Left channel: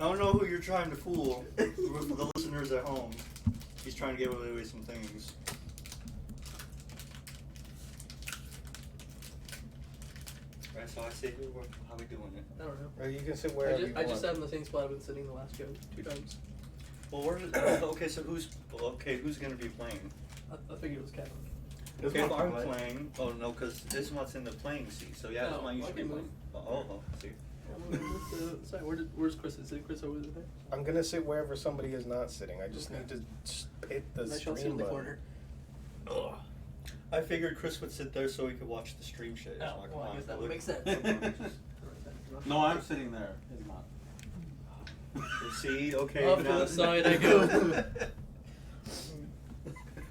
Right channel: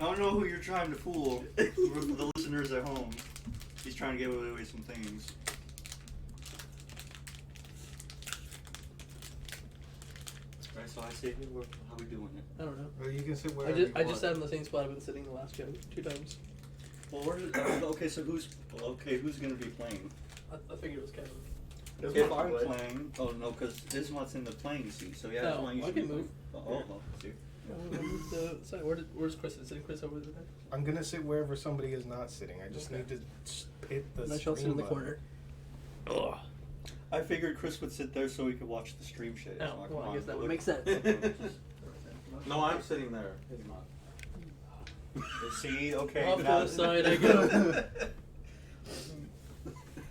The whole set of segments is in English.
I don't know who you're trying to fool. For the listeners at home, he's trying to give away some things. Alright, so I say, how we doing it? I don't know. Or you can sit wherever you want. I just sat in the same spot I've been sitting the last two times. Well, okay, so who's gonna be playing? I figured it was Kevin. Okay, if I'm playing, oh no, because Ismat's in the playing seat, so yeah, that's why you should be move. Oh, see. Sorry, where's Chris? Is Chris over there? I'm gonna sit wherever somebody is not sitting. I just need to hit the I shall sit screen in the button. corner. Ugh. I figured Chris would sit there so he could watch the stream shit. Oh, well, I guess that would make sense. No, I'm sitting there. It's not. See, okay. Off to the side I go.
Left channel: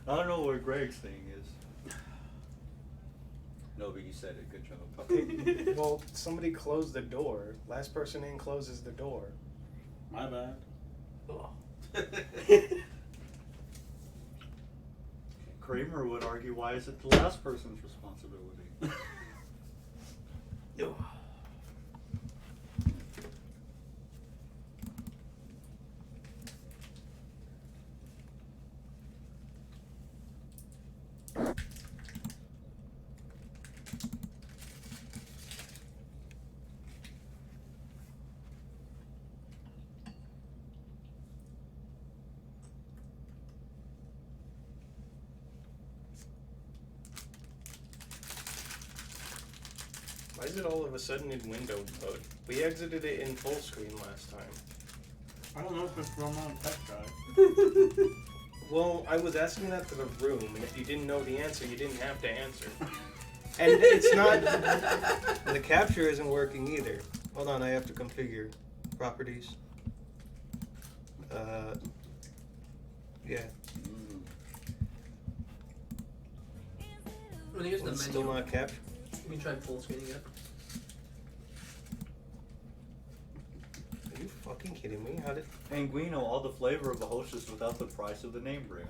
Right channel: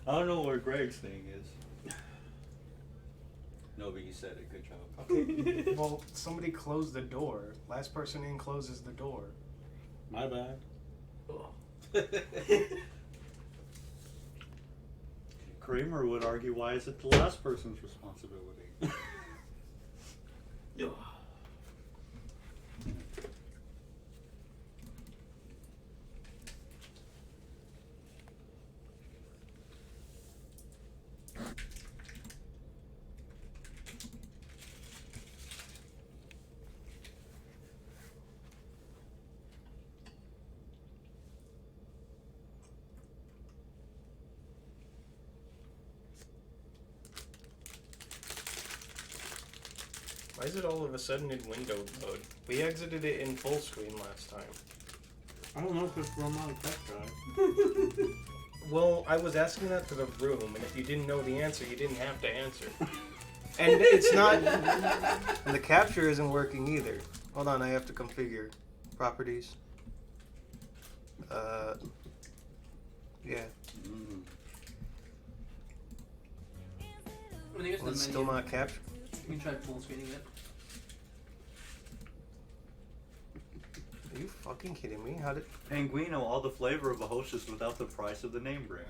I don't know where Greg's thing is. No, but you said it. Good job. Okay. Well, somebody closed the door. Last person in closes the door. My bad. Kramer would argue, why is it the last person's responsibility? Why is it all of a sudden in window mode? We exited it in full screen last time. I don't know if it's from on tech drive. Well, I was asking that to the room, and if you didn't know the answer, you didn't have to answer. And it's not... And the capture isn't working either. Hold on, I have to configure properties. Yeah. When here's the It's menu. still not captured. You can try full screening it. Are you fucking kidding me? How did... Anguino, all the flavor of a hostess without the price of the name brand.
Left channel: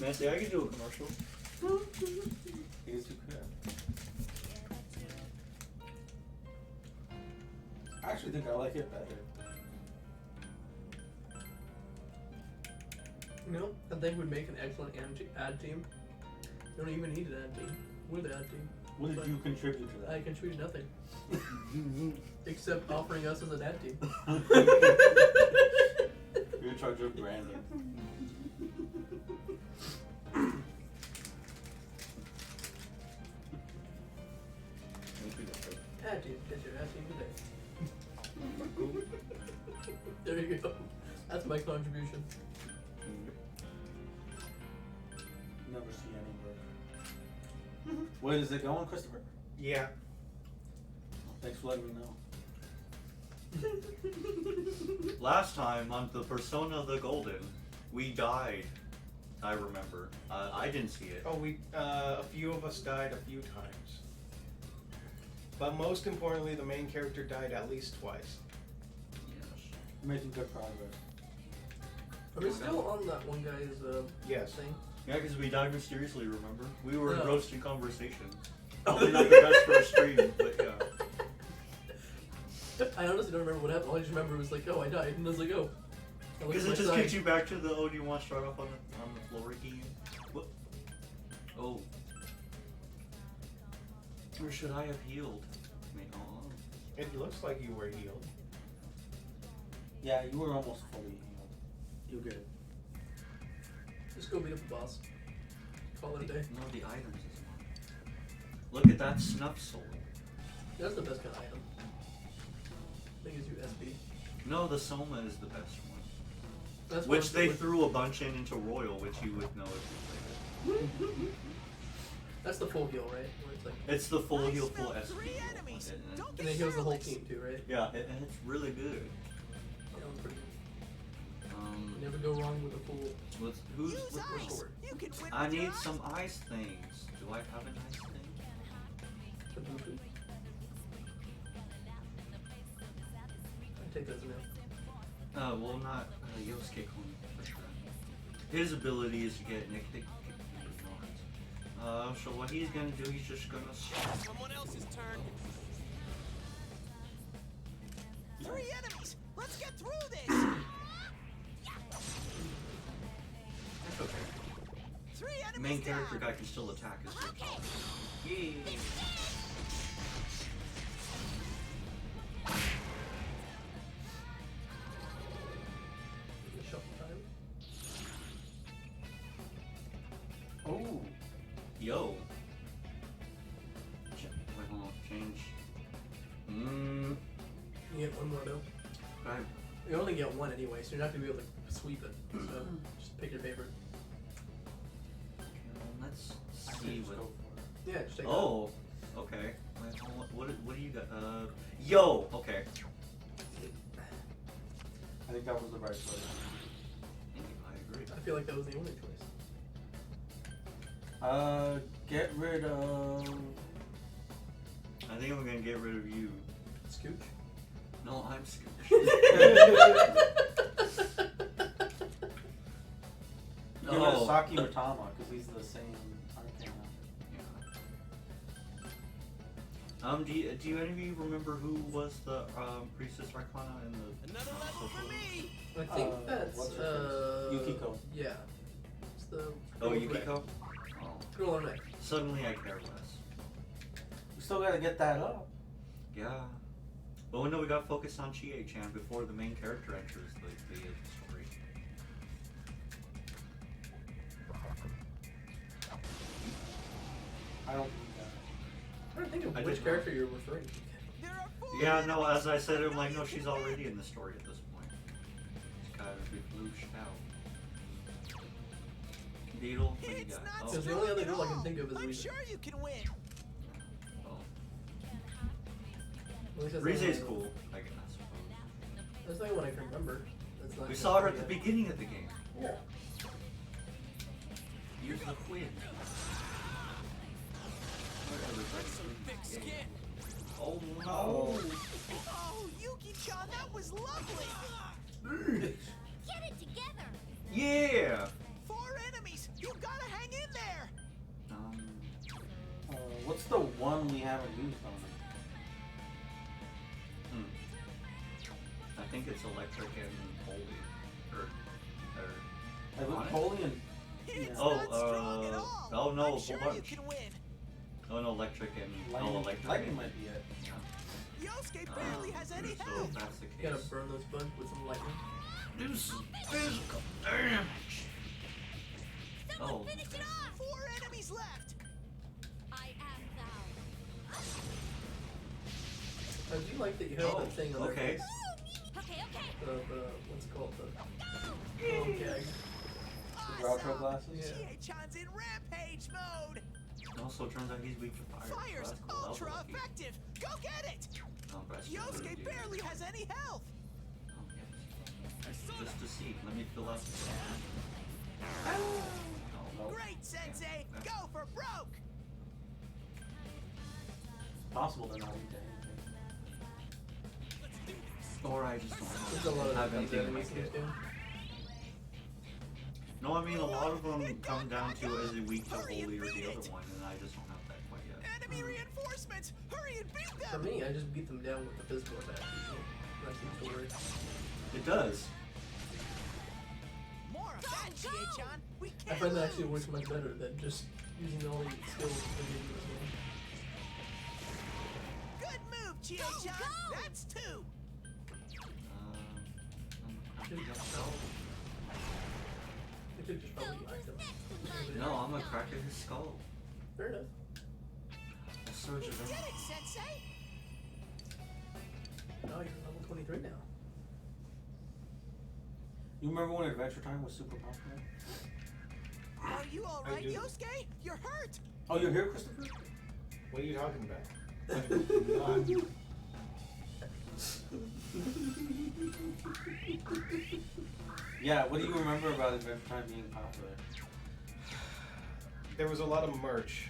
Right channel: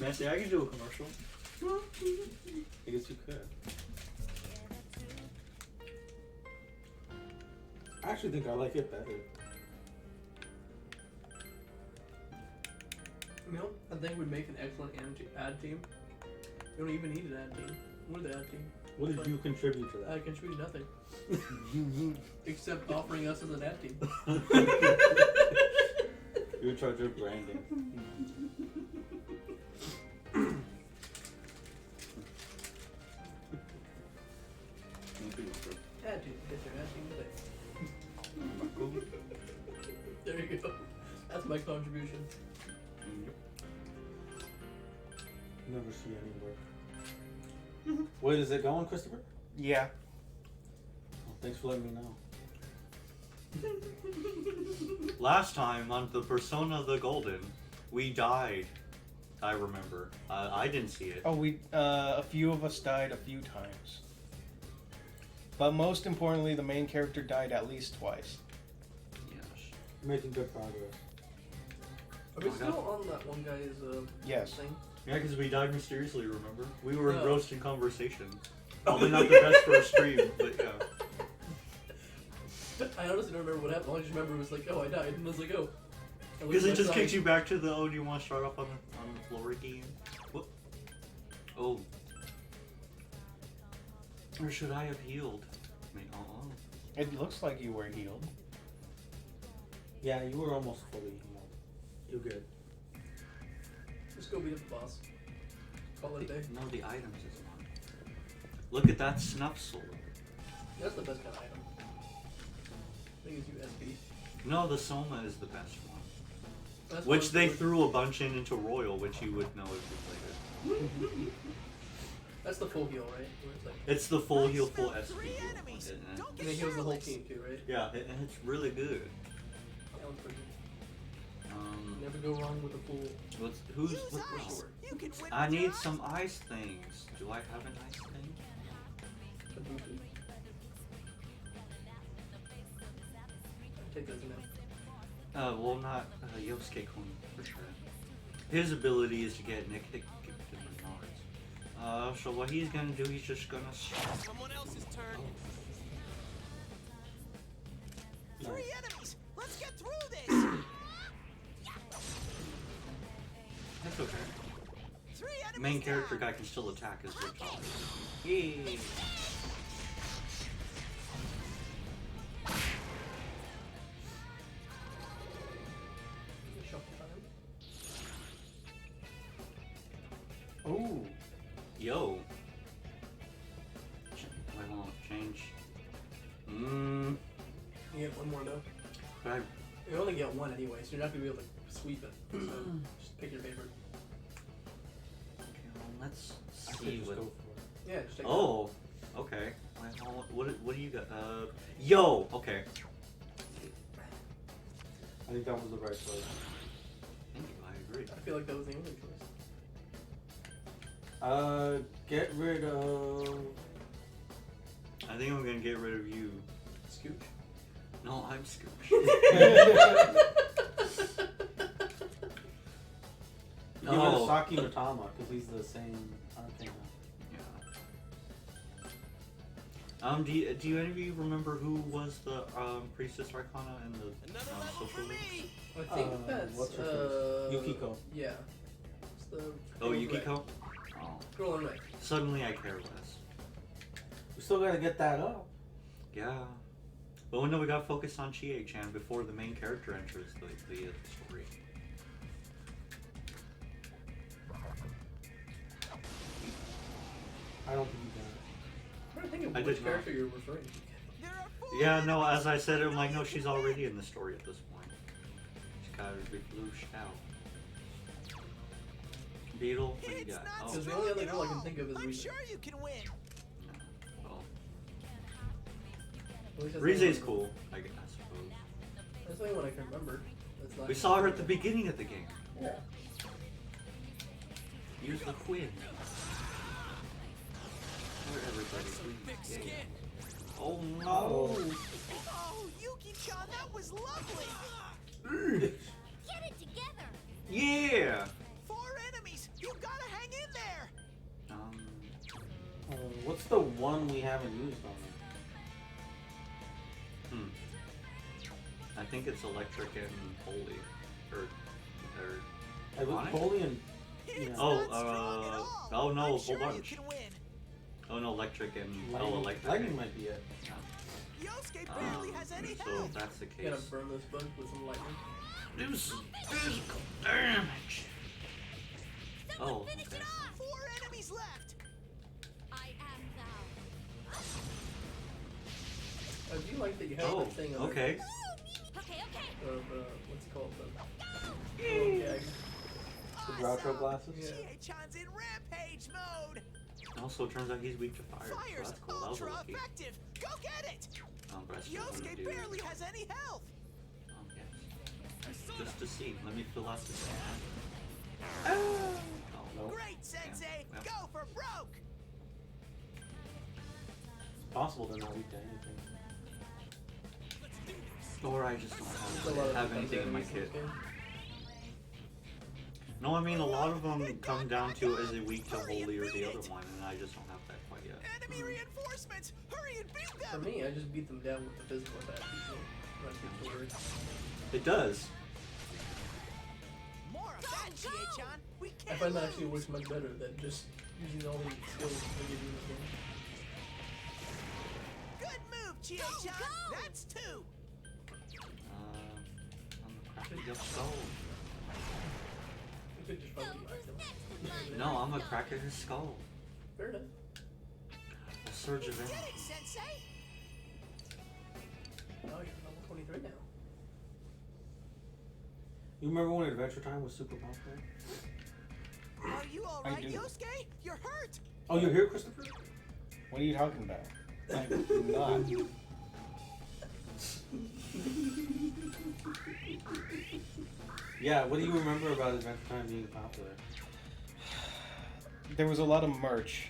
Nancy, I can do a commercial. I guess you could. I actually think I like it better. You know, I think would make an excellent ad team. You don't even need an ad team. We're the ad team. What did you contribute to that? I contribute nothing. Except offering us as an ad team. You're in charge of branding. Ad team. Get your ad team today. There you go. That's my contribution. Never see any work. Wait, is it going, Christopher? Yeah. Oh, thanks for letting me know. Last time on the Persona the Golden, we died. I remember. I didn't see it. Oh, a few of us died a few times. But most importantly, the main character died at least twice. Yes. You're making good progress. Are we still on that one guy's Yes. thing? Yeah, because we died mysteriously, remember? We were Yeah. engrossed in conversation. Probably not the best for a stream, but yeah. I honestly don't remember what happened. All I just remember was like, oh, I died. And I was like, oh. Because it just kicks you back to the, oh, do you want to start off on the floor again? What? Oh. Or should I have healed? I mean, oh. It looks like you were healed. Yeah, you were almost fully healed. You're good. Just go beat up the boss. Call it a day. No, the items is one. Look at that snuff sword. That's the best kind of item. I think it's USB. No, the Soma is the best one. That's Which one they with- threw a bunch into Royal, which you would know if you played it. That's the full heal, right? Where it's like, It's the full heal, full SP. enemies. Don't and get it heals the whole careless. team too, right? Yeah, and it's really good. That one's pretty good. You Um, never go wrong with a full. who's Use with ice. sword. You can win I with your need ice. some ice things. Do I have an ice thing? Kabuki. I take those now. Well, not Yosuke Kuni, for sure. His ability is to get Nick to so what he's gonna do, he's just gonna... Someone else's turn. 3 enemies. Let's main character guy can still attack his good top. Yay! Oh. Yo. Wait, hold on. Change. You get one more though. But You only get one anyway, so you're not gonna be able to sweep it. So just pick your favorite. let's I could see just what. go for it. Yeah, just take Oh. Okay. Wait, hold on. What do you got? Yo. Okay. I think that was the right choice. Thank you. I agree. I feel like that was the only choice. Get rid of. I think I'm gonna get rid of you. Scooch. No, I'm Scooch. Get rid of Saki Matama because he's the same arcana. Yeah. Do you any of you remember who was the priestess Arcana in the Another level for social? me. I think that's what's her face? Yukiko. Yeah. It's the Oh, girl in Yukiko. red. Oh. Girl in red. Suddenly I care less. We still gotta get that up. Yeah. But we know we got focused on Chie-chan before the main character enters the story. I don't think I'm trying to think I of which did not. character you're referring to. There are 4 Yeah, no, as I enemies. said, I'm like, know no, you she's can already win. in the story at this point. She's gotta be flushed out. Beetle, what do you It's got? not Oh, Because the strong only other at girl I can all. think of is I'm Rize. sure you can win. oh. At least that's the Rize's only one- cool, I suppose. That's the only one I can remember. That's not We in saw her at the story beginning of the game. yet. Use the wind. Where everybody's Some thick yeah. skin. Oh no! Oh, Yuki-chan, that was lovely. Get it together! Yeah! 4 enemies. You gotta hang in there. What's the one we haven't used on I think it's electric and holy. Or it? It was Onyx? Holy and. It's Oh, not strong at all. oh no, I'm whole sure you bunch. can win. Oh no, electric and Lightning, oh electric. Lightning and- might be it. Yosuke barely has any So health. if that's the You gotta case. burn this bunch with some lightning. Do some physical damage. Someone Oh, finish okay. it off! 4 enemies left. I am thou. I do like that you have Oh, that thing on their okay. face. Okay, okay. What's it called? The gag. The Groucho glasses? Yeah. Chie-chan's in rampage mode. Also, it turns out he's weak to fire. so Fire's that's cool. That was ultra lucky. effective. Go get it. But I still wouldn't Yosuke do barely it. has any health. Just to see. Let me fill out the Nope. Great, Sensei. Yeah. Go for broke. Possible they're not weak to anything. Or I just There's a don't lot of have those anything in my enemies in kit. this game. No, I mean, a lot of them come down to is it weak to holy or the other one, and I just don't have that quite yet. Enemy reinforcements. Hurry and beat For them. me, I just beat them down with the physical attack. Not too worried. It does. More of that, Chie-chan. We I can't find that lose. actually works much better than just using all these skills that you use in this game. Good move, Chie-chan. Go, go. That's 2. I'm a cracker skull. I could just So probably who's them. next in line? No, I'm gonna crack his skull. Fair enough. A surge You of did energy. it, Sensei. Oh, you're level 23 now. You remember when Adventure Time was super popular? Are you all I right, do. Yosuke? You're hurt. Oh, you're here, Christopher? What are you talking about? I'm not. Yeah, what do you remember about Adventure Time being popular? There was a lot of merch.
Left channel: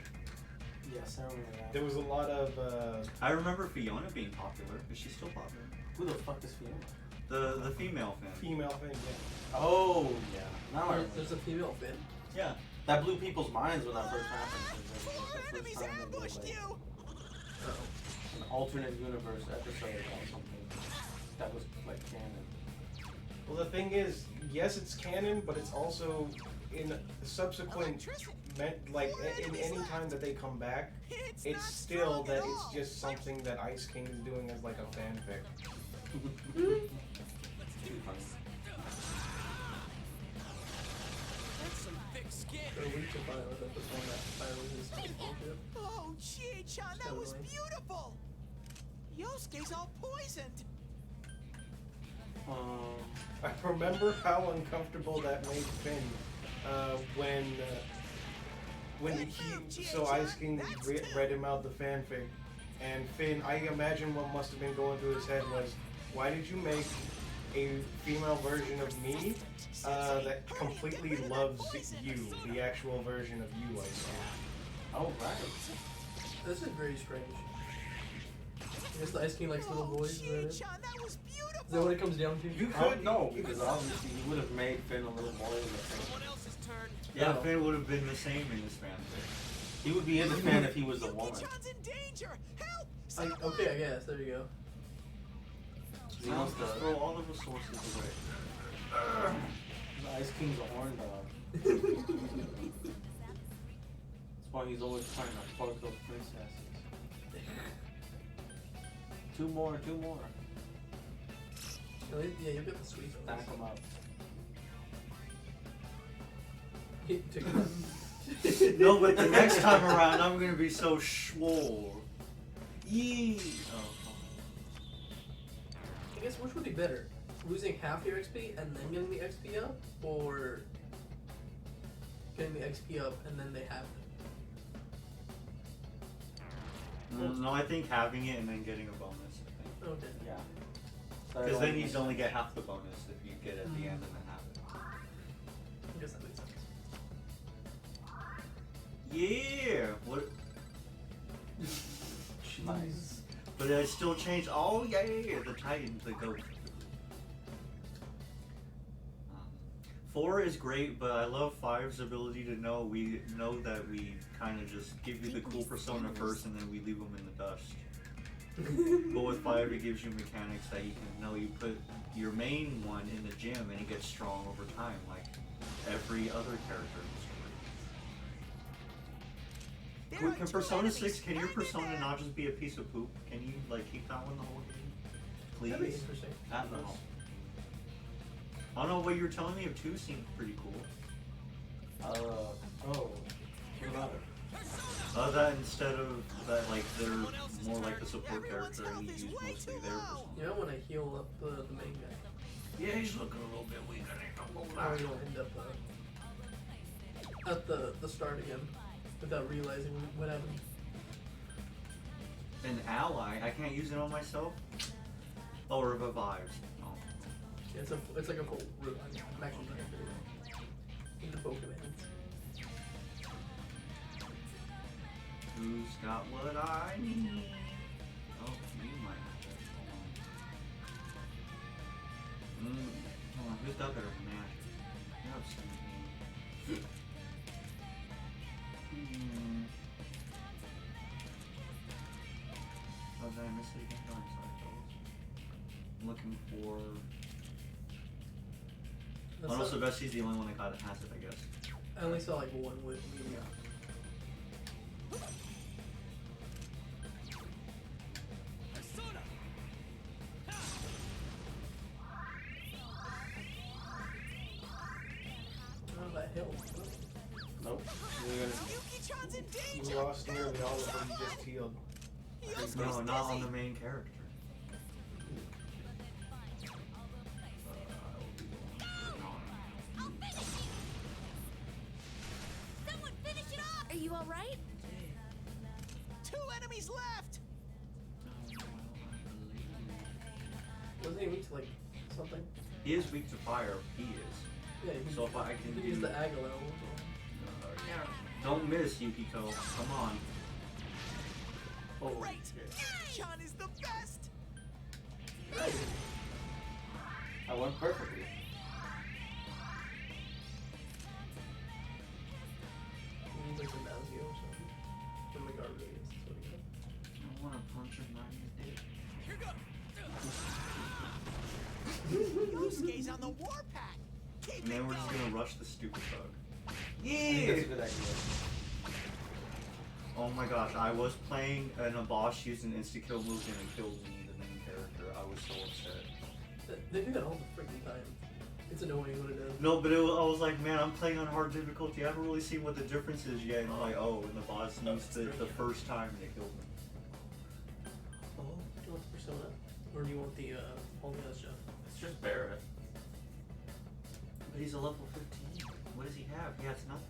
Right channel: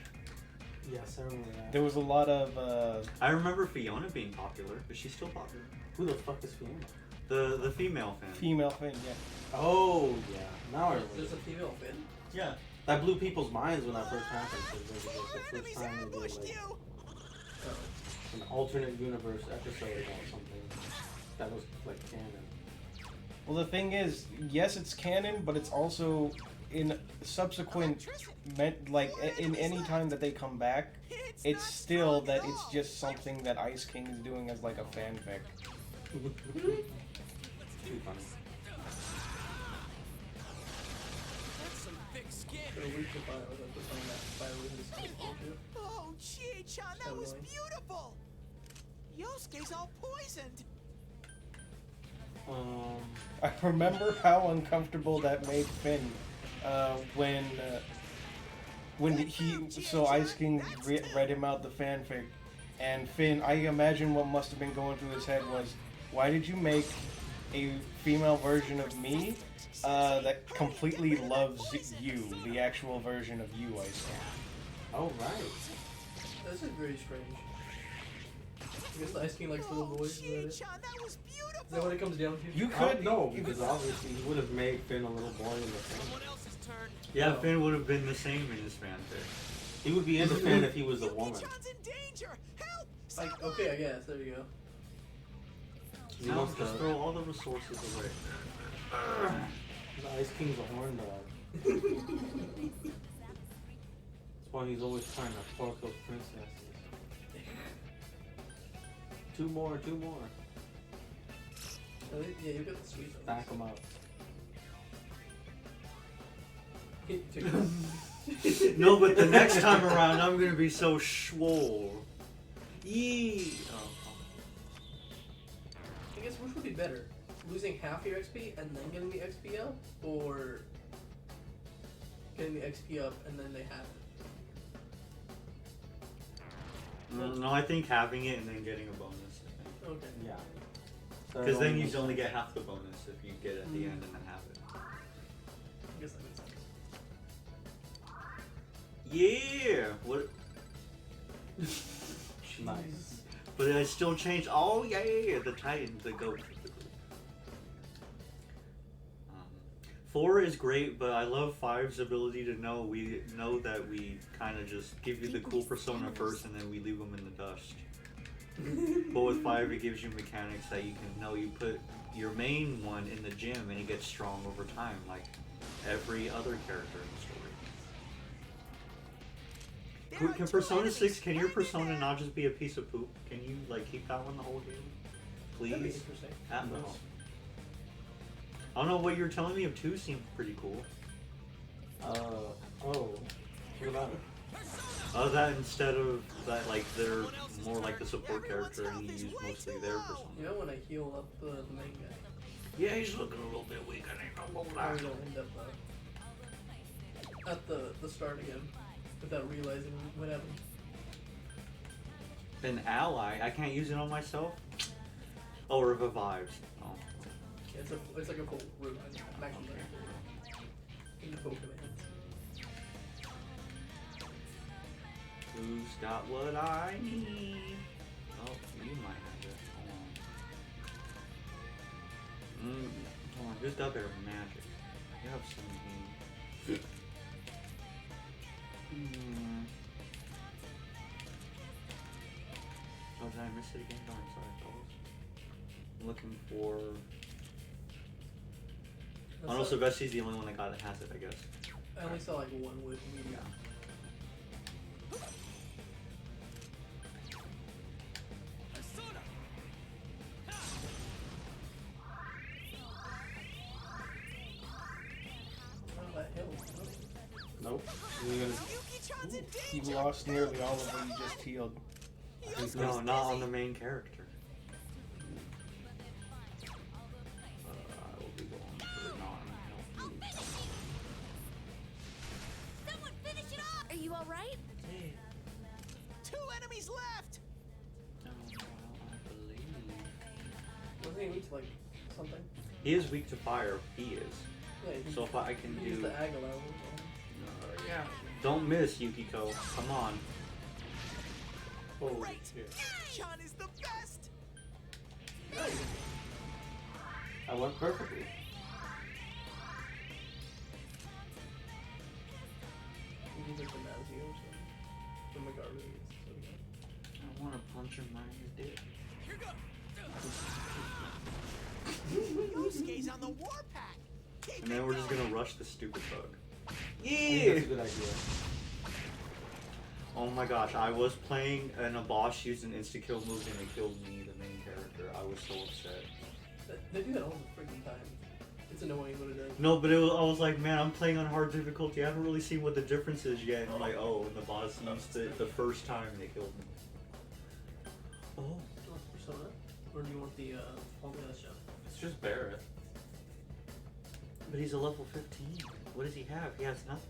Yes, I remember that. There was a lot of. I remember Fiona being popular. Is she still popular? Who the fuck is Fiona? The female fan. Female fan, yeah. Oh, yeah. Now I remember. There's a female Finn. Yeah. That blew people's minds when that first happened. 'cause it was, 4 like, the first enemies time they did, ambushed like, you. Oh. an alternate universe episode or something that was like canon. Well, the thing is, yes, it's canon, but it's also in subsequent, in any time that they come back, It's it's not still strong that at it's all. just something that Ice King is doing as like a fanfic. That's some thick skin. They're weak to fire, like the someone that fire resistance. Oh, Chie-chan, that was Totally. beautiful. Yosuke's all poisoned. I remember how uncomfortable that made Finn when Ice King read him out the fanfic, and Finn, I imagine what must have been going through his head was, why did you make a female version of me that completely loves you, the actual version of you, Ice King? Oh, right. This is very strange. I guess the Ice King likes little Oh, boys. Is that it? Is Chie-chan, that was that what beautiful. it comes down to? You could know, because obviously you would have made Finn a little boy. Someone else's turn. Yeah, Oh. Finn would have been the same in this fanfic. He would be into Finn if he was a woman. Yuki-chan's in danger. Help! Like, Someone! okay, I guess. There you go. You must Just have. throw all the resources away. The Ice King's a horn dog. That's why he's always trying to fuck those princesses. Two more. Really? Yeah, you got the sweet ones. Back him up. He took it. No, but the next time around, I'm gonna be so swole. Yee! Oh. I guess which would be better? Losing half your XP and then getting the XP up? Or getting the XP up and then they have it? No, I think having it and then getting a bonus. Okay. Yeah. Because then you only get half the bonus if you get it at the end and then have it. I guess that makes sense. Yeah! What? Nice. But I still changed. Oh, yeah, the Titan, the goat. 4 is great, but I love 5's ability to know that we kind of just give you the cool persona first and then we leave them in the dust. But with 5, it gives you mechanics that you can know. You put your main one in the gym and he gets strong over time, like every other character in the story. There Can are two Persona enemies 6, can your right in persona there. not just be a piece of poop? Can you like keep that one the whole game? That'd be Please? interesting. Atmos. I don't know, what you were telling me of 2 seemed pretty cool. Oh. What about it? That instead of that, like, they're Someone else's more like turn. the support Everyone's character health and you is use way mostly too their low. persona. You know when I heal up the main guy? Yeah, he's looking a little bit weak. I need to move How are back. we gonna end up at the start again without realizing what happened? An ally? I can't use it on myself? Oh, revives. Oh. Yeah, it's like a full revive. I'm actually trying to do it. In the full commands. Who's got what I need? Oh, you might have it. Hold on. Hold on, who's got better magic? You have some. Oh, did I miss it again? No, I'm sorry, fellas. I'm looking for. That's Arnold not- Silvestri's the only one that has it, I guess. I only saw like one with media. Persona. How that hill? Nope. You're gonna- Yuki-chan's in You danger. lost nearly all of what you just healed. Yosuke's No, not on busy. the main character. Someone finish it off! Are you alright? Two enemies left. Wasn't he weak to like something? He is weak to fire. He is. Yeah, he So if I can he used do. the Agalo. Don't miss, Yukiko. Come on. Holy Great. shit. Yuki-chan is the best. I went perfectly. He was like the Nazio or something. The Megari is so good. I want to punch him right in the dick. Here goes. Yosuke's on the warpath. Keep And then it we're just going. gonna rush the stupid bug. think that's a good idea. Oh my gosh, I was playing and a boss used an insta-kill move and it killed me, the main character. I was so upset. They do that all the freaking time. It's annoying what it does. No, but I was like, man, I'm playing on hard difficulty. I haven't really seen what the difference is yet. And I'm like, oh, and the boss used it the first time and it killed me. Oh, do you want the Persona? Or do you want the all the other stuff? It's just Barrett. But he's a level 15. What does he have? He has nothing.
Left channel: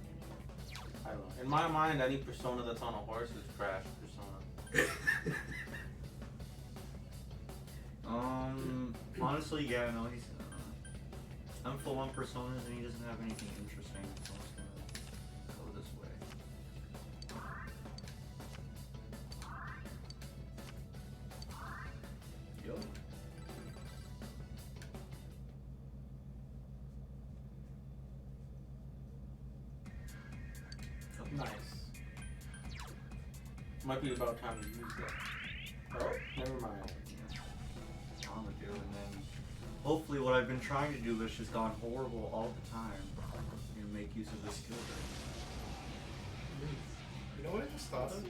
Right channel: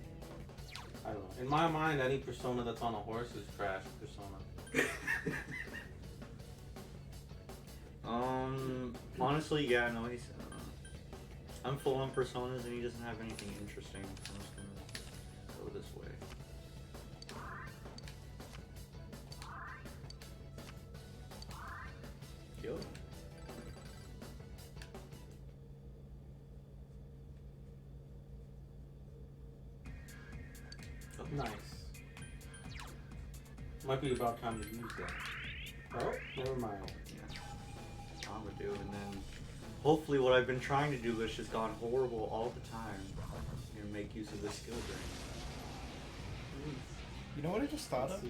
I don't know. In my mind, any persona that's on a horse is trash persona. Honestly, yeah, no, he's. I'm full on personas and he doesn't have anything interesting. So I'm just gonna go this way. Yo. Oh, nice. Might be about time to use that. Oh, never mind. I'm gonna do, and then hopefully what I've been trying to do, which has gone horrible all the time, make use of the skill You know what I just thought of?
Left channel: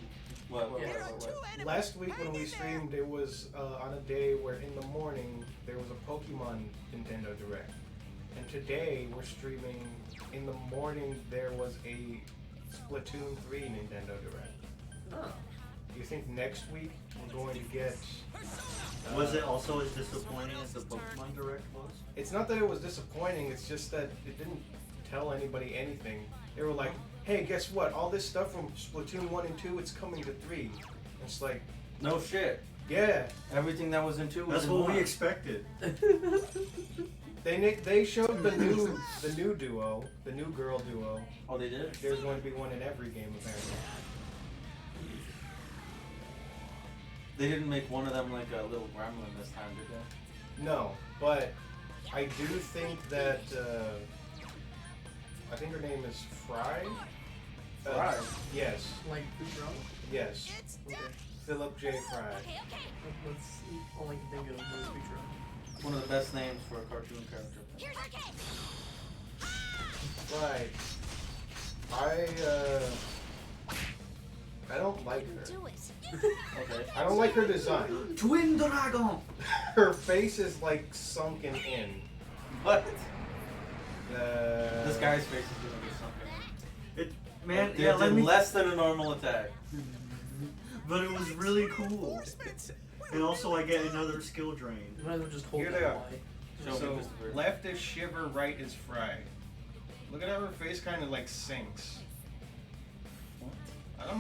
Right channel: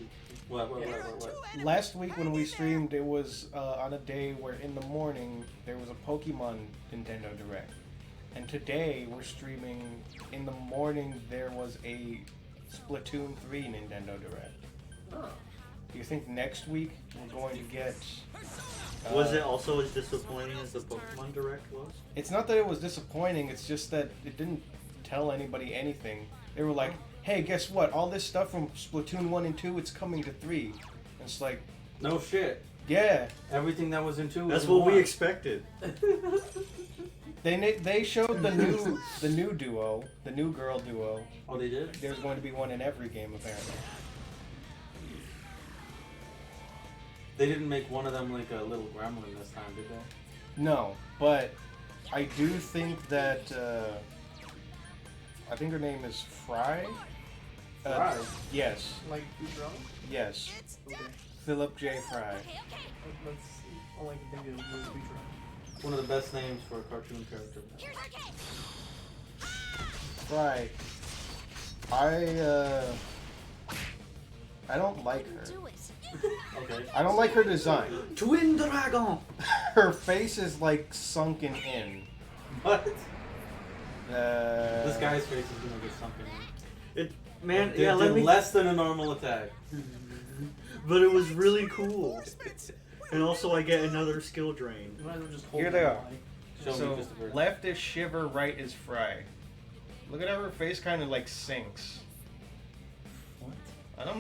What? There are two enemies. Last week when we Hang in streamed, it was on a day where in the morning there was a Pokemon Nintendo Direct. And today we're streaming, in the morning there was a Splatoon 3 Nintendo Direct. Oh. Do you think next week we're going to get... Was it also as disappointing as the Pokemon Direct was? It's not that it was disappointing, it's just that it didn't tell anybody anything. They were like, hey, guess what? All this stuff from Splatoon 1 and 2, it's coming to 3. And it's like, No shit. yeah. Everything that was in 2 was That's in what 1. we expected. They showed the new duo, the new girl duo. Oh, they did? There's going to be one in every game apparently. They didn't make one of them like a little gremlin this time, did they? No, but I do think that I think her name is Fry. Fry? Yes, Like who's wrong? yes. It's Okay. Philip J. Fry. Okay, okay. Let's see. All I can think of is Futurama. One of the best names for a cartoon character. Here's our cake. Right. I don't like her. Do it. Okay. I don't like her design. Twin Dragon! Her face is like sunken in. What? Uh, This guy's face is gonna get something. It, man, They yeah, did let me. less than a normal attack. But it was really cool. Reinforcements. And also, I get another skill drain. Might as well just hold Here it they are. Y. Show me So Christopher. left is Shiver, right is Fry. Look at how her face kind of like sinks. What?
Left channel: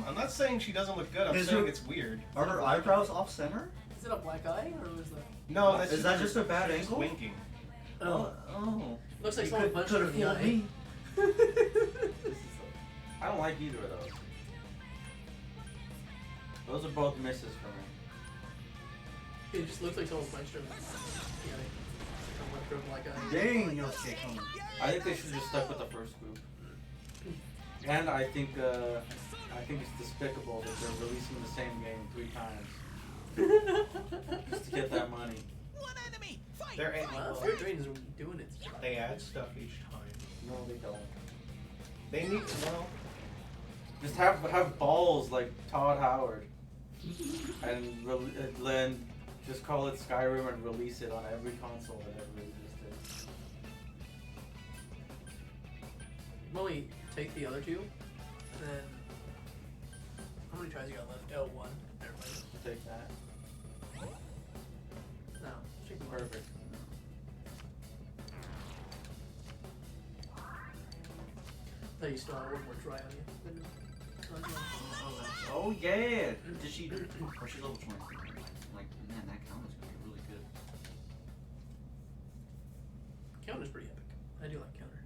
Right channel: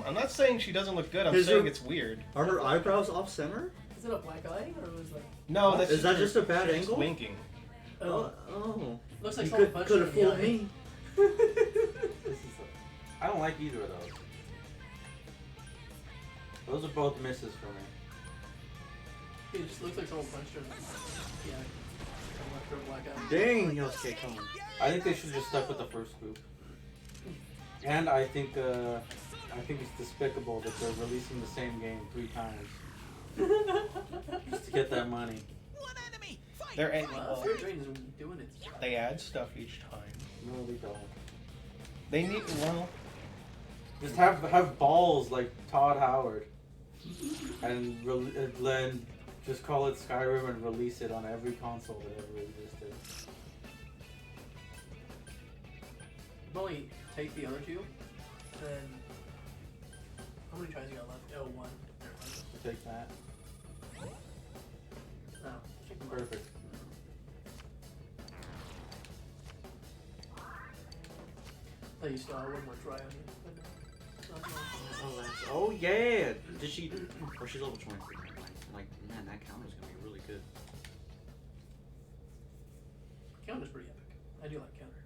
I'm not saying she doesn't look good. I'm Is saying it- it's weird. Are her eyebrows off center? Is it a black eye or is that? No, that's Is that just a bad she's angle? winking. Oh. Oh. Looks like You someone could punched have her in the fooled eye. me. This is I don't like either of those. Those are both misses for me. It just looks like someone punched her in the eye. Left her a black eye. Dang, Yosuke, come on. I think they should just stuck with the first group. And I think it's despicable that they're releasing the same game 3 times just to get that money. One enemy. Fight. They're fight. Wow, Fair Drain is doing it. They add stuff each time. No, they don't. They need well. Just have balls like Todd Howard, and then just call it Skyrim and release it on every console that ever existed. Probably take the other two, and then how many tries you got left? Oh, one. Take that. No, take one. Perfect. No, you still have one more try on you. Oh, yeah. Did she? Oh, she's level 23. Like, man, that counter's gonna be really good. Counter's pretty epic. I do like counter.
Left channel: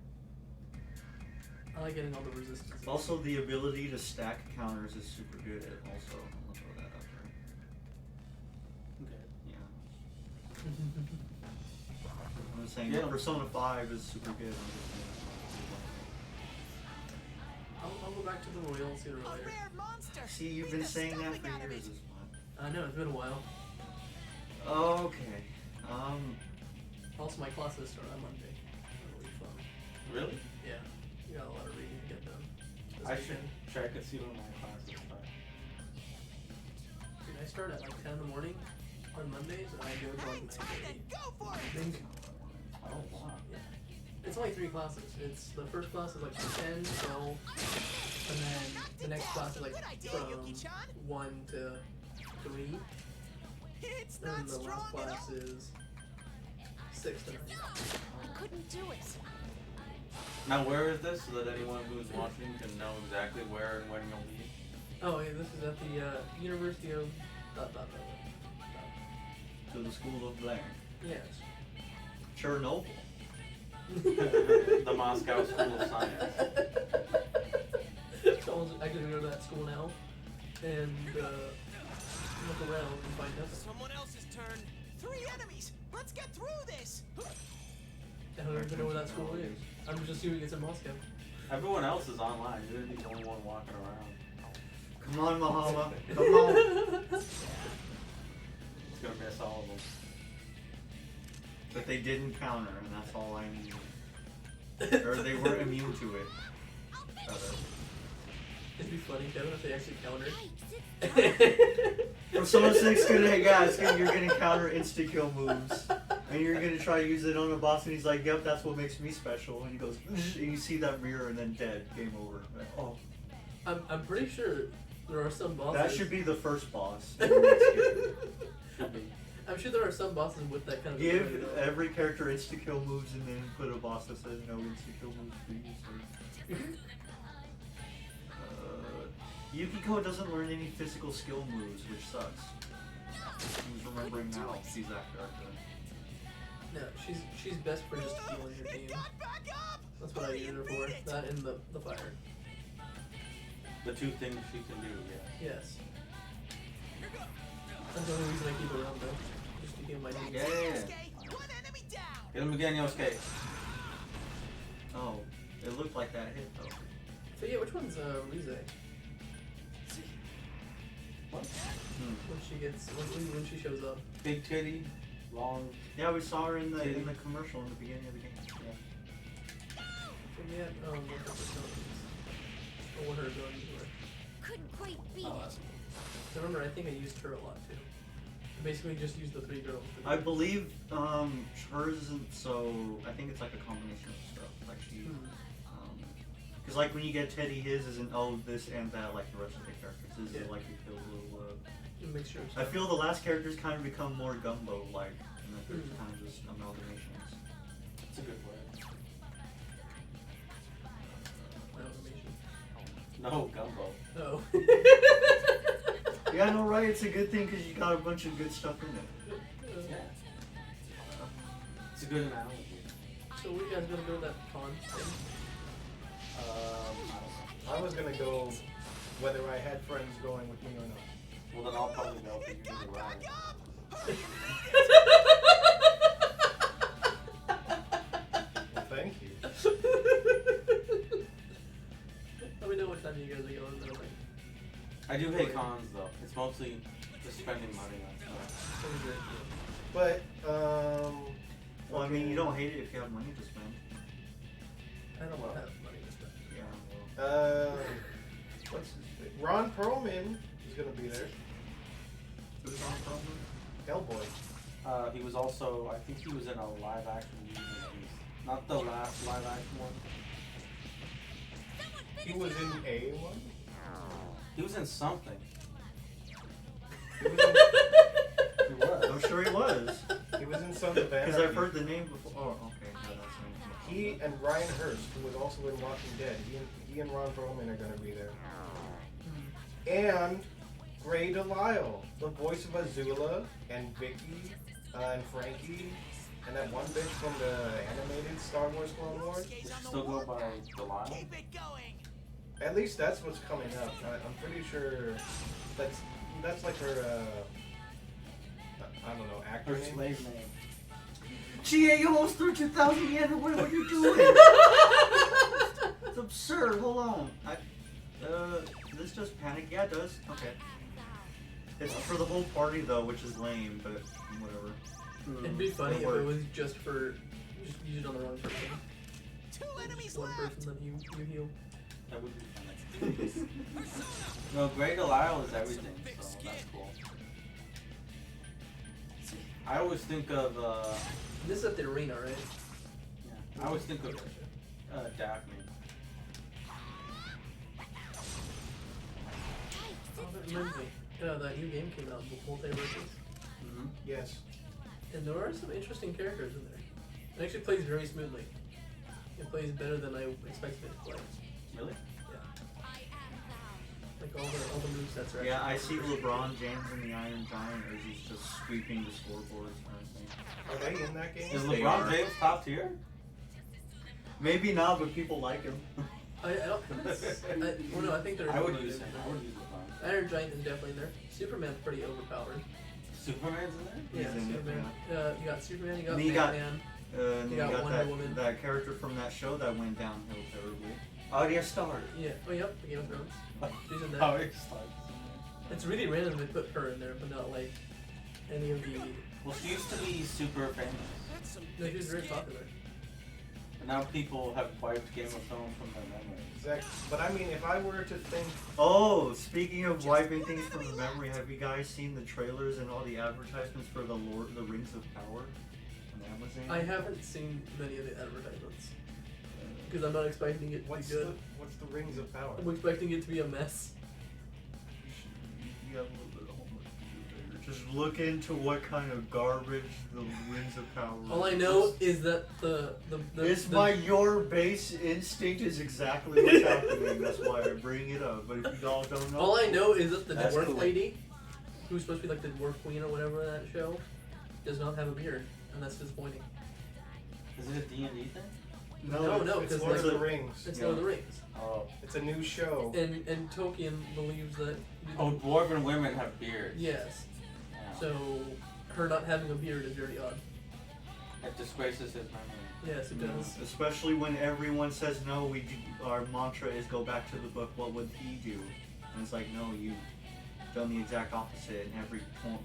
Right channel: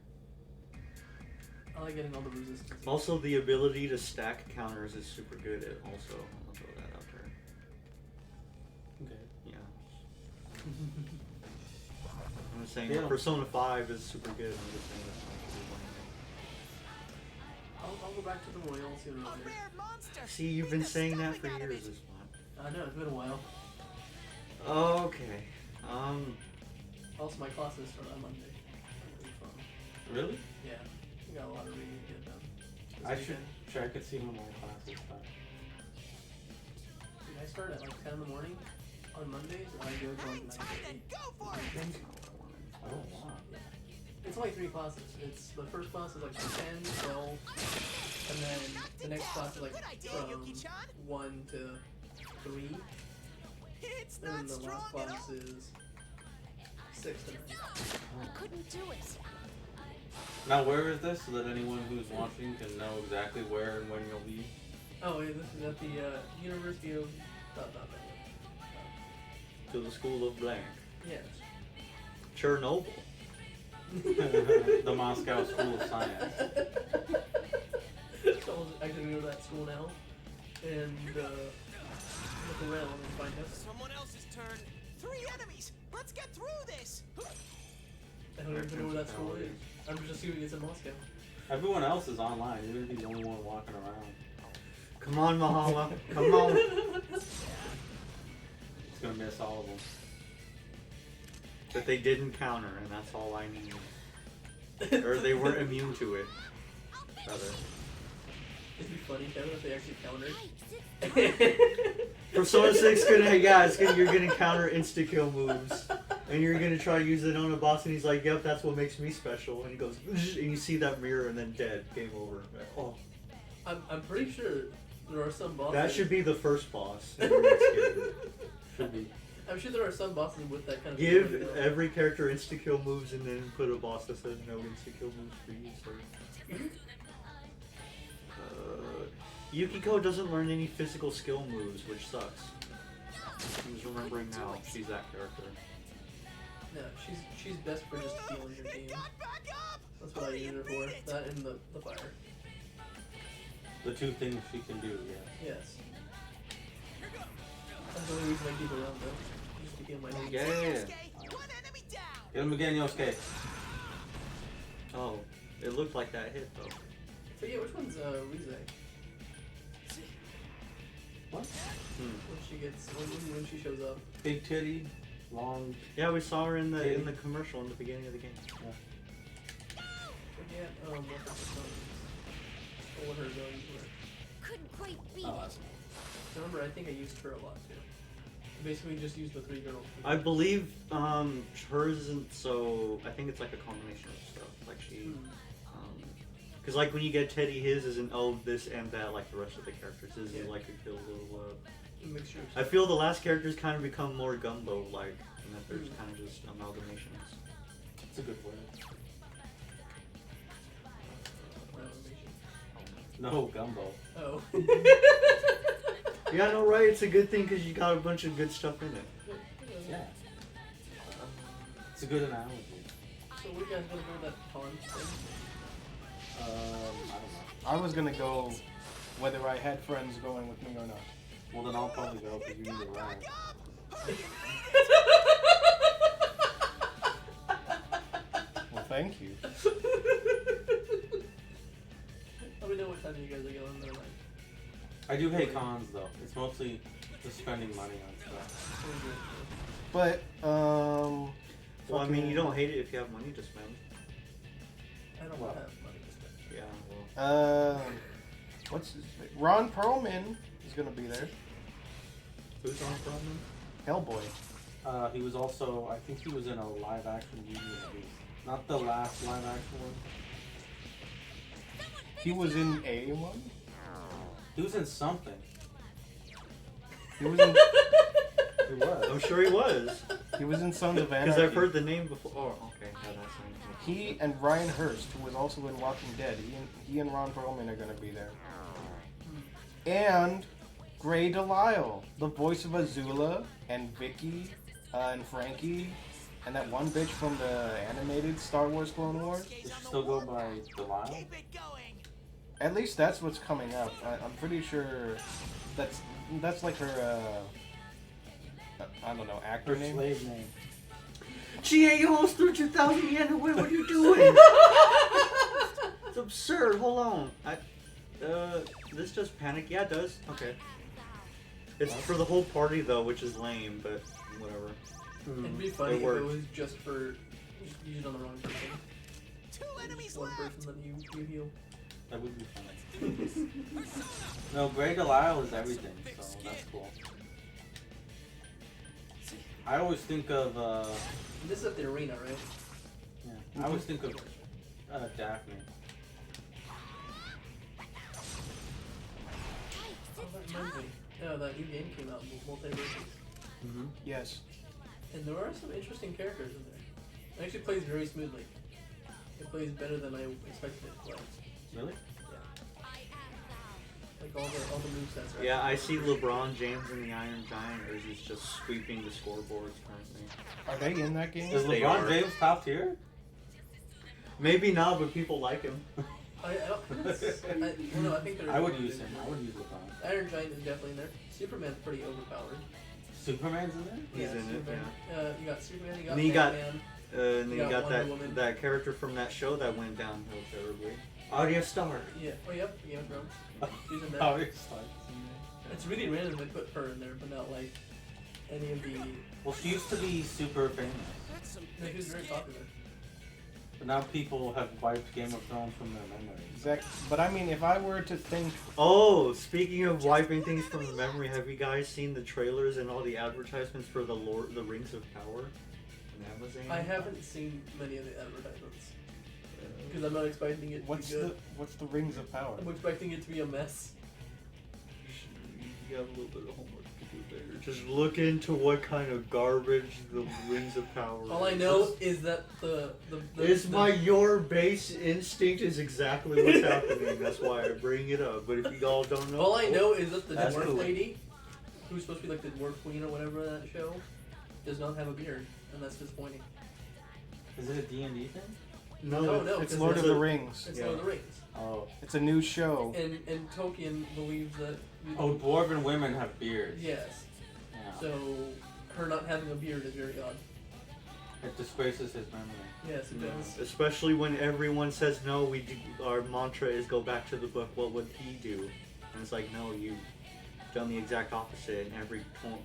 I like getting all the resistance. Also, the ability to stack counters is super good. Also, I'm gonna throw that out there. Okay. Yeah. I'm saying Yeah. Persona 5 is super good. I'll go back to the Royal sooner or A later. rare monster. See, you've Beat been the saying that stuffing out for of years. it. This one. I know, it's been a while. Okay. Also, my classes start on Monday. That'll be fun. Really? Yeah, we got a lot of reading to get done. Sure, I could see when my classes start. And I start at like 10 in the morning on Mondays, and I go to Hang like 9 tight and go for it! Oh, wow. It's only 3 classes. It's the first class is like 10, 12, and then the next class is like Good idea, from Yuki-chan. 1 to 3, It's and then not the last strong at class all. is 6 to 9. I couldn't do it. Now, where is this so that anyone who's watching can know exactly where and when you'll be? Oh, yeah, this is at the University of... To the school of blank. Yes. Chernobyl. The Moscow School of Science. Someone's actually going to go to that school now and look around and find out. Someone else's turn. 3 enemies. Let's get through this. I don't even know where that school is. I'm just assuming it's in Moscow. Everyone else is online. You're gonna be the only one walking around. Come on, Mahama. Come on. It's gonna miss all of them. That they didn't counter, and that's all I need. Or they weren't immune to it. Rather. It'd be funny, Kevin, if they actually countered. Hey, sit Persona 6 you're gonna counter insta kill moves. And you're gonna try to use it on a boss, and he's like, yep, that's what makes me special. And he goes, and you see that mirror, and then dead. Game over. Like, oh. I'm pretty sure there are some bosses. That should be the first boss. in the next game. Should be. I'm sure there are some bosses with that kind of. Give ability, though. every character insta kill moves, and then put a boss that says no insta kill moves for you. So. Yukiko doesn't learn any physical skill moves, which sucks. He's remembering now she's that character. No, she's best for just healing your It team. got back up. That's what I use her for. That and the fire. The 2 things she can do, yeah. Yes. That's the only reason I keep her around though. Just to get my team. Yeah. Yosuke, 1 enemy down. Get him again, Yosuke. Oh, it looked like that hit though. But yeah, which one's Rize? What? When she gets when she shows up. Big titty, long. Yeah, we saw her in the commercial in the beginning of the game. But yeah, what her abilities were. couldn't quite beat it. Remember, I think I used her a lot too. Basically, just used the 3 girls. I believe hers isn't so. I think it's like a combination of stuff. Like she, because like when you get Teddy, his isn't this and that like the rest of the characters. His is like a little. Mixture. I feel the last characters kind of become more gumbo like, and that there's kind of just amalgamations. It's a good word. No, gumbo. Oh. Yeah, I know, right? It's a good thing because you got a bunch of good stuff in it. Yeah. It's a good analogy. So what are you guys gonna go to that con thing? I don't know. I was gonna go whether I had friends going with me or not. Well, then I'll probably go because you need to run. Well, thank you. Let me know what time you guys are going. Then I'm like, I do hate cons though. It's mostly just spending money on stuff. But Well, I mean, you don't hate it if you have money to spend. I don't Well. have money to spend. Yeah. Well. what's his name? Ron Perlman is gonna be there. Who's on problem? Hellboy. He was also, I think he was in a live action movie. Not the last live action one. He was in a one. He was in something. He was in. He was. I'm sure he was. He was in Sons of Anarchy. Because I've heard the name before. Oh, okay. Yeah, that's right. He and Ryan Hurst, who was also in Walking Dead, he and Ron Perlman are gonna be there. And Gray Delisle, the voice of Azula and Vicky and Frankie, and that one bitch from the animated Star Wars Clone Wars. Does she still go by Delisle? Keep it going. At least that's what's coming up. I'm pretty sure that's like her. I don't know, actor Her name. slave name. GA, you almost threw 2,000 yen away. What are you doing? It's absurd. Hold on. This does panic? Yeah, it does. Okay. It's for the whole party though, which is lame, but whatever. It'd be funny It if it worked. was just for just use it on the wrong person. 2 enemies One left. person that you heal. That would be fun. No, Grey Delisle is everything, so that's cool. I always think of, This is at the arena, right? I always think of Daphne. Oh, that reminds me. That new game came out, Multiverses. Mm-hmm. Yes. And there are some interesting characters in there. It actually plays very smoothly. It plays better than I expected it to play. Really? Yeah. Like all the movesets are Yeah, I actually see pretty LeBron James in the Iron Giant as he's just sweeping the scoreboards kind of thing. Are they in that game? Is They LeBron are. James top tier? Maybe not, but people like him. I don't. Well, no, I think they're. I would use him. I would use LeBron. Iron Giant is definitely in there. Superman's pretty overpowered. Superman's in there? He's in it, Superman. You got Superman. You got And you got- Batman. And You then you got got Wonder Woman. that character from that show that went downhill terribly. Arya Stark. Yeah. Oh, yep. Game of Thrones. She's in there. Oh, it's like, It's really random they put her in there, but not like any of the. well, she used to be super famous, That's some No, thick she's very skin. popular. but now people have wiped Game of Thrones from their memory. Exactly. But I mean, if I were to think, Oh, speaking of wiping things from the memory, have you guys seen the trailers and all the advertisements for the Rings of Power on Amazon? I haven't seen many of the advertisements because I'm not expecting it to what's be good. the Rings of Power? I'm expecting it to be a mess. You have a little bit of homework to do there. Just look into what kind of garbage the Rings of Power All I is. know is that Your base instinct is exactly what's happening. That's why I bring it up. But if you all don't know, All I know is that the That's dwarf cool. lady, who's supposed to be like the dwarf queen or whatever in that show, does not have a beard, and that's disappointing. Is it a D&D thing? No, It's 'cause Lord of it's the a- Rings. It's Yeah. Lord of the Rings, Oh. It's a new show. and Tolkien believes that. Oh, dwarven women have beards. Yes. Yeah. So her not having a beard is very odd. It disgraces his memory. Yes, it does. especially when everyone says no, our mantra is go back to the book. What would he do? And it's like, no, you've done the exact opposite in every point,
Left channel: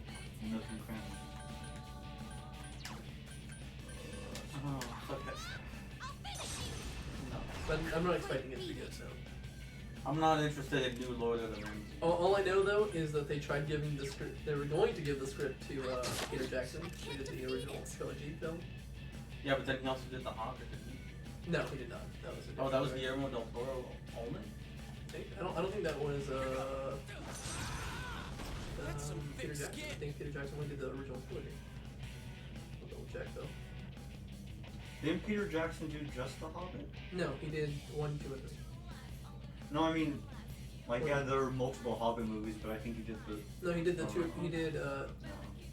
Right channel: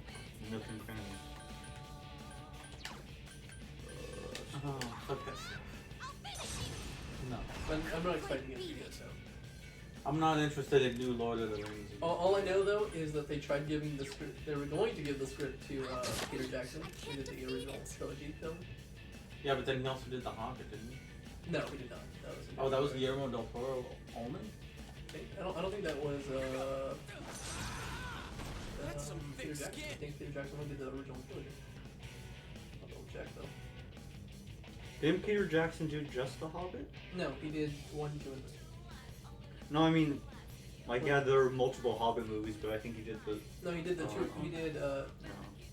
nook and cranny. Oh, fuck this. No. But I'm not expecting it to be good. So. I'm not interested in new Lord of the Rings. All I know though is that they tried giving the script. They were going to give the script to Peter Jackson, who did the original trilogy film. Yeah, but then he also did The Hobbit, didn't he? No, he did not. That was. a Oh, that was different Guillermo del Toro Omen? director. I don't think that was. That's some Peter thick Jackson. I skin. think Peter Jackson only did the original trilogy. I'll double check though. Didn't Peter Jackson do just The Hobbit? No, he did 1, 2, and 3. No, I mean, like, yeah, there are multiple Hobbit movies, but I think he did the. No, he did the two. He did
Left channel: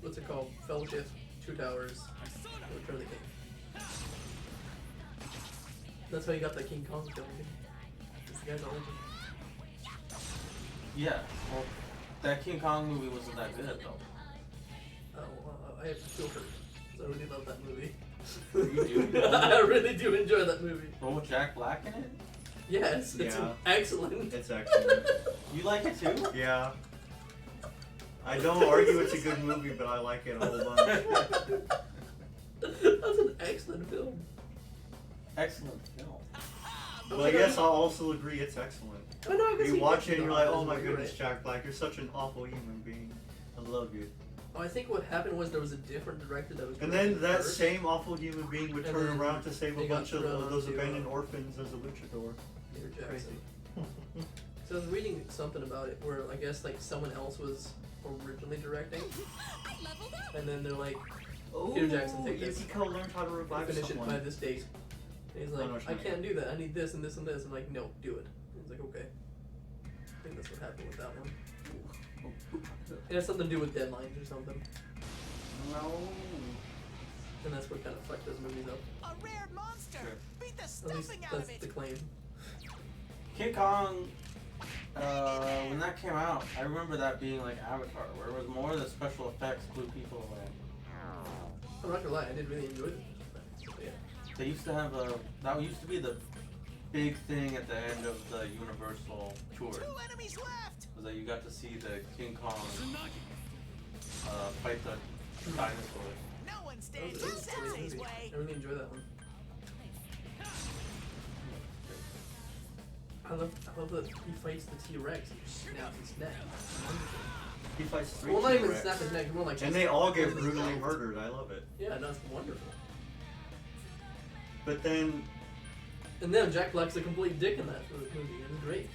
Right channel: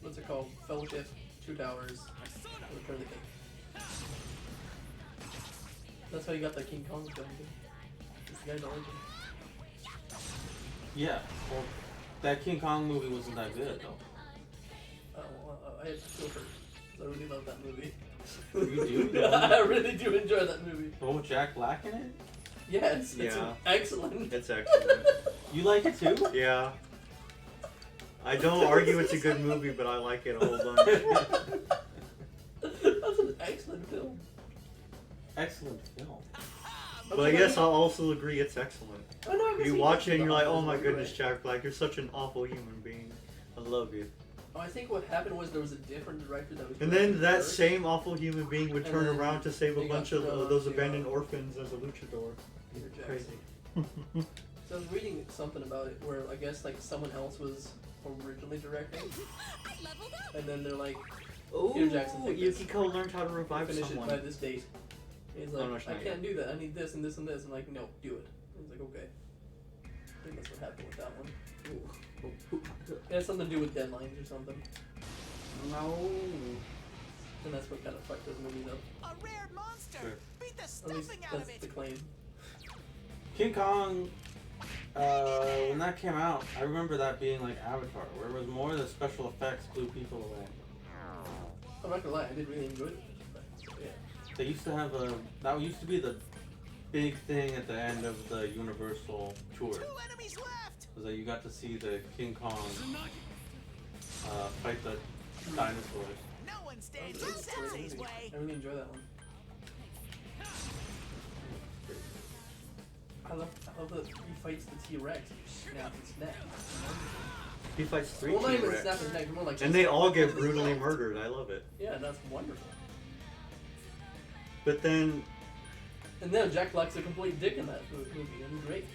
what's it called? Fellowship, Two Towers, and Return of the King. That's how you got the King Kong film. It's the guy's origin. Yeah. Well, that King Kong movie wasn't that good, though. I have to feel hurt. 'Cause I really love that movie. You do? I really do enjoy that movie. Oh, Jack Black in it? Yes, it's Yeah. excellent. It's excellent. You like it too? Yeah. I don't argue it's a good movie, but I like it a whole bunch. That's an excellent film. Excellent film. But I guess I'll also agree it's excellent. I know, I guess You he watch was it and you're like, oh my right. goodness, Jack Black, you're such an awful human being. I love you. Oh, I think what happened was there was a different director that was. And then directing that first. same awful human being would And turn then around to save a they got bunch of thrown those onto, abandoned orphans as a luchador. Peter Crazy. Jackson. So I was reading something about it where I guess like someone else was originally directing, I leveled up. and then they're like, Oh, Peter Jackson, take this. Yukiko learned how to revive finish it by someone. this date. And he's Oh, like, no, it's I not can't do that. I need this and this and this. I'm like, no, do it. And he's like, okay. I think that's what happened with that one. It has something to do with deadlines or something, No. and that's what kind of fucked those movies up. A rare monster. Sure. Beat the At least stuffing out of that's it. the claim. King Kong, when that came out, I remember that being like Avatar, where it was more the special effects blew people away. I'm not gonna lie, I did really enjoy it. But, yeah. They used to have that used to be the big thing at the end of the Universal tour, 2 enemies left. was that you got to see the King Kong fight the dinosaurs. No one That stands was in a great Sensei's movie. way. I really enjoy that one. love that he fights the T-Rex and snaps his neck. He fights 3 Well, not even T-Rex. snap his neck, more like. And they all get brutally murdered. I love it. Yeah, that's wonderful. But then, And then Jack Black's a complete dick in that movie, and great.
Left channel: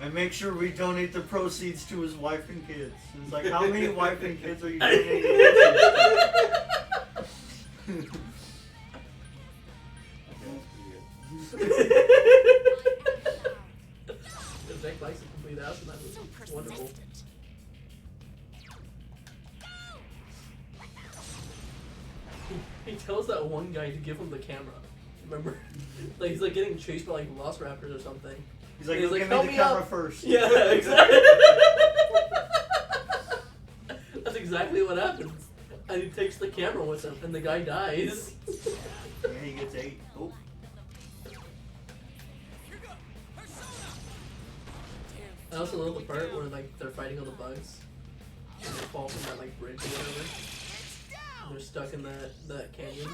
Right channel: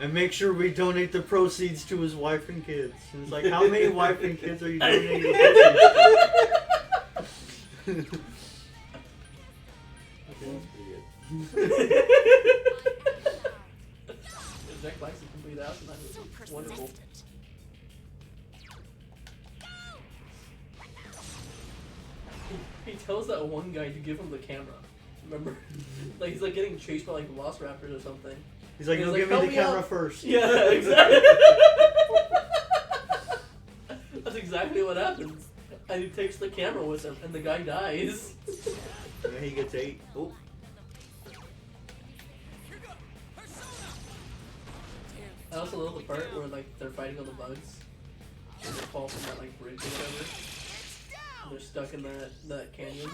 and make sure we donate the proceeds to his wife and kids. And it's like, how many wife and kids are you donating the proceeds to? Jack Black's a complete ass in that movie. So Wonderful. persistent. He tells that one guy to give him the camera. Remember? Like he's like getting chased by like velociraptors or something. He's like, He's no, like, give me "Help the me camera out." first. Yeah, exactly. That's exactly what happens. And he takes the camera with him, and the guy dies. And he gets 8. Oh. I also love the part where like they're fighting all the bugs. And they fall from that like bridge or whatever. And they're stuck in that canyon.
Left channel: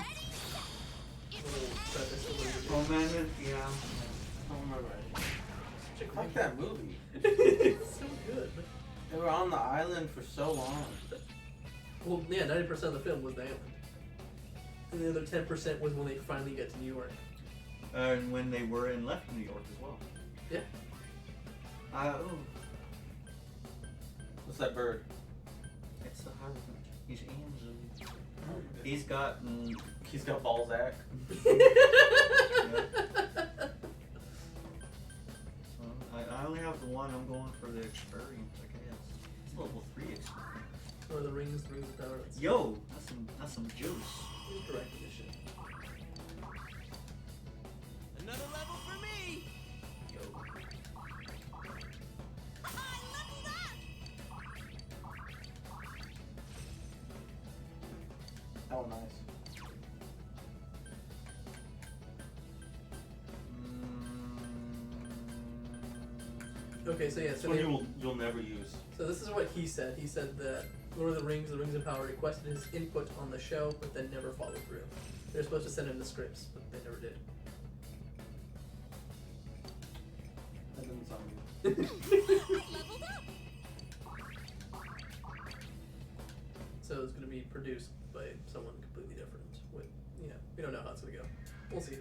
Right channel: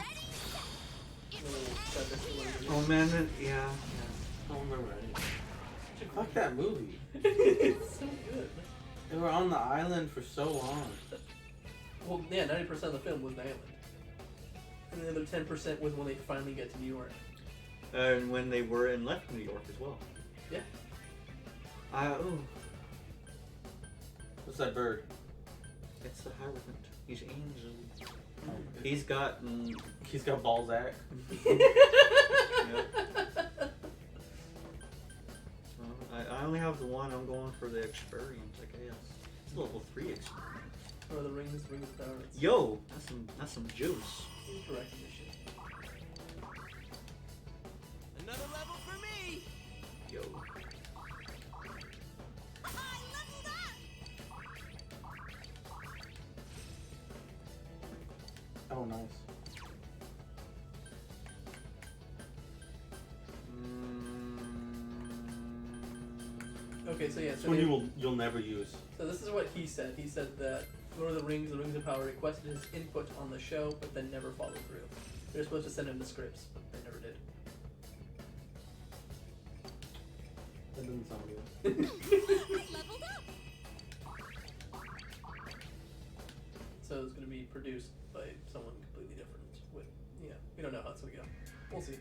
Oh man, yeah. I don't remember it. Fuck that movie. It's so good. They were on the island for so long. Well, yeah, 90% of the film was the island. And the other 10% was when they finally get to New York. And when they were and left New York as well. Yeah. What's that bird? It's the hierophant. He's Angel. He's got Balzac. I only have the one. I'm going for the experience, I guess. It's level 3 experience. Or the rings of power. Yo, that's some juice. Correcting this shit. Another level for me. Yo. I leveled up. Oh, nice. Okay, so yeah, This so, one you'll never use. so this is what he said. He said that Lord of the Rings of Power requested his input on the show, but then never followed through. They were supposed to send him the scripts, but they never did. That doesn't sound good. Leveled up. So it's going to be produced by someone completely different. With, you know, we don't know how it's going to go. We'll see.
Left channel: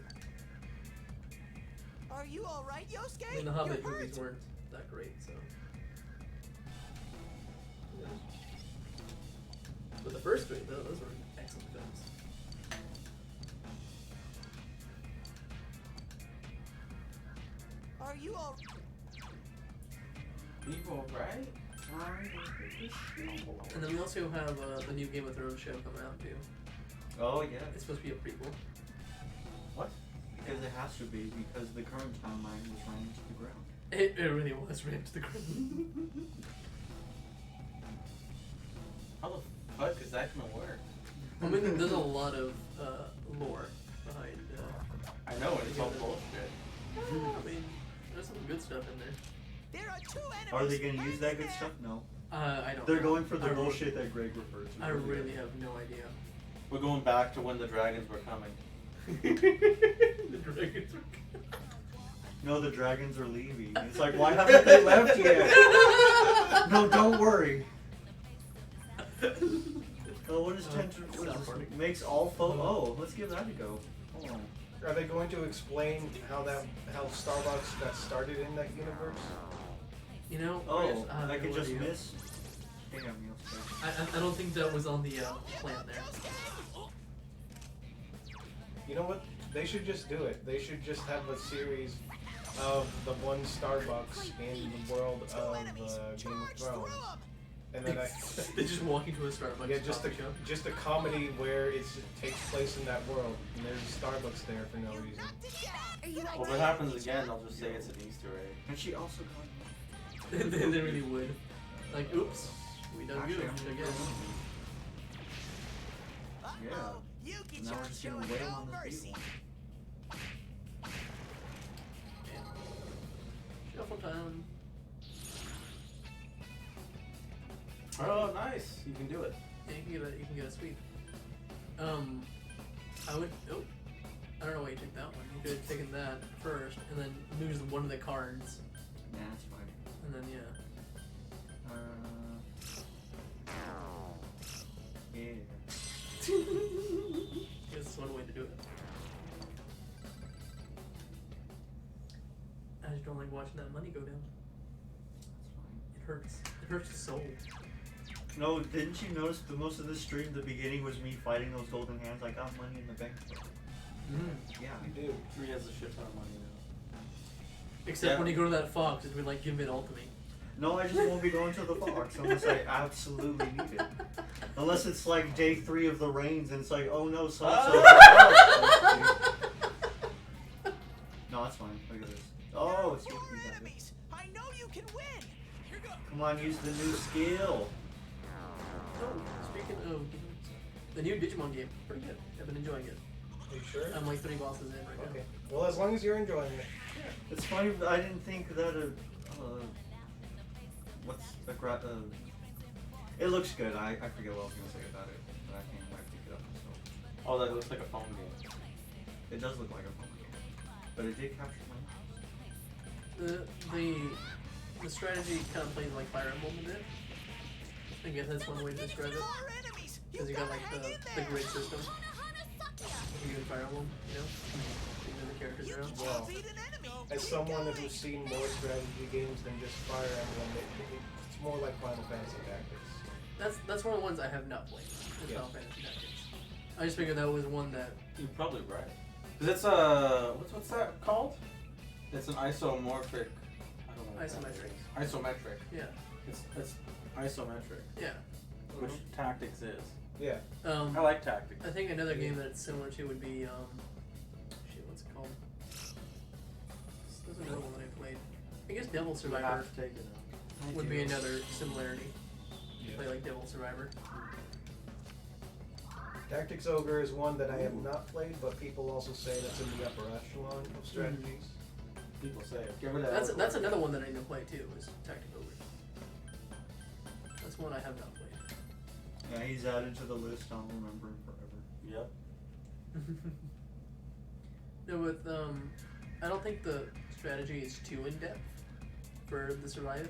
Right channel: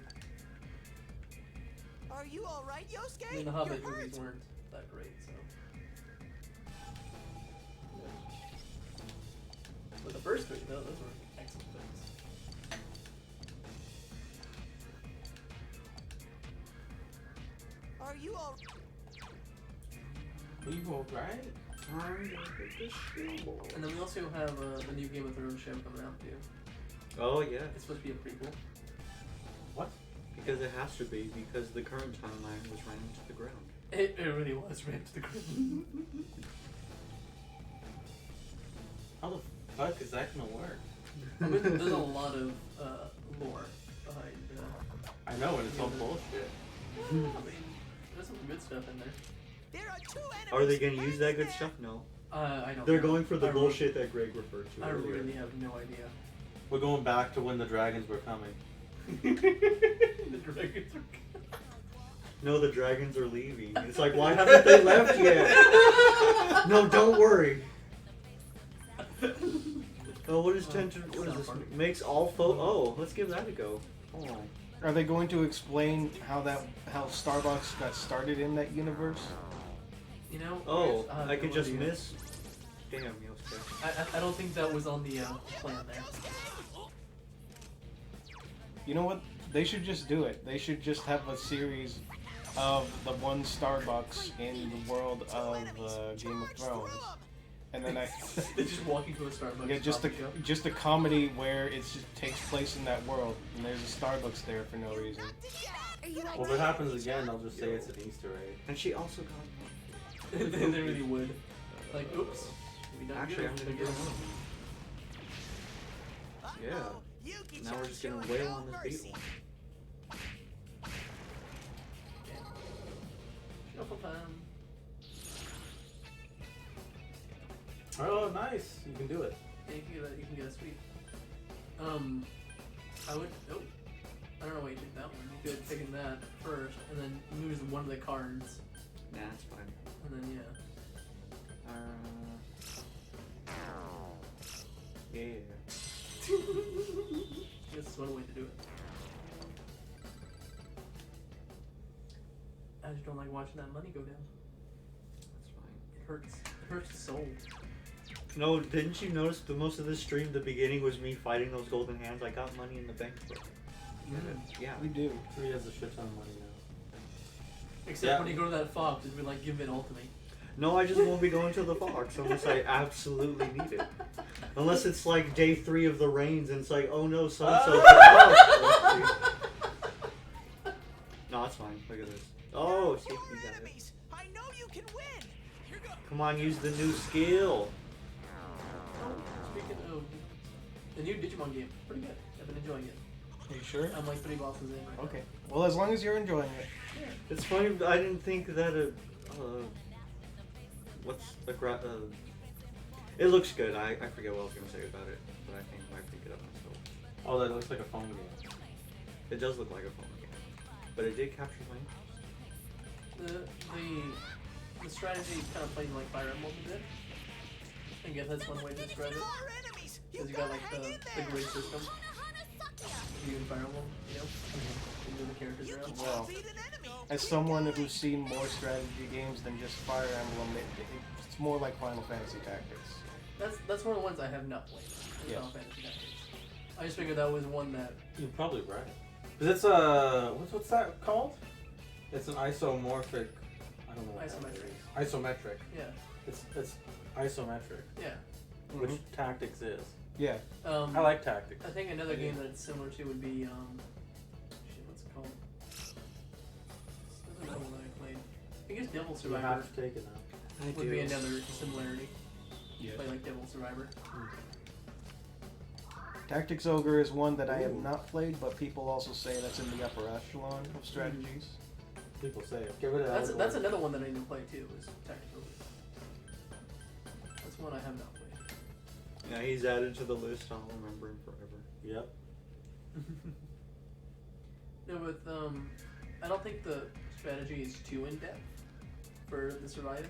Are you all right, Yosuke? I mean, the Hobbit You're movies hurt. weren't that great, so. But the first three, those were excellent films. Are you all? Evil, right? And then we also have the new Game of Thrones show coming out too. Oh yeah. It's supposed to be a prequel. What? Because it has to be, because the current timeline was ran to the ground. It really was rammed to the ground. How the fuck is that gonna work? I mean, there's a lot of lore behind. I know, and it's all bullshit. I mean, there's some good stuff in there. There are 2 enemies. Are they gonna use that back good there. stuff? No. I don't. They're know. going for the I re- bullshit that Greg referred to. I earlier. really have no idea. We're going back to when the dragons were coming. The dragons are. No, the dragons are leaving. It's like, why haven't they left yet? No, don't worry. Oh, what is tentacle? What is this? Makes all Oh, let's give that a go. Oh. Are they going to explain how Starbucks got started in that universe? You know. Oh, have I could no just idea. miss. Damn, Yosuke. I don't think that was on the plan there. You know what? They should just do it. They should just have a series of the one Starbucks in the world of Game of Thrones, and then They're just walking to a Starbucks. yeah, coffee shop. just a comedy where it just takes place in that world, and there's a Starbucks there for no reason. Are you Well, if it happens again, they'll just say it's an Easter egg. And she also got. they really would. Like, oops, we done Actually, good I'm gonna again. Yeah. Now we're just gonna wail on this beetle. Shuffle time. Oh, nice! You can do it. Yeah, you can get a sweep. I don't know why you took that one. You could have taken that first, and then use one of the cards, Nah, that's fine. and then yeah. Yeah. Just one way to do it. I just don't like watching that money go down. That's fine. It hurts. It hurts the soul. No, didn't you notice the most of this stream, the beginning was me fighting those golden hands? I got money in the bank. Yeah. We do. He has a shit ton of money now. Except Yeah. when you go to that fox, it'd be like, give it all to me. No, I just won't be going to the Fox unless I absolutely need it. Unless it's like day 3 of the rains and it's like, oh no, so-and-so. No, that's fine. Look at this. Oh, see, you Your got it. enemies. I know you can win. Here goes. Come on, use the new skill. Speaking of the new Digimon game, pretty good. I've been enjoying it. Are you sure? I'm like 3 bosses in right Okay. Well, as long as you're enjoying it. It's funny, but I didn't think that it looks good. I forget what I was going to say about it, but I think I might pick it up myself. Oh, that looks like a phone game. It does look like a phone game, but it did capture my now. The strategy kind of plays like Fire Emblem a bit. I guess that's one way to describe it. More enemies. You Because you got gotta like hang in the there. grid system. You do Fire Emblem, you know? You move the characters You around. can Wow. beat an enemy. As Keep someone going. who's seen more strategy games than just Fire Emblem, it's more like Final Fantasy Tactics. That's one of the ones I have not played. Yeah. Final Fantasy Tactics. I just figured that was one that. You're probably right. Cause it's what's that called? It's an isomorphic. I don't know. what that Isometric. is. Isometric. Yeah. It's isometric, Yeah. which Tactics is. Yeah. I like Tactics. I think another game that's similar to would be shit, what's it called? There's another one that I played. I guess Devil You Survivor have to take it now. would be another similarity. Yeah. Play like Devil Survivor. Tactics Ogre is one that I have not played, but people also say that's in the upper echelon of strategies. People say it. Give it a. That's another one that I didn't play too. Was Tactical Ogre. That's one I have not played. Yeah, he's added to the list. I'll remember him forever. Yep. No, with I don't think the strategy is too in depth for the survive.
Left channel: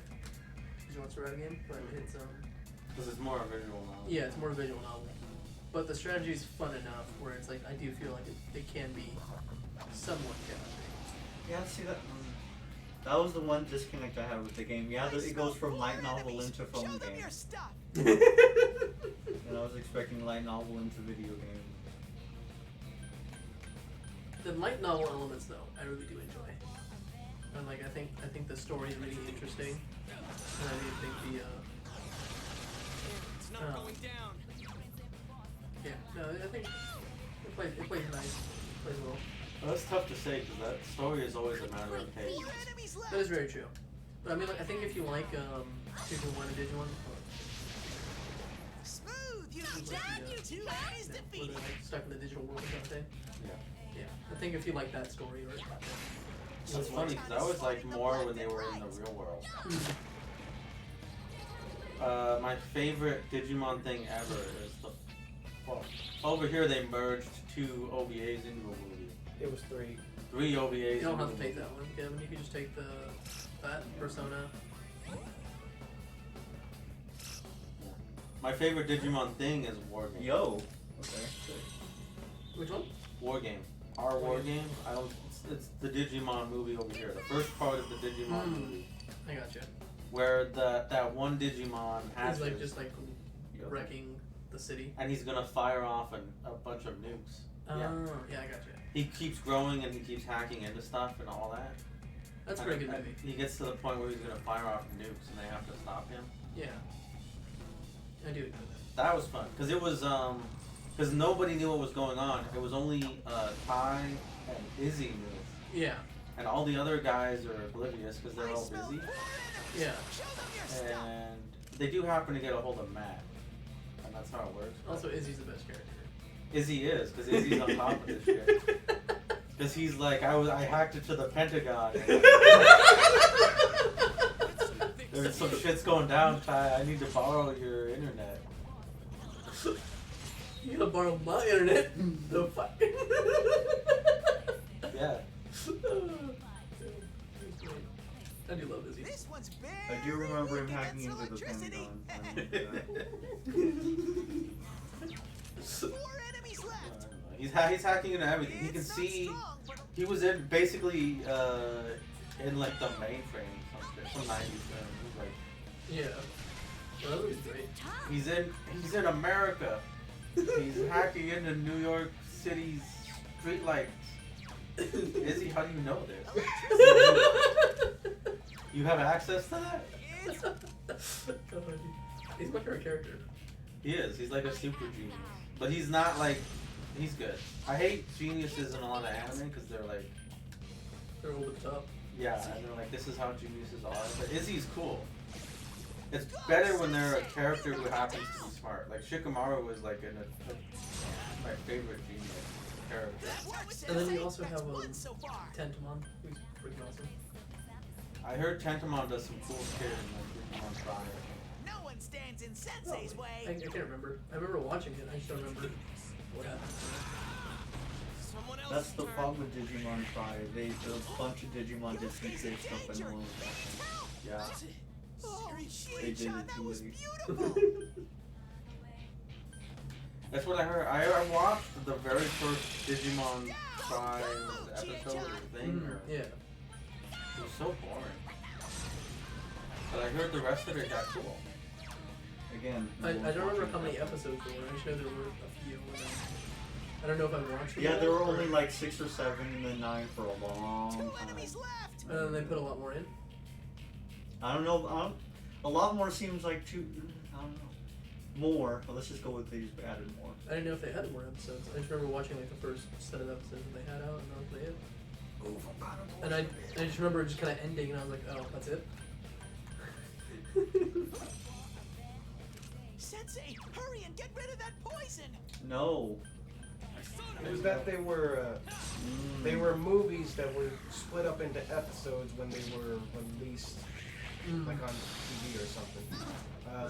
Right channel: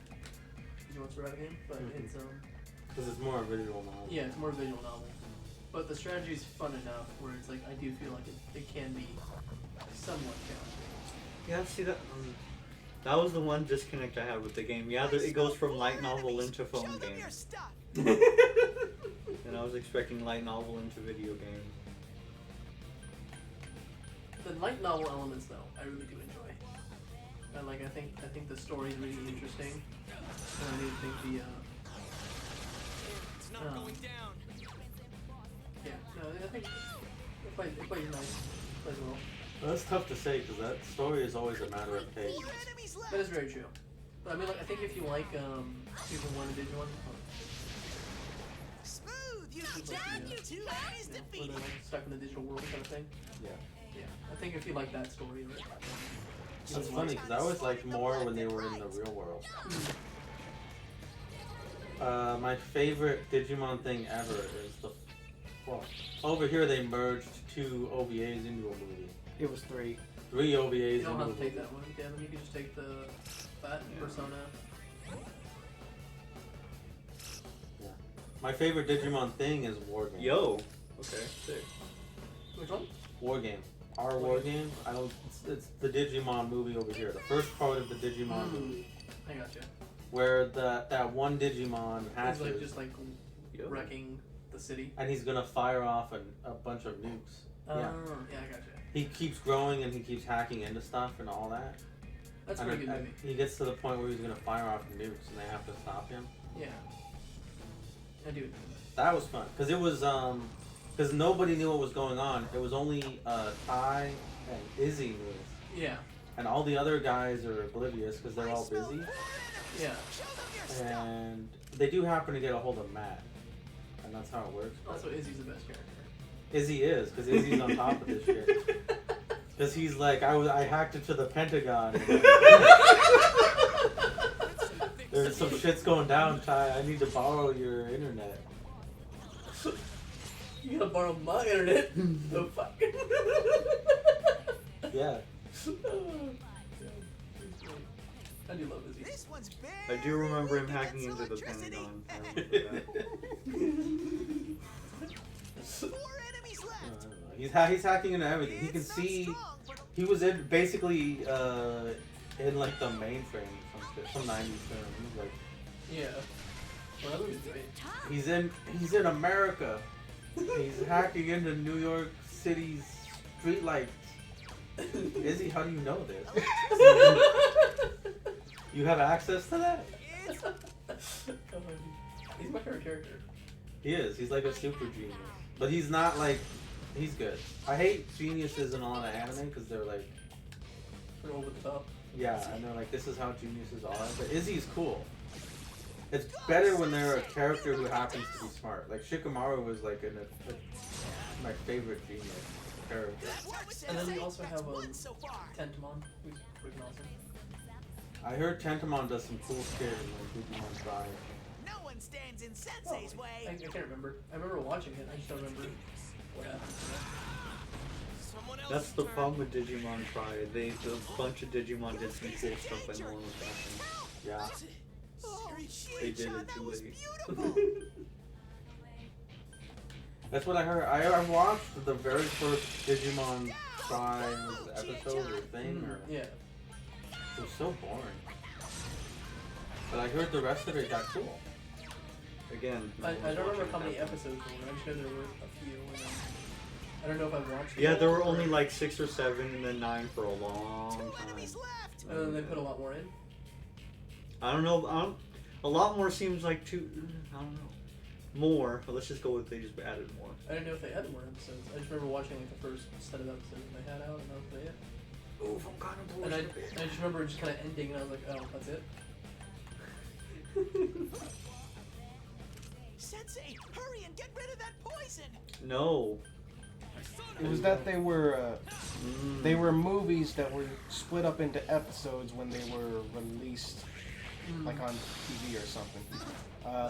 Survive game, but it's Because it's more a visual novel. yeah, it's more visual novel. But the strategy is fun enough where it's like I do feel like it can be somewhat challenging. Yeah, see that was the one disconnect I had with the game. Yeah, it goes from light novel into phone Show them game, your stuff. and I was expecting light novel into video game. The light novel elements though, I really do enjoy. And like I think the story is really interesting. And I really think the It's not Oh. going down. yeah, no, I think it plays nice. It plays well. Well, that's tough to say because that story is always a matter of taste. More enemies left. That is very true. But I mean, like, I think if you like Super 1 and Digimon, Smooth. You Like, damn yeah. you. 2 enemies where defeated. they're like stuck in the digital world kind of thing. Yeah. Yeah, I think if you like that story, or It's funny because I always liked more when they were in the real world. My favorite Digimon thing ever is the. Well, over here they merged 2 OVAs into a movie. It was 3. 3 OVAs you don't into have a to take movie. that one, Kevin. You can just take that Persona. My favorite Digimon thing is War Game. Yo. Okay. Sick. Which one? War Game. Our War Game. I don't. It's the Digimon movie over here. The first part of the Digimon movie, I gotcha. where that one Digimon It's hatches, like just like Yep. wrecking the city. and he's gonna fire off a bunch of nukes. Oh, Yeah. yeah, I gotcha. He keeps growing and he keeps hacking into stuff and all that. That's a And pretty good then- movie. He gets to the point where he's gonna fire off nukes and they have to stop him. Yeah. I do know That was fun because it was because nobody knew what was going on. It was only Tai and Izzy knew, that. Yeah. and all the other guys are oblivious because they're I all smell busy. 4 enemies. Yeah. Show them your stuff. And they do happen to get a hold of Matt, and that's how it works. Also, Izzy's the best character. Izzy is because Izzy's on top of this shit. Because he's like, I hacked it to the Pentagon. There's some shit's going down, Ty. I need to borrow your internet. You gotta borrow my internet. The fuck? Yeah. I do love Izzy. This one's big. I do remember him He hacking gets into the electricity. Pentagon. I remember that. 4 enemies left. He's hacking into everything. He can It's not see. strong, but He was in basically in like the mainframe some 90s film. He's like Yeah. Well, that was great. he's in America. He's hacking into New York City's streetlights. Izzy, how do you know this? You have access to that? it's He's my favorite character. He is. He's like a super genius. But he's not like. He's good. I hate geniuses in a lot of anime because they're like. They're over the top. Yeah, and they're like, this is how geniuses are. But Izzy's cool. It's better when they're a character who happens to be smart. Like Shikamaru was like my favorite genius character. that works. And then we Sensei. also That's have one so far. Tentamon, who's freaking awesome. I heard Tentamon does some cool shit in like Digimon Prime. No one stands in Sensei's I way. can't remember. I remember watching it. I just don't remember what happened. Someone else. That's the problem with Digimon Pride. A bunch of Digimon did some cool stuff and no one was watching. Yeah. Oh, They did Chie-chan, it that too was late. beautiful. That's what I heard. I watched the very first Digimon Prime episode or thing. Or, Yeah. it was so boring. But I heard the rest of it got cool. Again, I no don't one's remember watching how that. many episodes there were. I just know there were a few. And I don't know if I watched them. Yeah, all there were or- only like 6 or 7 and then 9 for a long 2 time. enemies left. And then they put a lot more in. I don't know. A lot more seems like too. I don't know. More, but let's just go with they just added more. I didn't know if they had more episodes. I just remember watching like the first set of episodes they had out, and that was it. Oh, from God of And I just remember it just kind of ending, and I was like, oh, that's it. Sensei, hurry and get rid of that poison. No. It was that they were movies that were split up into episodes when they were released, like on TV or something.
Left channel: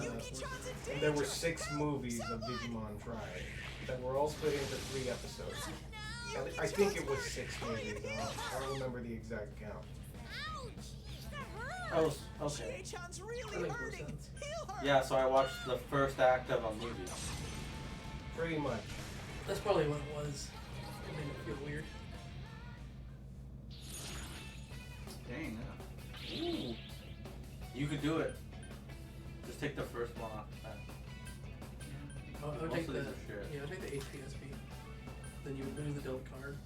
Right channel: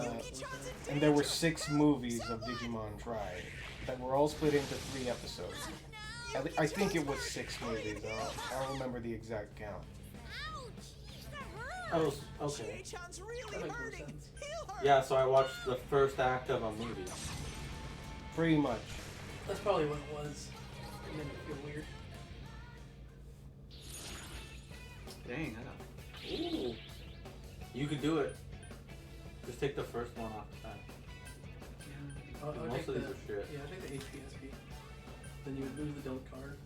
Yuki-chan's in And there were danger. 6 movies of Digimon Tri that were all split into 3 episodes. I think it was 6 movies. I don't remember the exact count. Ouch! That hurts. Oh, okay. Chie-chan's That really makes more hurting. sense. Heal her. Yeah, so I watched the first act of a movie. Pretty much. That's probably what it was. It made me feel weird. Dang, yeah. Ooh. You could do it. Just take the first one off the bat. I'll Most take of the, these are shit. yeah, I think the HPSP. Then you would lose the dealt card.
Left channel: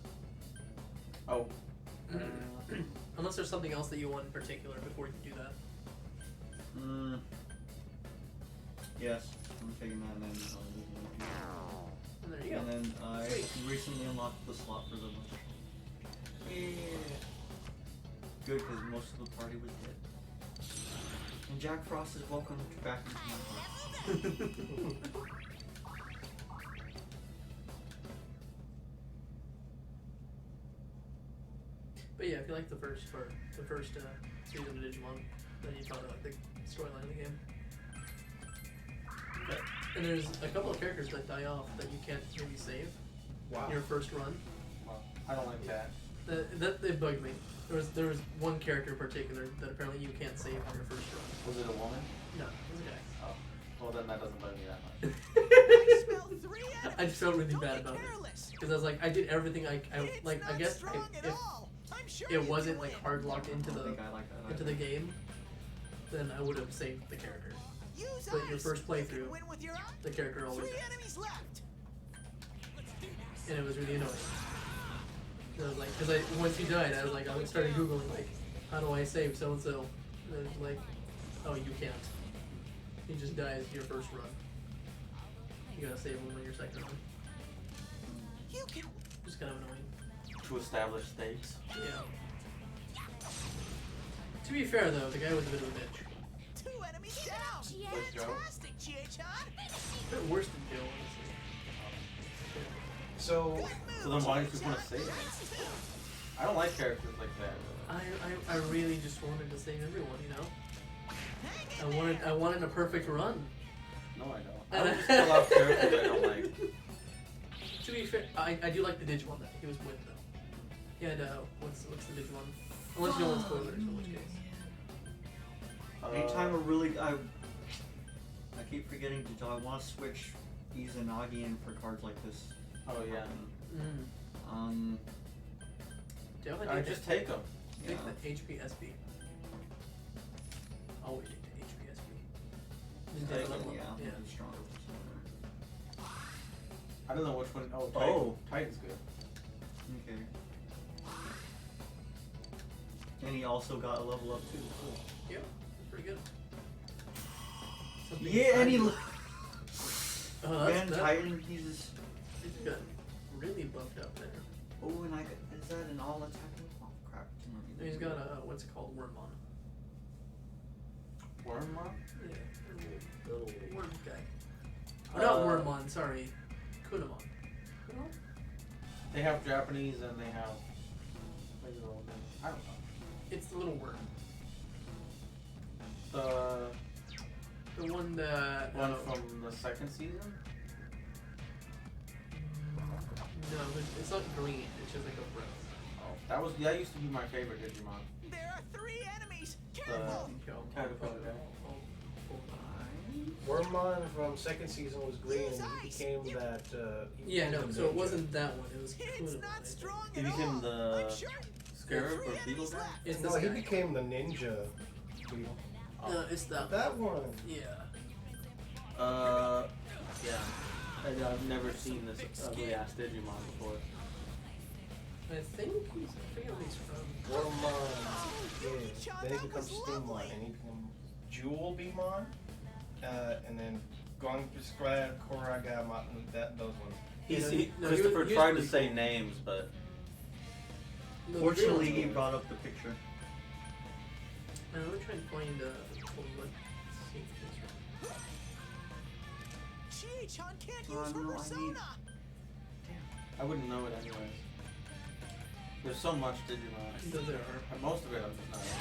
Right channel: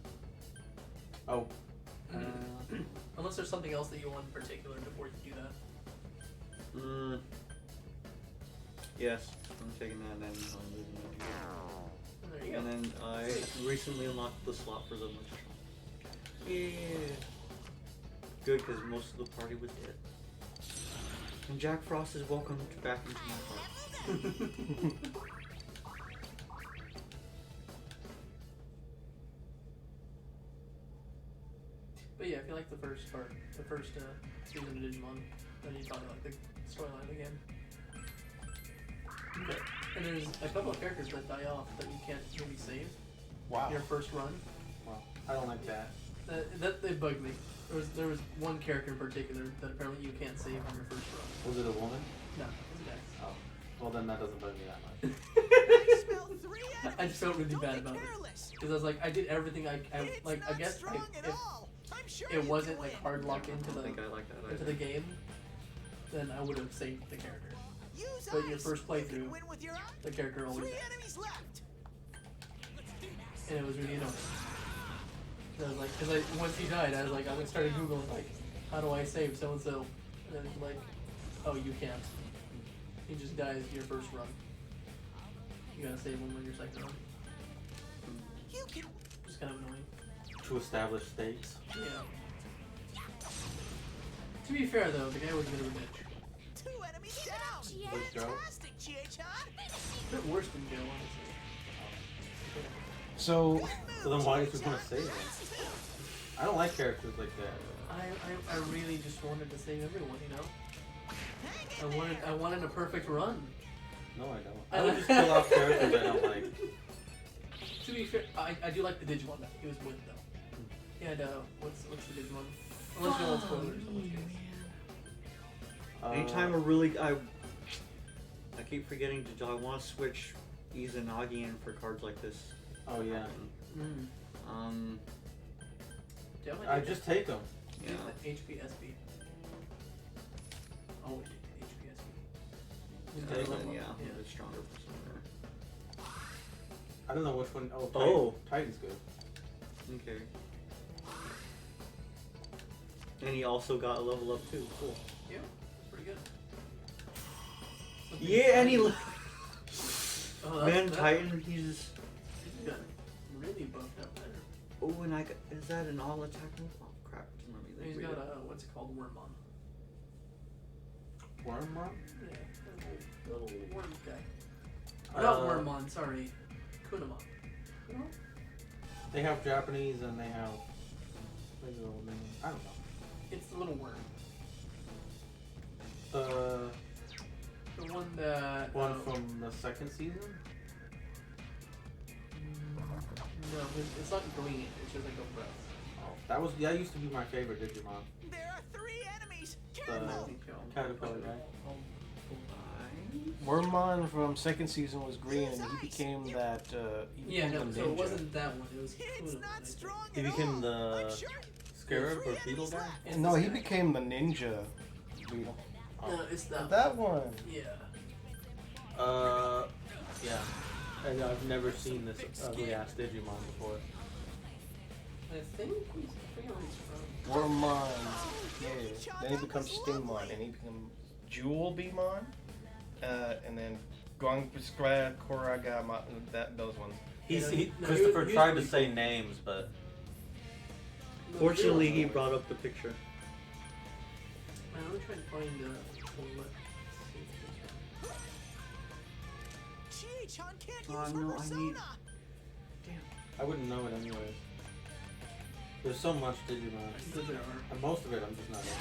Oh. Unless there's something else that you want in particular before you do that. Yes, I'm taking that and then. And there you go. And then I recently unlocked the slot for the one. Yeah. Good, because most of the party was dead. And Jack Frost is welcome back into my heart. But yeah, if you like the first part, the first season of Digimon, then you probably like the storyline of the game. Okay. And there's a couple of characters that die off that you can't maybe save Wow. your first run. Well, I don't like that. That bugged me. There was one character in particular that apparently you can't save on your first run. Was it a woman? No, it was a guy. Oh. Well, then that doesn't bug me that much. I smell 3 enemies. I just felt really Don't bad be about it. careless. Because I was like, I did everything I It's like. not I guess strong at if all. I'm sure it you wasn't can like win. hard locked into I the think I like that. into the game, then I would have saved the character. Use But your ice. first You can playthrough, win with your the character always 3 died. enemies left. And it was really annoying. I was like, because once he died, I was like, I started googling like, how do I save so and so? And it was like, oh, you can't. He just dies your first run. You gotta save him on your second run. You can. Just kind of annoying. To establish stakes. Yeah. To be fair though, the guy was a bit of a bitch. 2 enemies down. Chie. Let's go. Fantastic, Chie-chan. A bit worse than Joe, honestly. So, So then why did you want to save it? I don't like characters like that. I really just wanted to save everyone, you know? Hang in I wanted a perfect run. No, I don't. I would just kill off characters I don't like. To be fair, I do like the Digimon that he was with though. Yeah, no. What's the Digimon? Unless you want spoilers, in which case. Anytime I keep forgetting to do. I want to switch Izanagi in for cards like this. Oh yeah. Mm-hmm. I just take them. Take the HPSB. Always take the HPSB. Take them, Yeah. The stronger persona. I don't know which one. Oh, Titan's good. Okay. And he also got a level up too. Cool. Yeah, pretty good. Something Yeah, and he. that's- Titan, he's. He's got really buffed up there. Oh, and is that an all attack move? Oh crap! He's got a what's it called, Wormmon. Wormmon? Yeah, little worm guy. Or not Wormmon, sorry, Kunamon. Kunamon? They have Japanese and they have. What's the old name? I don't know. It's the little worm. The one that one from the second season? No, it's not green. It's just like a breath. Oh, that used to be my favorite Digimon. There are 3 enemies. The Careful. Caterpillar guy. Wormmon from second season was green, and he became that. Yeah, no, so it ninja. wasn't that one. It was It's Kunamon, I not think. strong He at became all. the I'm sure Scarab Three or Beetle enemies guy? left. It's No, this he guy. became the ninja. No, it's that. That one. Yeah. Yeah. I've never seen this ugly ass Digimon before. I think he's. I forget where he's from. Wormmon. Yuki-chan, Yeah. Then he that becomes was Stinmon, lovely. and he becomes Jewel Beamon, and then Gongskra Koragama. Those ones. Christopher tried to say names, but Fortunately, he brought up the picture. Let me try to find what. Chie-chan can't Oh, use her no, I persona. need- I wouldn't know it anyways. There's so much Digimon. And most of it I'm just not into.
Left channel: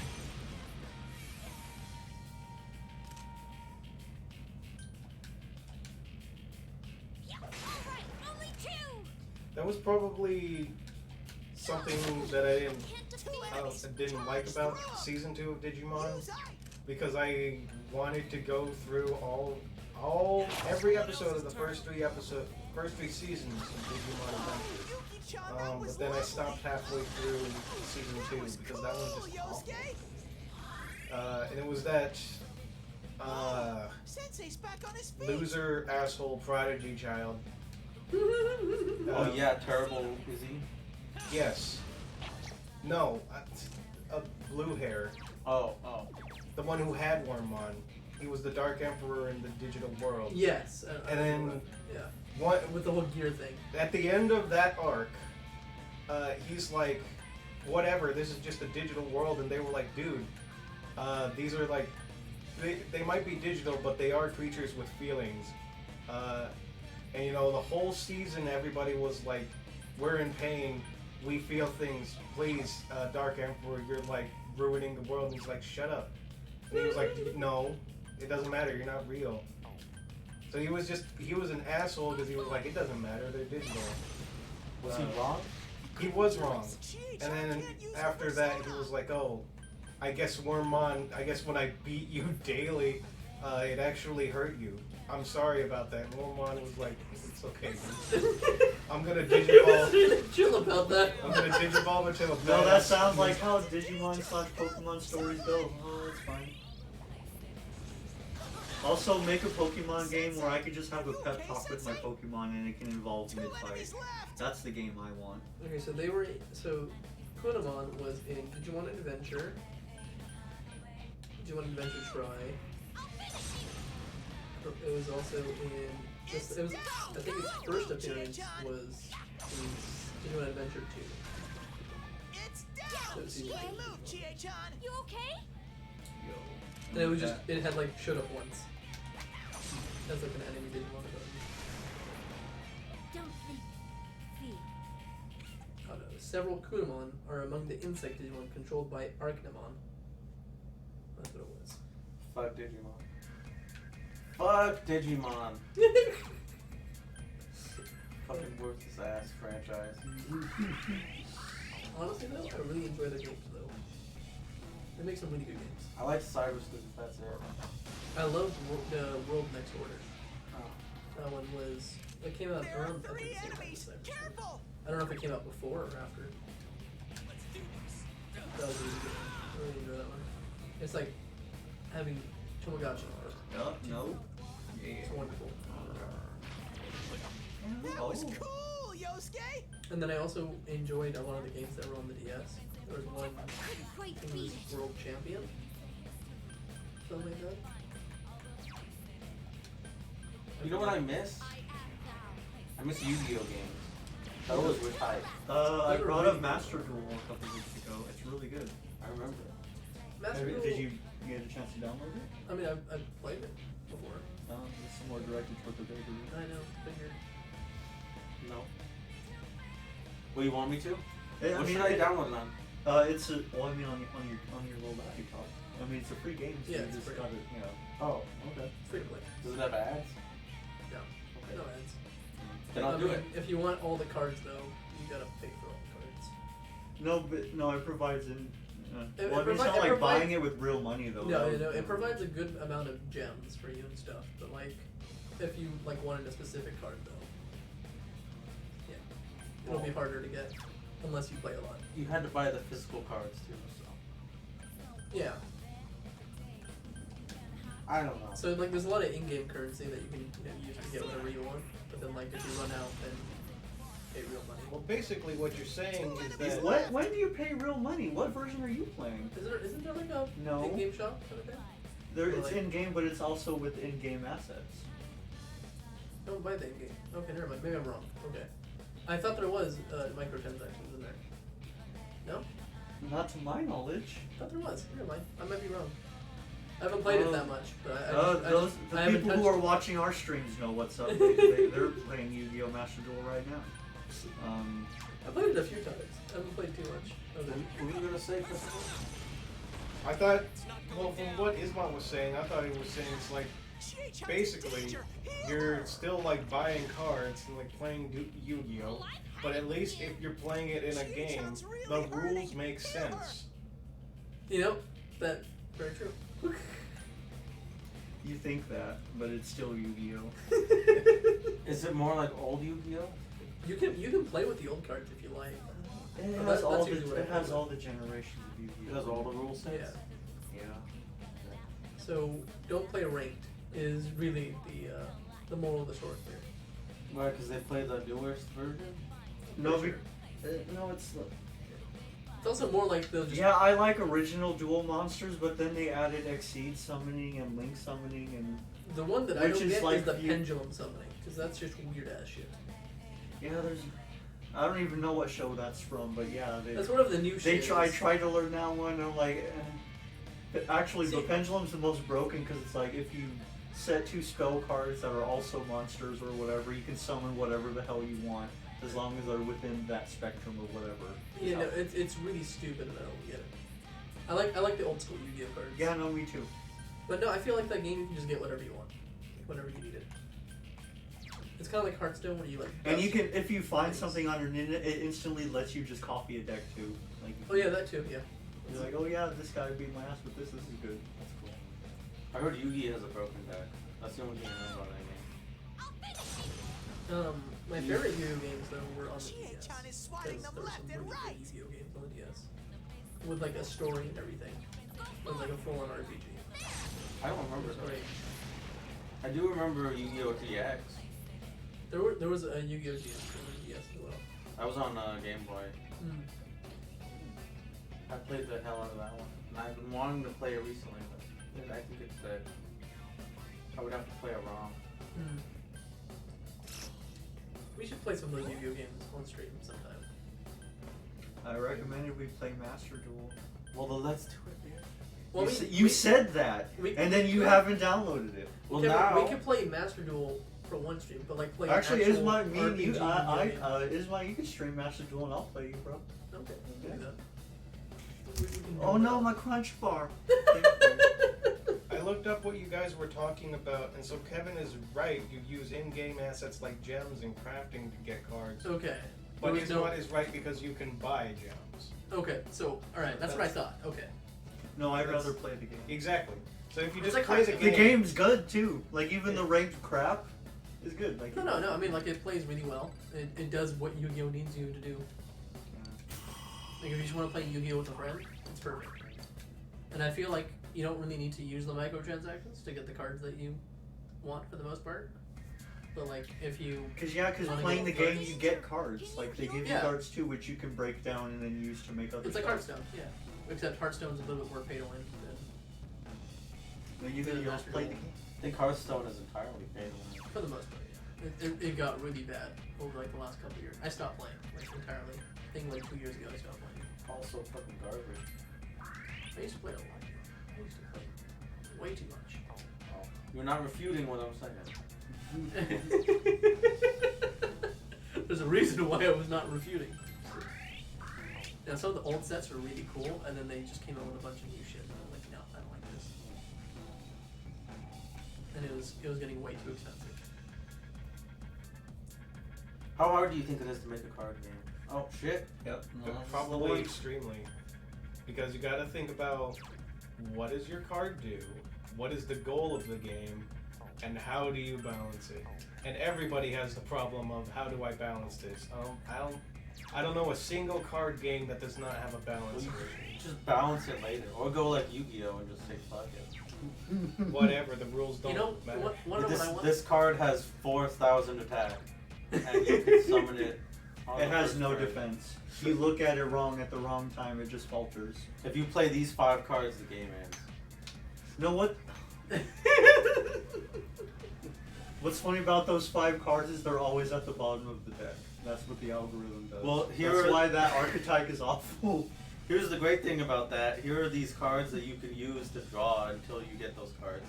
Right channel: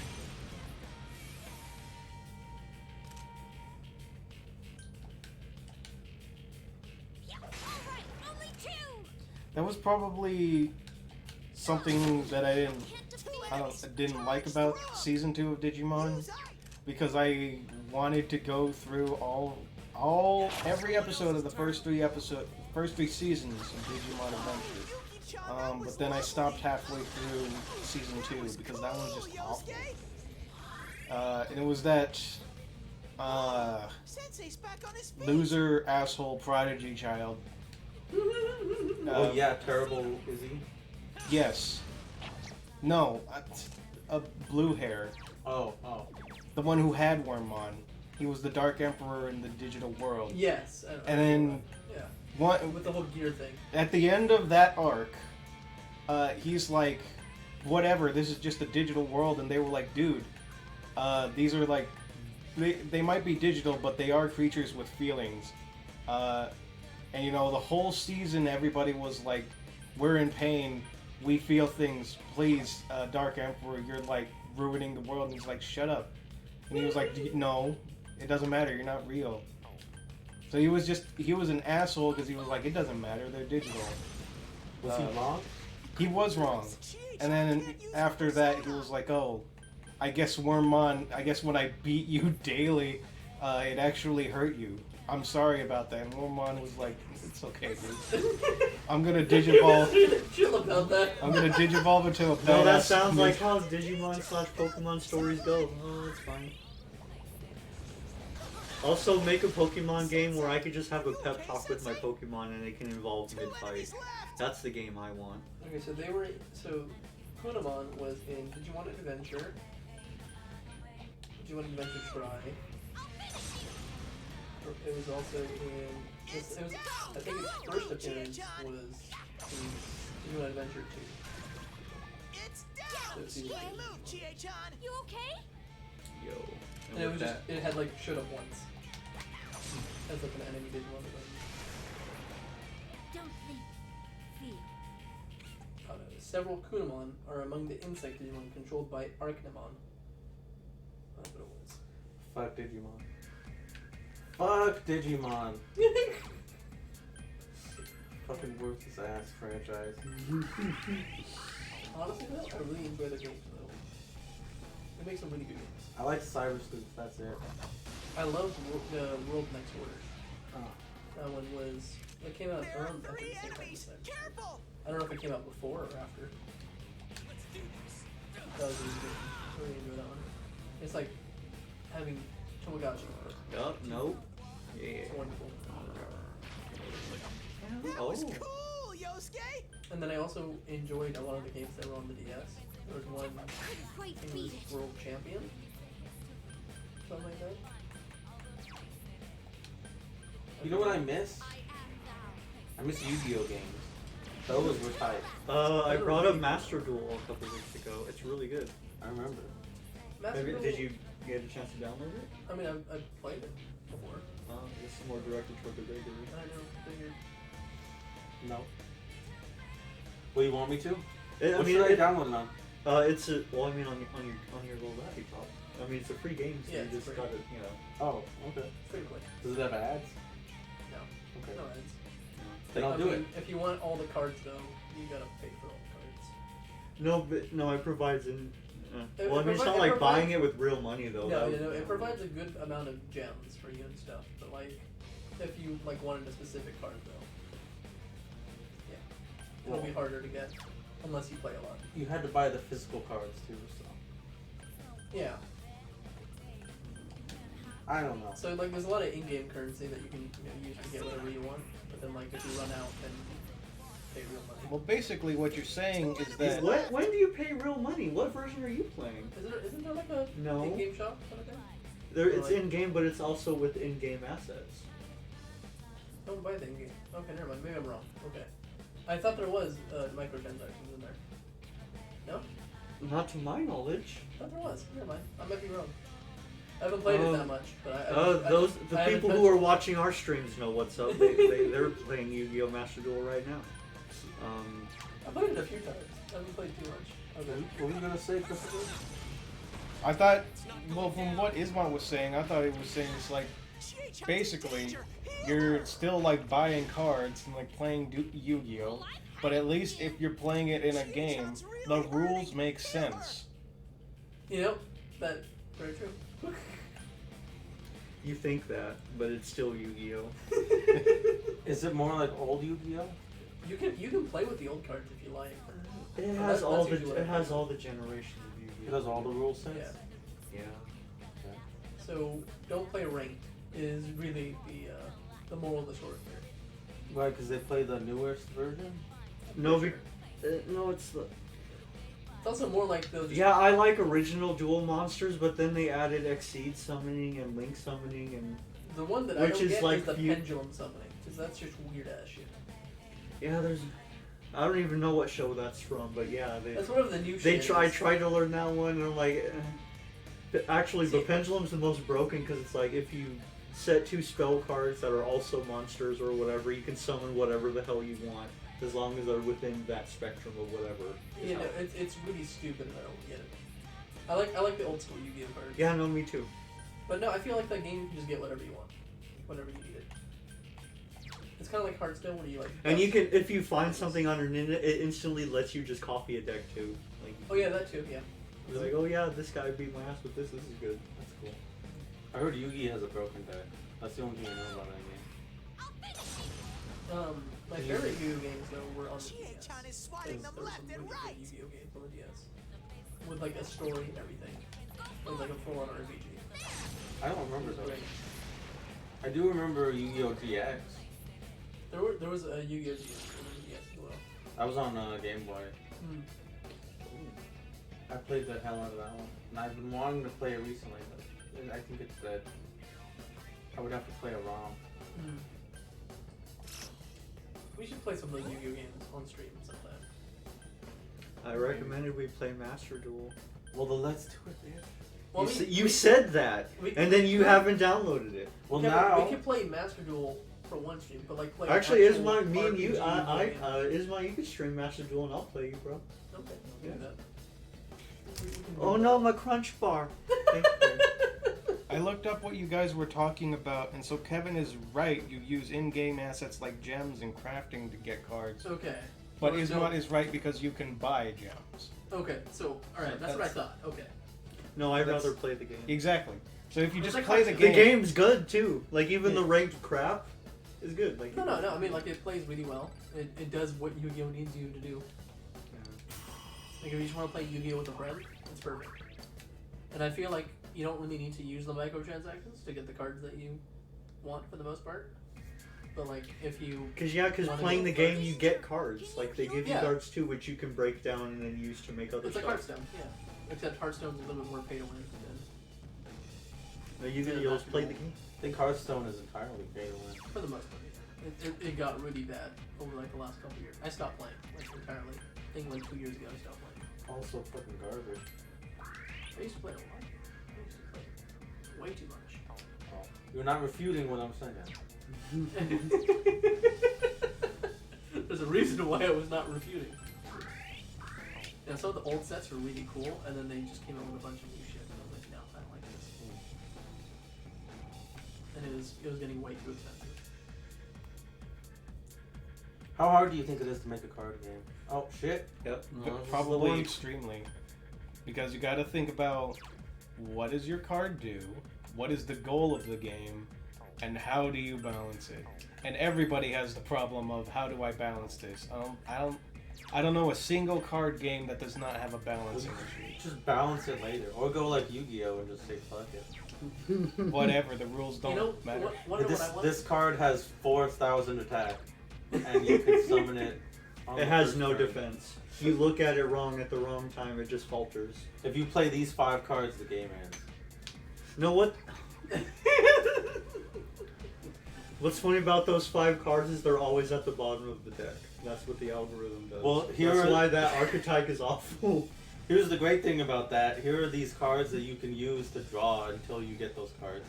Alright, only 2! That was probably something that I didn't like about season 2 of Digimon, Use I. because I wanted to go through every episode of the first three seasons of Digimon Adventure. Yuki-chan, that was But then I lovely. stopped halfway through season That 2 was because that one cool, just awful. Yosuke. And it was that Sensei's back on his feet. loser asshole prodigy child. Oh yeah, terrible is he? Yes. No, blue hair. Oh. The one who had Wormmon. He was the Dark Emperor in the digital world. Yes. And then yeah, what? with the whole gear thing. At the end of that arc, he's like, whatever, this is just a digital world, and they were like, dude, these are like, they might be digital, but they are creatures with feelings. And you know, the whole season, everybody was like, we're in pain, we feel things, please, Dark Emperor, you're like ruining the world. And he's like, shut up. And he was like, no, it doesn't matter, you're not real. So he was an asshole because he was like, it doesn't matter, they're digital. Was he wrong? He was wrong. And then after that, he was like, oh, I guess Wormmon, I guess when I beat you daily, it actually hurt you. I'm sorry about that. And Wormmon was like, it's okay, dude. I'm gonna digivolve. Chill about that. I'm gonna digivolve into a No, that badass sounds like ninja. how Digimon/Pokemon stories go. Oh, that's fine. Also, make a Pokemon game where I could just have a pep talk with my Pokemon and it can involve 2 mid-fight. enemies left. That's the game I want. Okay, so Kunamon was in Digimon Adventure. Digimon Adventure Try. It was also in. I think its first appearance was in Digimon Adventure 2. It's down. Let's see. Good move, Chie-chan. You okay? Yo. And it was just, it had like showed up once. As like an enemy Digimon. Don't think. Feel. Several Kunamon are among the insect Digimon controlled by Archnamon. That's what it was. Fuck Digimon. Fuck Digimon. Fucking worthless ass franchise. honestly though, I really enjoy their games though. They make some really good games. I like Cyrus because that's it. I love the World Next Order. Oh. That one was. It came out There are around. I 3 think, the same time enemies! as that. Careful! I don't know if it came out before or after. Let's do this. That was really good. I really enjoy that one. It's like having Tamagotchi. Yup, nope. Yeah. It's wonderful. That Oh. was cool, Yosuke! And then I also enjoyed a lot of the games that were on the DS. There was one. Couldn't I quite think it beat was it. World Champion. Something like that. You know what I miss? I am thou. I miss Yu-Gi-Oh games. Those were tight. I brought up Master Duel a couple weeks ago. It's really good. I remember. Master Duel, Did you get a chance to download it? I mean, I've played it before. It's more directed toward the bigger. I know. Figured. No. Well, you want me to? I What mean, should I download it on? It's a, well, I mean, on your little laptop. I mean, it's a free game, so Yeah, you it's just free. gotta, you know. Oh, okay. Free to play. Does it have ads? No. Okay. No ads. Then I'll I do mean, it. If you want all the cards though, you gotta pay for all the cards. No, but no, it provides in. It Well, I mean, it's not it like provides- buying it with real money though. No, That you would- know, it provides a good amount of gems for you and stuff. But like, if you like wanted a specific card though, yeah, it'll be Well- harder to get unless you play a lot. You had to buy the physical cards too, so Yeah. I don't know. So like, there's a lot of in-game currency that you can use to get whatever you want. But then like, if you run out, then pay real money. Well, basically, what you're saying is that When do you pay real money? What version are you playing? Isn't there like a No. in-game shop kind of thing? There, Or it's like- in game, but it's also with in-game assets. Don't buy the in-game. Okay, never mind. Maybe I'm wrong. Okay. I thought there was microtransactions in there. No? Not to my knowledge. I thought there was. Never mind. I might be wrong. I haven't played it that much, but I The haven't people who touched are it. watching our streams know what's up. They're playing Yu-Gi-Oh! Master Duel right now. I played it a few times. I haven't played too much. Okay. What were you gonna say, Christopher? I thought, well, from what Isma was saying, I thought he was saying it's like basically you're still like buying cards and like playing Yu-Gi-Oh, but at least if you're playing it in a game, the rules make sense. You know, that's very true. You think that, but it's still Yu-Gi-Oh! Is it more like old Yu-Gi-Oh? You can play with the old cards if you like. It But has that's usually what I it has play. all the generations of Yu-Gi-Oh! It has all the rule sets? Yeah. Yeah. So don't play ranked is really the moral of the story here. Why? Because they play the newest version? No, no, it's the. It's also more like they'll just Yeah, I like original dual monsters, but then they added Exceed summoning and Link summoning and the one that I which don't is get like is the you- pendulum summoning because that's just weird ass shit. yeah, there's. I don't even know what show that's from, but yeah, That's one of the new. they shit try is. to learn that one. And I'm like, But actually, the See- pendulum's the most broken because it's like if you set 2 spell cards that are also monsters or whatever, you can summon whatever the hell you want as long as they're within that spectrum of whatever. Yeah, no, it's really stupid and I don't get it. I like the old school Yu-Gi-Oh cards. Yeah, no, me too. But no, I feel like that game you can just get whatever you want, whatever you needed. It's kind of like Hearthstone where you like. And you dust- can, if you find something on an internet, it instantly lets you just copy a deck too. Like, Oh yeah, that too. Yeah. you're like, oh yeah, this guy beat my ass with this. This is good. That's cool. I heard Yugi has a broken deck. That's the only thing I know about that game. My favorite Yu-Gi-Oh games though were on the DS. Chie-chan is swatting them There was left some and really good right. Yu-Gi-Oh games on the DS with like a story and everything, with like a full-on RPG. I don't It remember was those. great. I do remember Yu-Gi-Oh! GX. There was a Yu-Gi-Oh GX on the DS as well. I was on Game Boy. Mm. I played the hell out of that one. And I've been wanting to play it recently, but I think it's dead. I would have to play a ROM. Mm. We should play some of those Yu-Gi-Oh games on stream sometime. I recommended we play Master Duel. Well, then let's do it, man. Well, You said that, we- and then you haven't downloaded it. Well, yeah, now... we can play Master Duel for one stream, but like play. Actually, actual Isma, me and you, RPG game. Isma, you can stream Master Duel and I'll play you, bro. Okay, we can do that. Oh no, my crunch bar. I looked up what you guys were talking about, and so Kevin is right. You use in-game assets like gems and crafting to get cards. Okay. But You his know- mod is right because you can buy gems. Okay, so alright, that's what I thought. Okay. No, I'd That's- rather play the game. Exactly. So if you It's just like play the Hearthstone. The game, game's good too. Like even the Yeah. ranked crap is good. Like No. I mean, like it plays really well. It does what Yu-Gi-Oh needs you to do. Like if you just want to play Yu-Gi-Oh with a friend, it's perfect. And I feel like you don't really need to use the microtransactions to get the cards that you want for the most part. But like if you Because Wanna playing go the game first? you get cards. Like they give you Yeah. cards too, which you can break down and then use to make other it's like stuff. Hearthstone, yeah. Except Hearthstone's a little bit more pay to win than Are you gonna just play the game? I think Hearthstone is entirely pay to win. for the most part. Yeah. It got really bad over like the last couple of years. I stopped playing like entirely. I think like 2 years ago I stopped playing. Also fucking garbage. I used to play a lot. I used to play way too much. Oh, you're not refuting what I'm saying. There's a reason why I was not refuting. Now some of the old sets were really cool, and then they just came out with a bunch of new shit. And I'm like, no, I don't like this. And it was getting way too expensive. How hard do you think it is to make a card game? Oh shit. Yep. No, But this is the probably one. extremely. Because you got to think about what does your card do, what is the goal of the game, and how do you balance it. And everybody has the problem of how do I balance this. I don't know a single card game that does not have a balancing issue. Just balance it later, or go like Yu-Gi-Oh and just say fuck it. Whatever, the rules don't You know, matter. what This, I want? this card has 4,000 attack, and you can summon it. On It the has first no turn. defense. If you look at it wrong at the wrong time, it just falters. If you play these 5 cards, the game ends. Know what? What's funny about those 5 cards is they're always at the bottom of the deck. That's what the algorithm does. Well, here that's are- why that archetype is awful. Here's the great thing about that. Here are these cards that you can use to draw until you get those cards.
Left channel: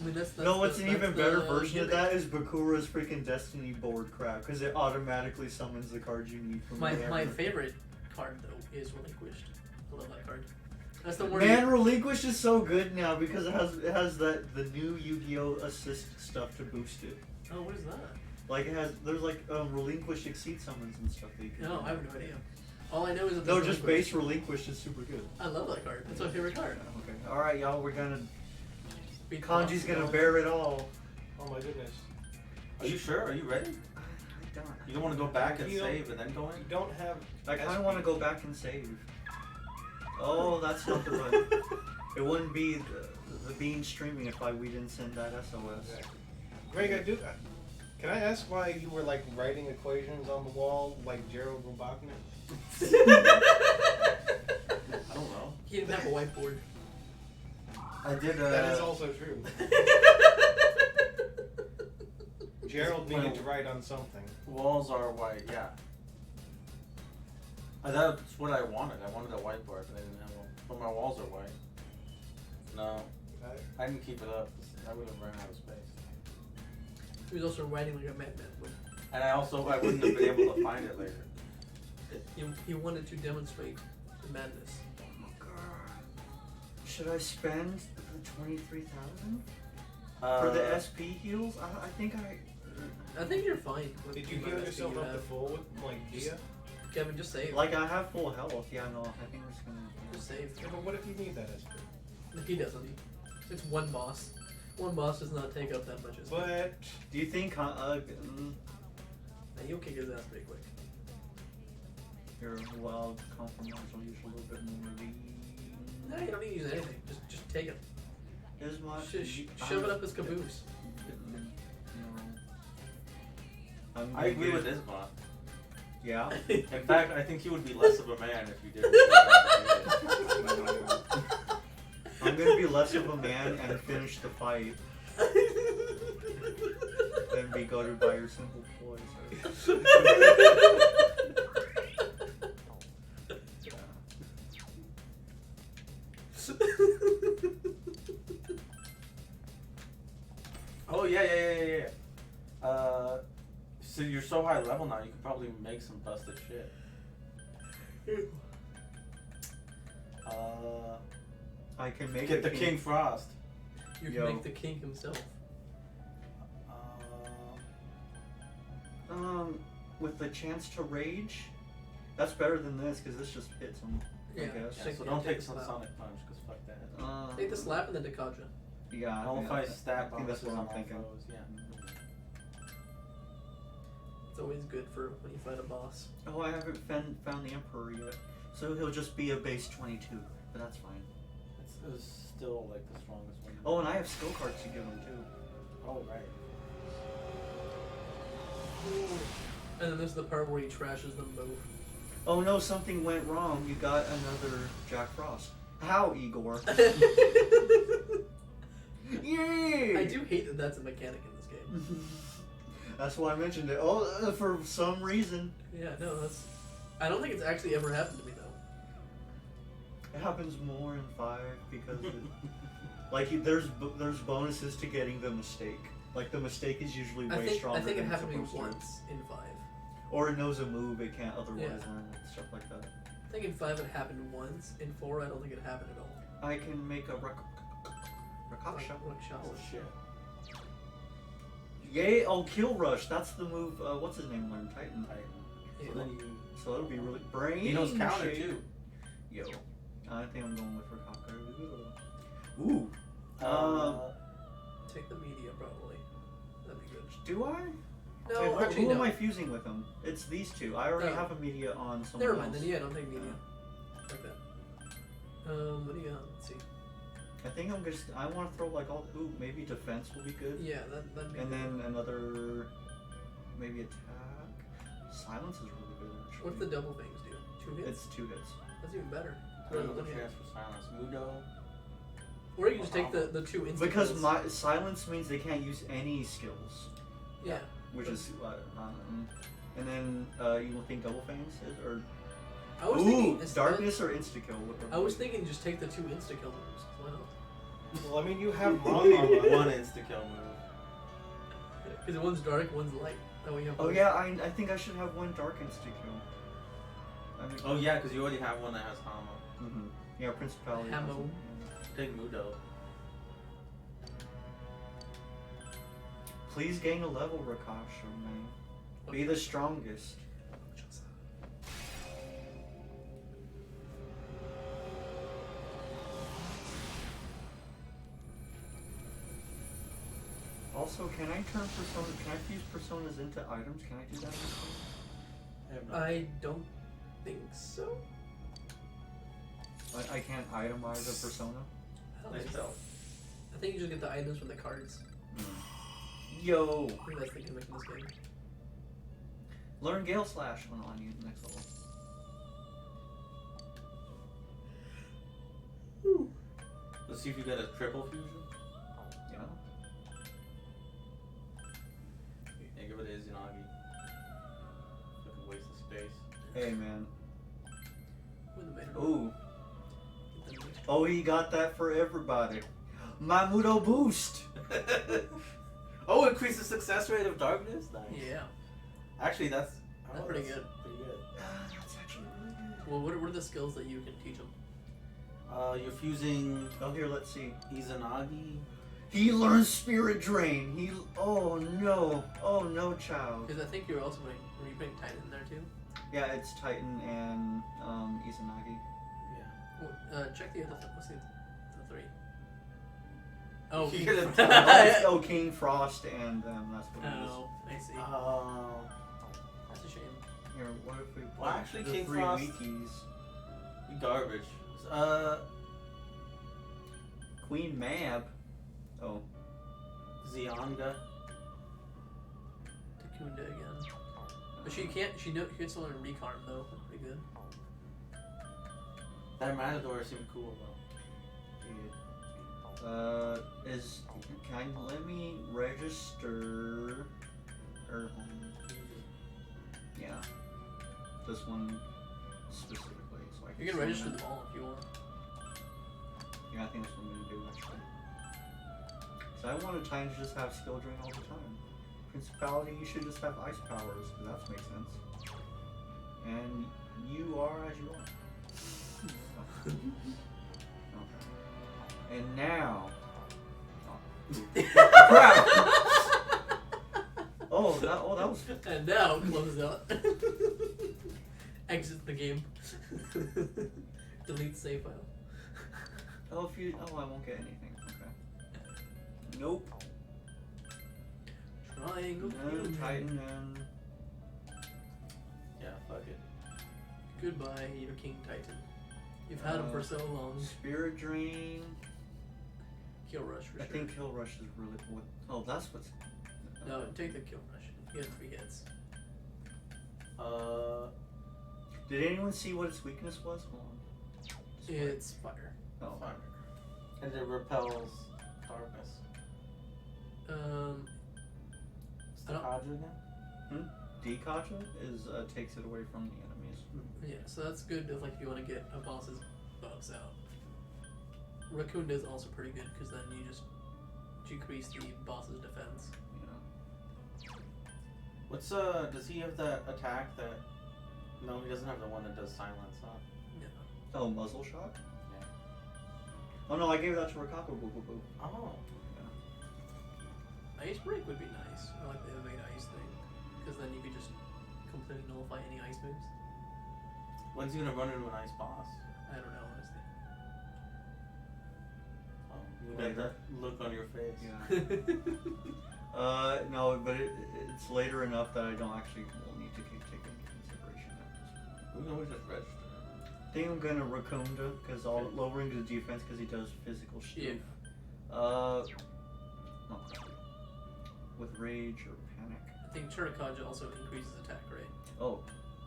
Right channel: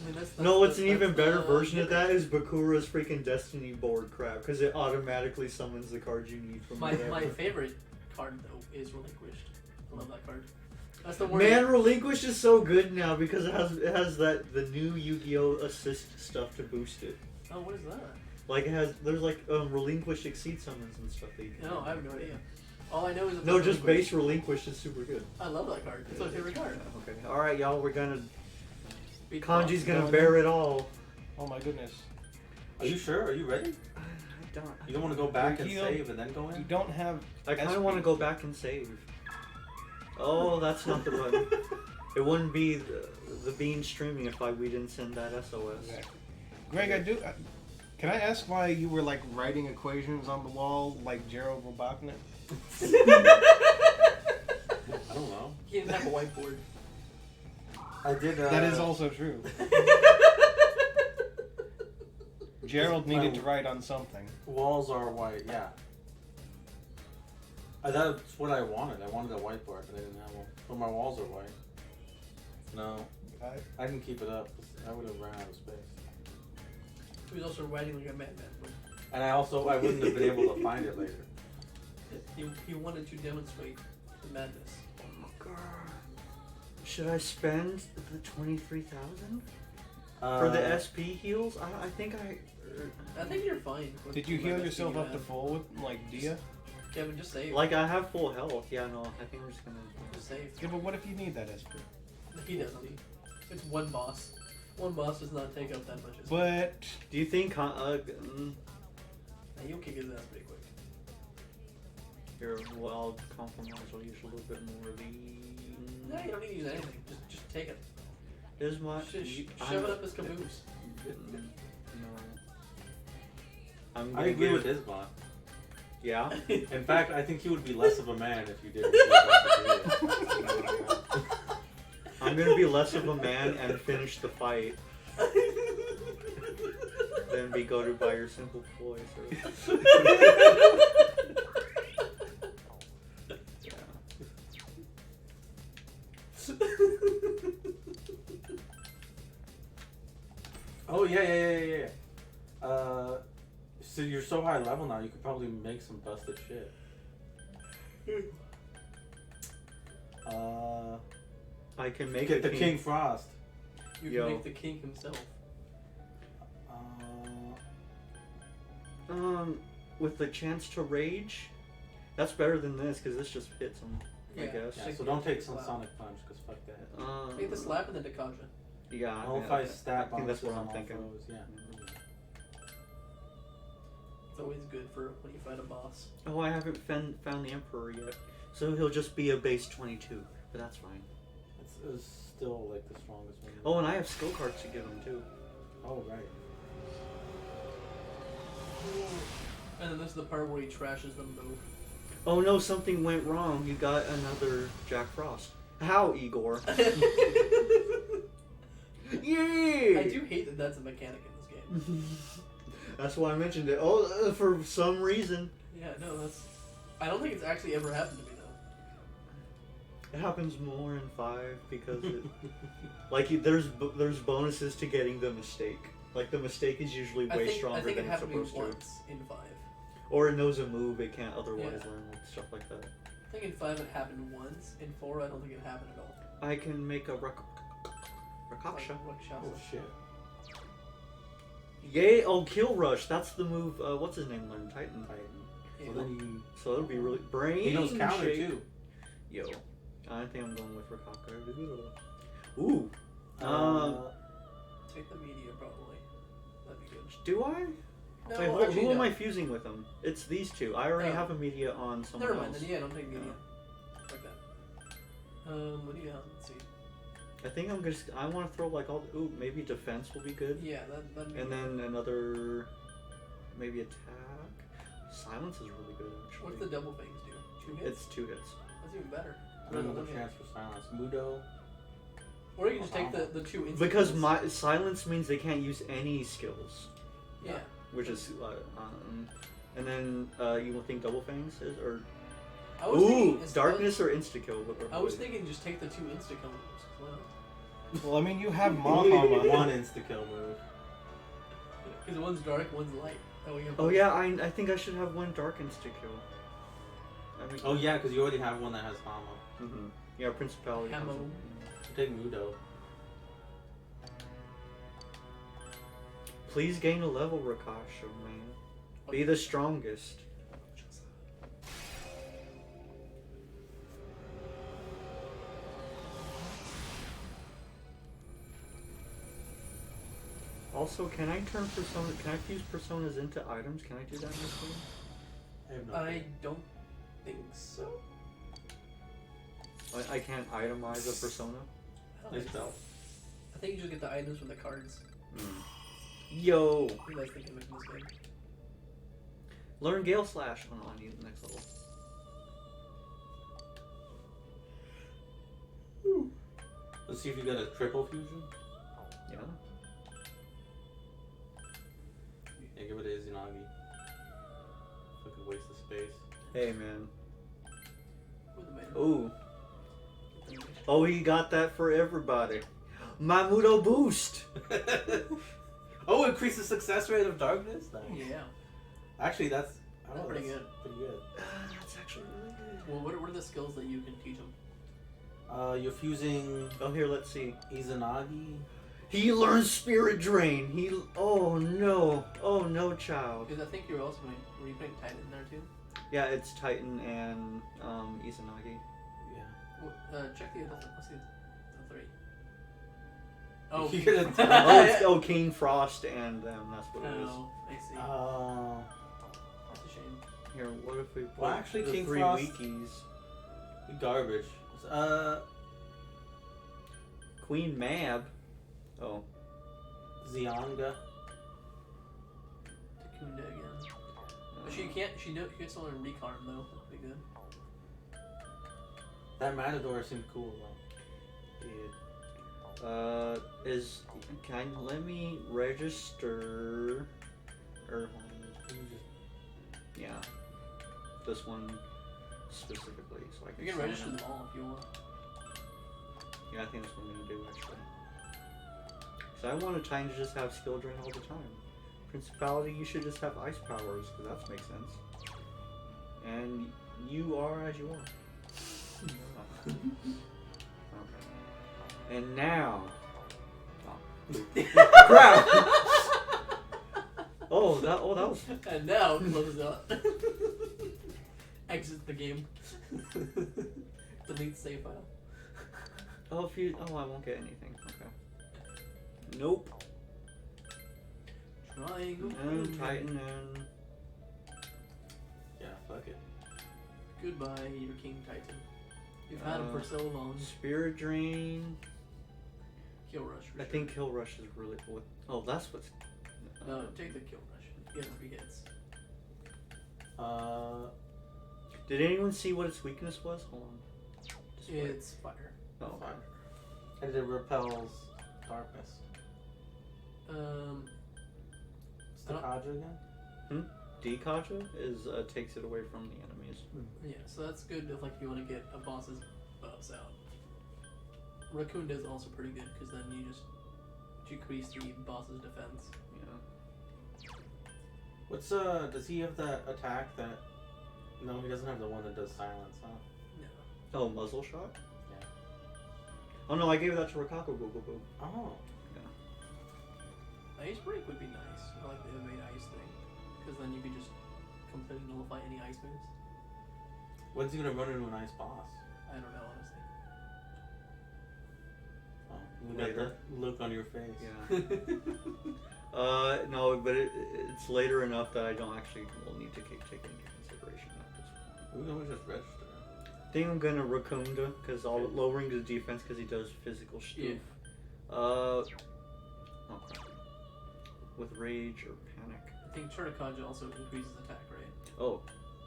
I mean, that's No, what's an that's even the better version of gimmick. that is Bakura's freaking Destiny board crap, because it automatically summons the cards you need from My whatever. favorite card though is Relinquished. I love that card. That's the word. Man, Relinquish is so good now because it has that the new Yu-Gi-Oh assist stuff to boost it. Oh, what is that? Like there's like Relinquish exceed summons and stuff that you can. No, do. I have no idea. All I know is that No, there's just Relinquish. base Relinquish is super good. I love that card. It's my favorite card. Okay. All right, y'all. We're gonna Beat the Kanji's boss. gonna bear it all. Oh my goodness. Are you sure? Are you ready? I don't. You don't want to go back and You save and then go You in? don't have. I kind of SP. want to go back and save. Oh, that's not the button. It wouldn't be the bean streaming if we didn't send that SOS. Greg, I do. Can I ask why you were like writing equations on the wall like Gerald Robotnik? I don't know. He didn't have a whiteboard. I did. That is also true. Gerald My- needed to write on something. Walls are white, yeah. That's what I wanted. I wanted a whiteboard, but I didn't have one. But my walls are white. No, I didn't keep it up. I would have ran out of space. He was also writing like a madman. And I wouldn't have been able to find it later. He wanted to demonstrate the madness. Should I spend the 23,000 for the SP heals? I think I think you're fine. With Did you the heal madness yourself that you up to have. full with like Dia? Kevin, just save. like I have full health. Yeah, no, I think I'm just gonna. Just save. Yeah, but what if you need that SP? He doesn't. It's one boss. One boss does not take up that much. as But Do you think? He'll kick his ass pretty quick. Here, well, compromise. I'll use a little bit more of the. No, you don't need to use anything. Just take it. Is my Shove it up his caboose. No. I'm I gonna agree with give- Isma. Yeah. In fact, I think he would be less of a man if you did what you were about to do. I'm gonna be less of a man and finish the fight than be goaded by your simple voice. Oh yeah. So you're so high level now, you could probably make some busted shit. I can make Get a the King Frost. You can Yo. make the king himself. with the chance to rage. That's better than this because this just hits him. I Yeah. guess. Yeah, so don't take some Sonic Punch, because fuck that. Take the slap and then Dekaja. Yeah. Nullify I stat think that's what I'm bonuses on thinking. foes, yeah. It's always good for when you fight a boss. Oh, I haven't found the Emperor yet, so he'll just be a base 22, but that's fine. It's still like the strongest one. Oh, and I have skill cards to give him too. Oh, right. And then this is the part where he trashes the move. Oh no, something went wrong. You got another Jack Frost. How, Igor? Yay! I do hate that that's a mechanic in this game. That's why I mentioned it. Oh, for some reason. Yeah, no, that's. I don't think it's actually ever happened to me though. It happens more in 5 because it, like there's bonuses to getting the mistake. Like the mistake is usually way stronger I think than it it's happened to me supposed to. once in 5. Or it knows a move it can't otherwise Yeah. learn, like stuff like that. I think in 5 it happened once. In 4 I don't think it happened at all. I can make a Rakasha. Rakshasa. Oh, shit. Yay! Oh, Kill Rush. That's the move. What's his name? Learn Titan. Yeah. So then you... So that'll be really brain. He knows counter, shake. too. Yo, I think I'm going with Rakaka. Ooh. Take the media probably. That'd be good. Do I? No, Wait, actually who am no. I fusing with them? It's these two. I already No. have a media on someone Never mind. else. Then yeah, don't take media. Like that. What do you got? Let's see. I think I'm just. I want to throw like all. Ooh, maybe defense will be good. Yeah, that'd be And good. then another. Maybe attack. Silence is really good actually. What's the double things do? 2 hits? It's 2 hits. That's even better. Another One hit. chance for silence. Mudo. Or you can just take the 2 instant Because hits. my silence means they can't use any skills, Yeah. which is and then you will think double fangs is or I was thinking instead- darkness or insta kill. I was thinking just take the 2 insta kill moves. Why not? Well, I mean, you have One Mama. insta-kill move. Because one's dark, one's light. That way you have Oh yeah, I think I should have one dark insta kill. I mean, Oh, yeah, because you already have one that has Hamo. mhm. Yeah, principality. Hamo. doesn't- Take Mudo. Please gain a level, Rakasha, man. Be the strongest. Also, can I turn persona? Can I fuse personas into items? Can I do that in this game? I have no I don't think so. I can't itemize a persona. I don't Nice think so. bell. I think you just get the items from the cards. Yo, I think that's the gimmick in this game. learn Gale Slash on you next level. Let's see if you get a triple fusion. Yeah. Yeah, give it to Izanagi. Fucking waste of space. Hey man. With the main. Ooh. Oh, he got that for everybody. Mamudo boost. Oh, increase the success rate of darkness? Nice. Yeah. Actually, that's Pretty good. Pretty good. That's actually really good. Well, what are the skills that you can teach them? You're fusing Oh, here, let's see. Izanagi. He learns Spirit Drain. Oh no, child. Because I think you're also going. Were you putting Titan in there too? Yeah, it's Titan and Izanagi. Yeah. Check the other. Let's see. The 3. Oh, You King get a- Frost. Oh, King Frost and them. That's what it is. Oh, I see. That's a shame. Here, what if we put Well, actually, the King 3 Frost- wikis? Garbage. Queen Mab. Oh, Zianga. Takunda again. But she can't. She gets on Recarm though. That's pretty good. That Matador seemed cool though. let me register? Or yeah, this one specifically, so I can. You can summon register it. them all if you want. Yeah, I think that's what I'm gonna do actually. So I want a Titan to just have skill drain all the time. Principality, you should just have ice powers, because that makes sense. And you are as you are. Okay. And now. Oh. Crap! that files. And now close out. Exit the game. Delete save file. Oh, if you. Oh, I won't get anything. Okay. Nope. Triangle. And Titan and. Yeah, fuck it. Goodbye, your King Titan. You've had him for so long. Spirit Drain. Kill Rush for I sure. think Kill Rush is really cool. Oh, that's what's. No, take the Kill Rush. He has 3 hits. Did anyone see what its weakness was? Hold on. It's fire. Oh, Fire. And it repels darkness. What's the I don't- Kaja again? Dekaja is takes it away from the enemies. Yeah, so that's good if like you want to get a boss's buffs out. Raccoon is also pretty good because then you just decrease the boss's defense. Yeah. What's does he have that attack that no, he doesn't have the one that does silence, huh? Yeah. Oh, muzzle shot? Yeah. Oh no, I gave that to Rikako Boo Boo Boo. Oh. Ice break would be nice. I like the evade ice thing because then you could just completely nullify any ice moves. When's he gonna run into an ice boss? I don't know honestly. Oh, you got Later. that look on your face. Yeah. No, but it's later enough that I don't actually will need to take it into consideration at this point. We can just register. I think I'm gonna Rakunda because I'll lowering his defense because he does physical stuff. Yeah. Okay. With rage or panic. I think Churakaja also increases attack rate. Oh,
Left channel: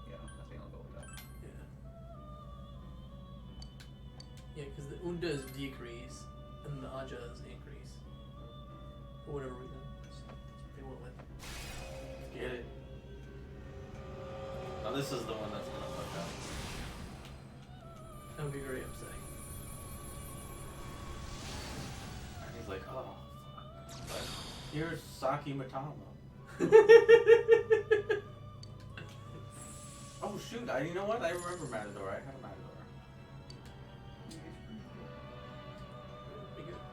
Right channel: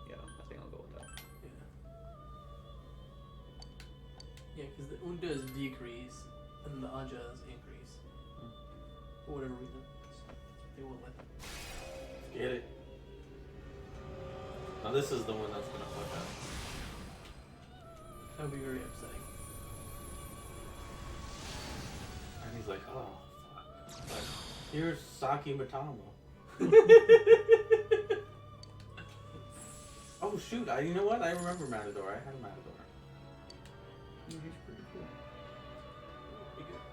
yeah. I think I'll go with that. Yeah. Yeah, because the Unda's decrease and the Aja's increase. For whatever reason. They went with it. Get it. Now this is the one that's gonna fuck up. That would be very upsetting. And he's like, oh fuck. Here's Saki Matama. Oh shoot! You know what? I remember Matador. I had a Matador. Yeah, he's pretty cool. Pretty good.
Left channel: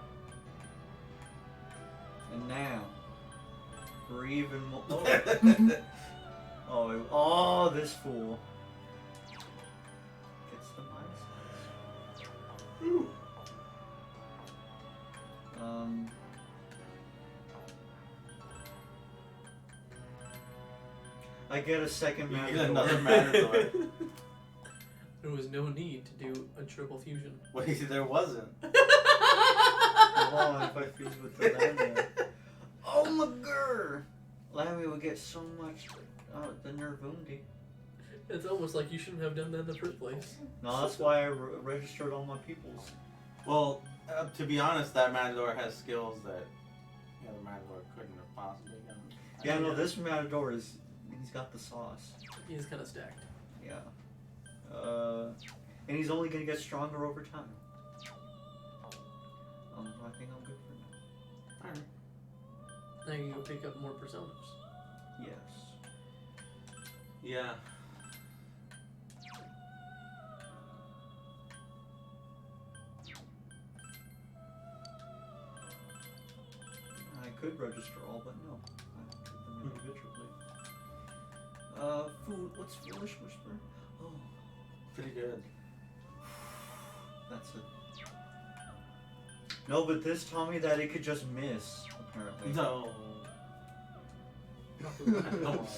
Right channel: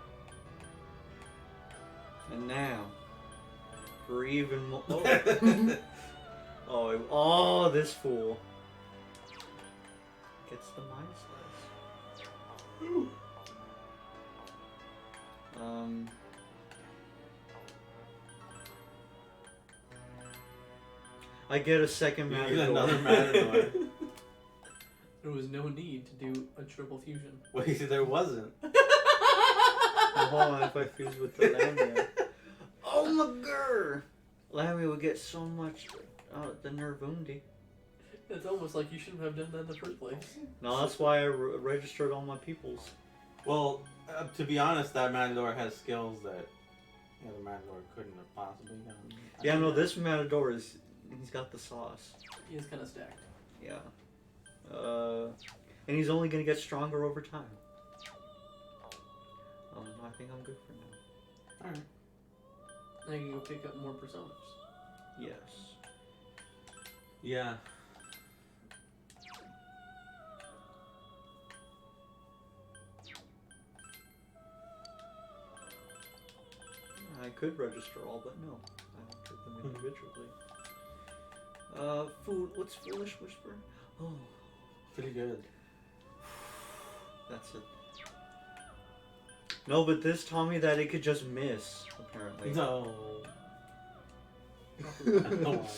And now, for even more. Oh, this fool gets the Mind Slice. Ooh. I get a second You Matador. get another Matador. There was no need to do a triple fusion. Wait, there wasn't. Hold on, if I fuse with the Lamia. Oh my god! Lamia will get so much. The Nervundi. It's almost like you shouldn't have done that in the first place. No, that's why I registered all my peoples. Well, to be honest, that Matador has skills that the other Matador couldn't have possibly done. Yeah, no, this Matador is. He's got the sauce. He is kind of stacked. Yeah. And he's only gonna get stronger over time. I think I'm good for now. Alright. Now you go pick up more personas. Yes. Yeah. I could register all, but no. I did them individually. Food. What's Foolish Whisper? Oh, Pretty good. that's it. No, but this taught me that it could just miss, apparently. No. I don't want to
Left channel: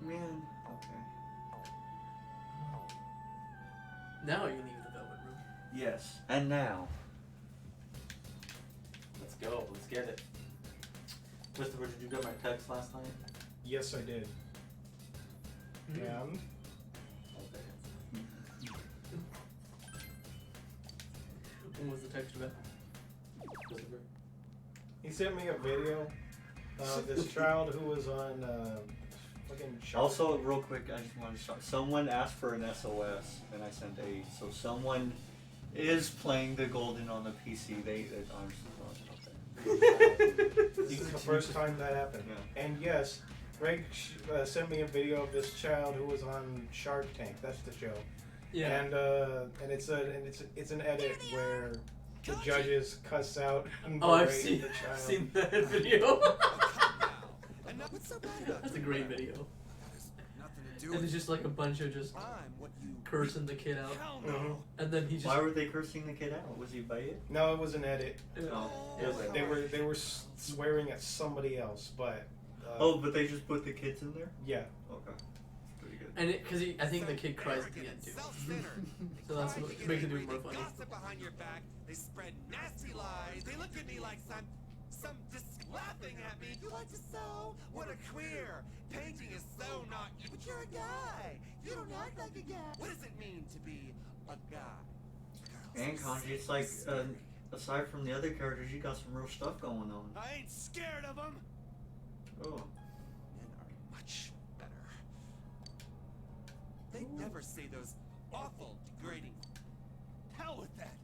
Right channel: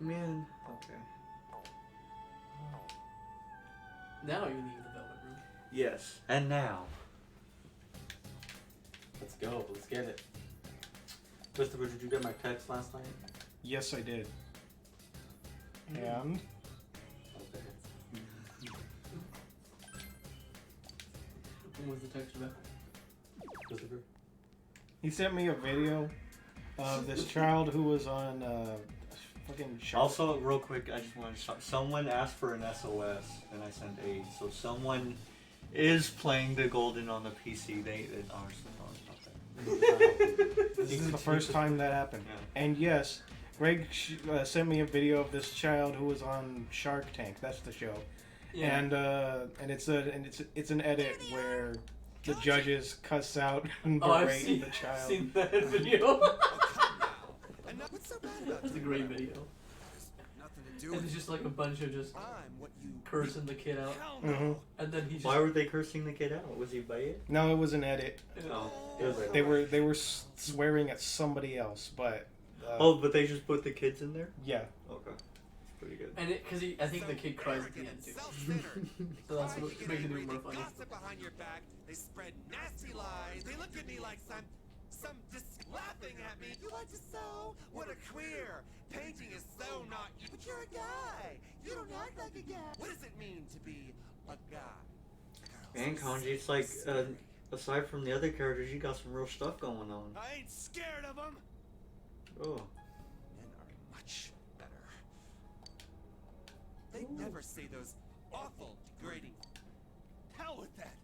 Man, okay. Now you leave the Velvet Room. Yes. And now. Let's go. Let's get it. Christopher, did you get my text last night? Yes, I did. And Okay. What was the text about? Christopher? he sent me a video of this child who was on fucking Shark. Also, real quick, I just want to shout. Someone asked for an SOS, and I sent aid. So someone is playing the Golden on the PC. They are This is the first time that happened. Yeah. And yes, Greg sent me a video of this child who was on Shark Tank. That's the show. Yeah. And it's an edit where the judges cuss out and Oh, I've berate seen, the child. seen that video. What's so bad about That's a you? great video. Nothing to do And with it's just like a bunch of just I'm what you cursing the kid out. Hell Mhm. no. And then he just. Why were they cursing the kid out? Was he by it? No, it was an edit. Oh. They were swearing at somebody else, but Oh, but they just put the kids in there? yeah. Okay. Pretty good. And because I think the kid cries at the end too. Self-centered. So that's They what cry, makes it they even more breathe, funny. They gossip behind your back. They spread nasty lies. They look at me like some just laughing at me. You like to sew? What a queer. Painting is so not you. But you're a guy. You don't act like a guy. What does it mean to be a guy? And Kanji, it's like, aside from the other characters, you got some real stuff going on. I ain't scared of them. Oh. Men are much better. They never say those awful, degrading. Hell with that.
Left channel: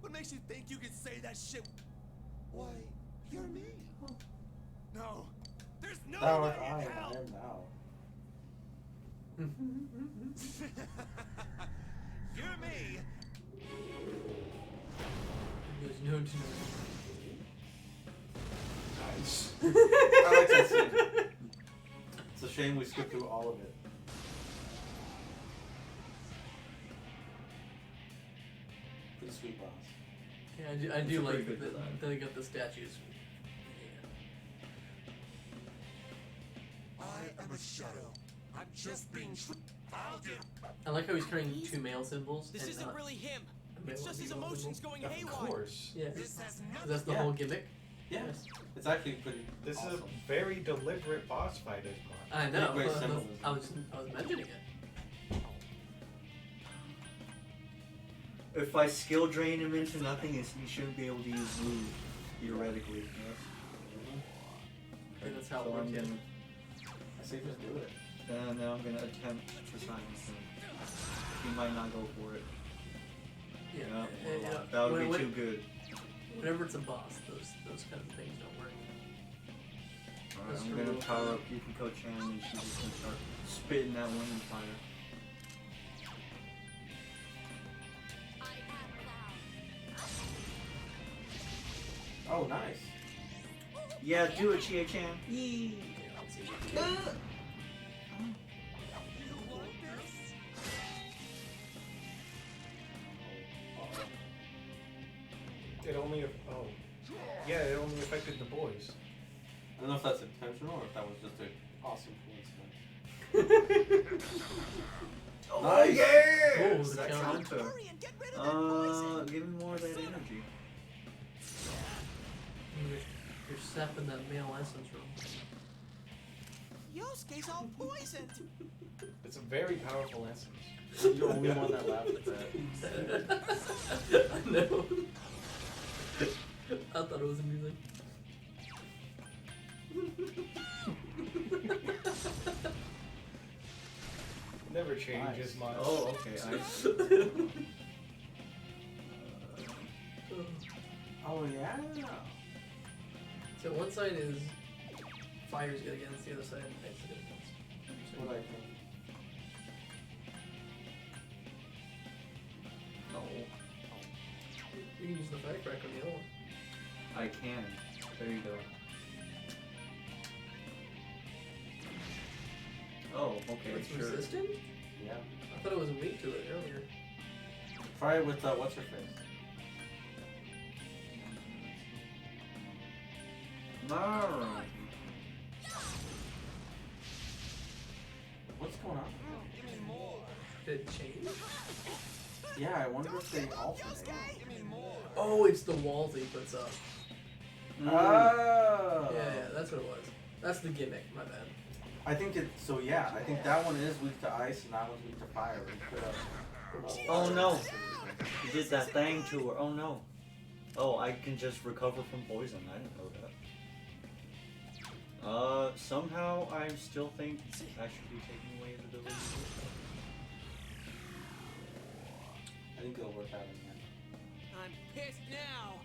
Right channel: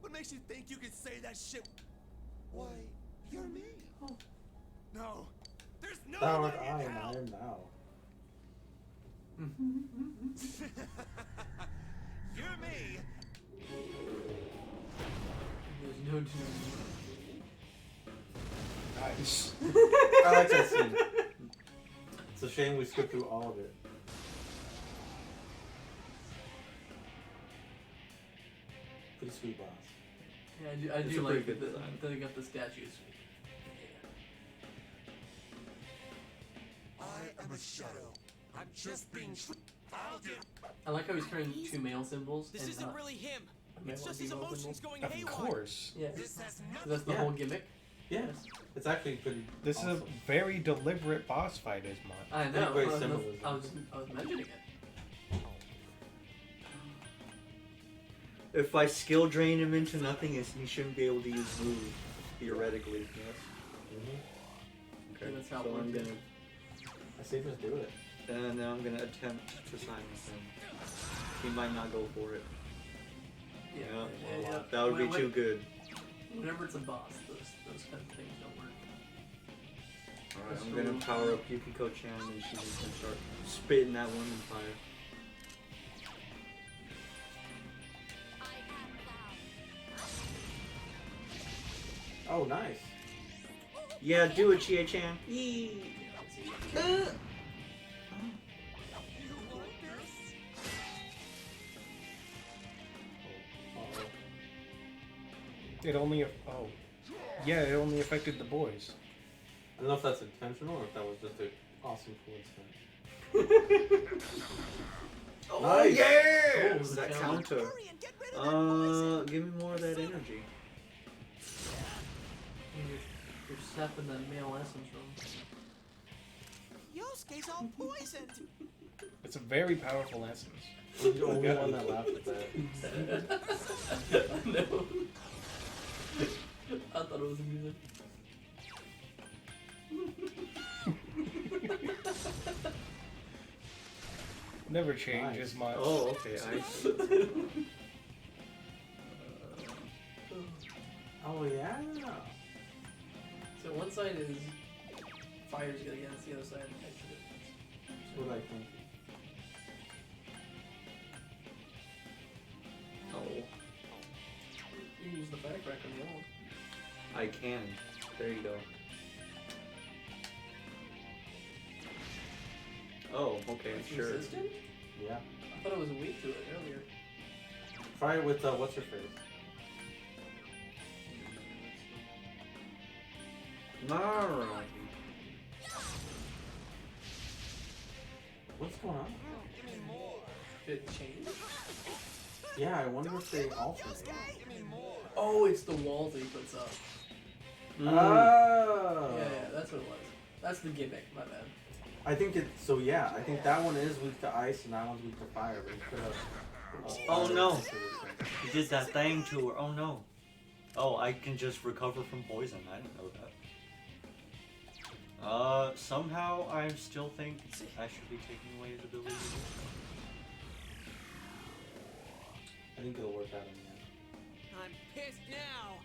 What makes you think you can say that shit? Why, you're me. No, there's no Power way I in hell. am now. You're me. There's no Nice. I like that scene. It's a shame we skipped through all of it. Pretty sweet boss. Yeah, I It's do a pretty like good that design. they got the statues. I am a shadow. I'm just being. I'll get. I like how he's carrying two male symbols. This and, isn't really him. a It's male just his female emotions symbol. going Of haywire. course. Yeah, This has nothing. that's the Yeah. whole gimmick. Yes. It's actually pretty This awesome. is a very deliberate boss fight, Ismar. I know. Great I was symbolism. mentioning it. If I skill drain him into nothing, he shouldn't be able to use move, theoretically. I think that's how it so works. I'm Yeah. gonna, I say just do it. and now I'm gonna attempt to silence him. He might not go for it. Yeah, that would be too good. Whenever it's a boss, those kind of things don't work. Alright, I'm gonna power up Yukiko-chan and she's just gonna start spitting that one fire. I am thou. Oh, nice. Yeah, do it, Chia-chan. Yee. It only. Oh. Yeah, it only affected the boys. I don't know if that's intentional or if that was just an awesome coincidence. Oh, Nice. yeah! What was That the counter. Hurry and get rid of that poison. Give me more of that energy. You're sapping that male essence from. Yosuke's all poisoned. It's a very powerful essence. You're the only one that laughed at that. I know. I thought it was amusing. Never change Nice. as much. Oh, okay. Oh, yeah. So one side is fire's good against, the other side is That's what I think. Oh, You can use the firecracker on the other one. I can. There you go. Oh, okay, It's sure. resistant? Yeah. I thought it was weak to it earlier. Try it with, what's her face? Alright. What's going on? Give me more. Did it change? Yeah, I wonder if they alternate. Yosuke, give me more. Oh, it's the walls that he puts up. Mm. Oh. Yeah, that's what it was. That's the gimmick, my bad. I think it. So yeah, I think that one is weak to ice and that one's weak to fire. But you could have. Oh no! You did that thing to her. Oh no. Oh, I can just recover from poison. I didn't know that. Somehow I still think I should be taking away his ability to do I think it'll work out in the end. I'm pissed now.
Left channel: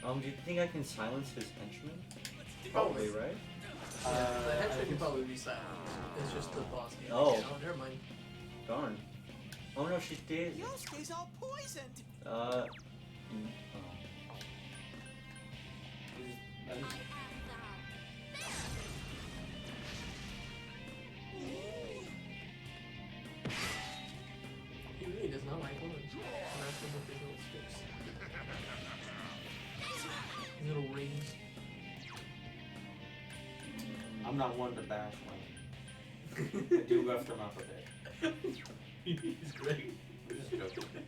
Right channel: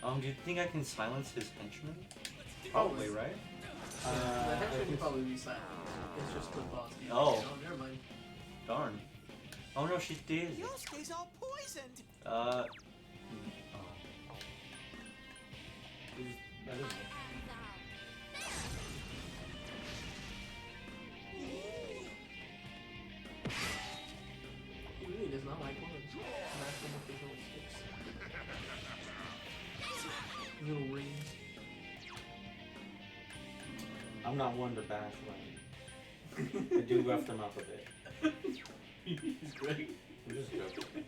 so. Do you think I can silence his henchmen? Probably. right? The henchman can probably be silent. It's just the boss. Oh. Never mind. Darn. Oh no, she did. Yosuke's all poisoned. Oh. That I is, am thou. He really does not like women. Smash them with his little sticks. Little rings. I'm not one to bash women. I do rough them up a bit. He's great. I'm just joking.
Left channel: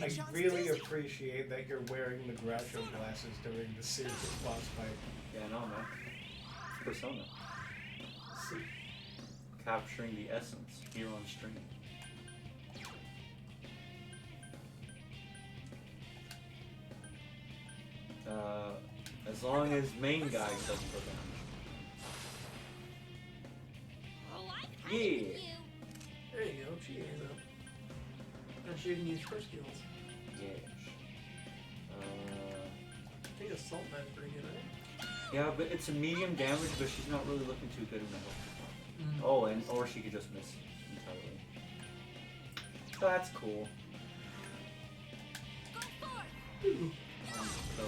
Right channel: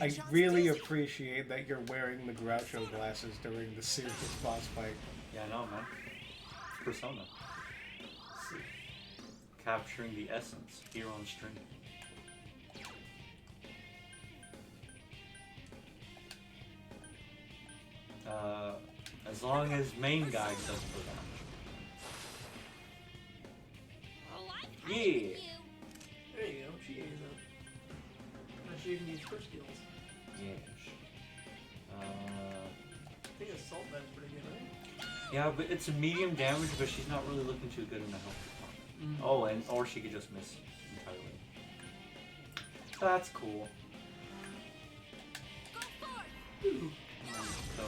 I Chie-chan's really dizzy. appreciate that you're wearing the Groucho glasses during the serious boss fight. Yeah, I know, man. Persona. Capturing the essence here on stream. As long as main guy doesn't go down. Oh, I'm Yeah. hiding you. There you go. She is up. Now she can use her skills. Yes. I think Assault Man's pretty good, right? Yeah, but it's a medium damage, but she's not really looking too good in the health department. Mm. Oh, and or she could just miss entirely. So that's cool. Go forth. So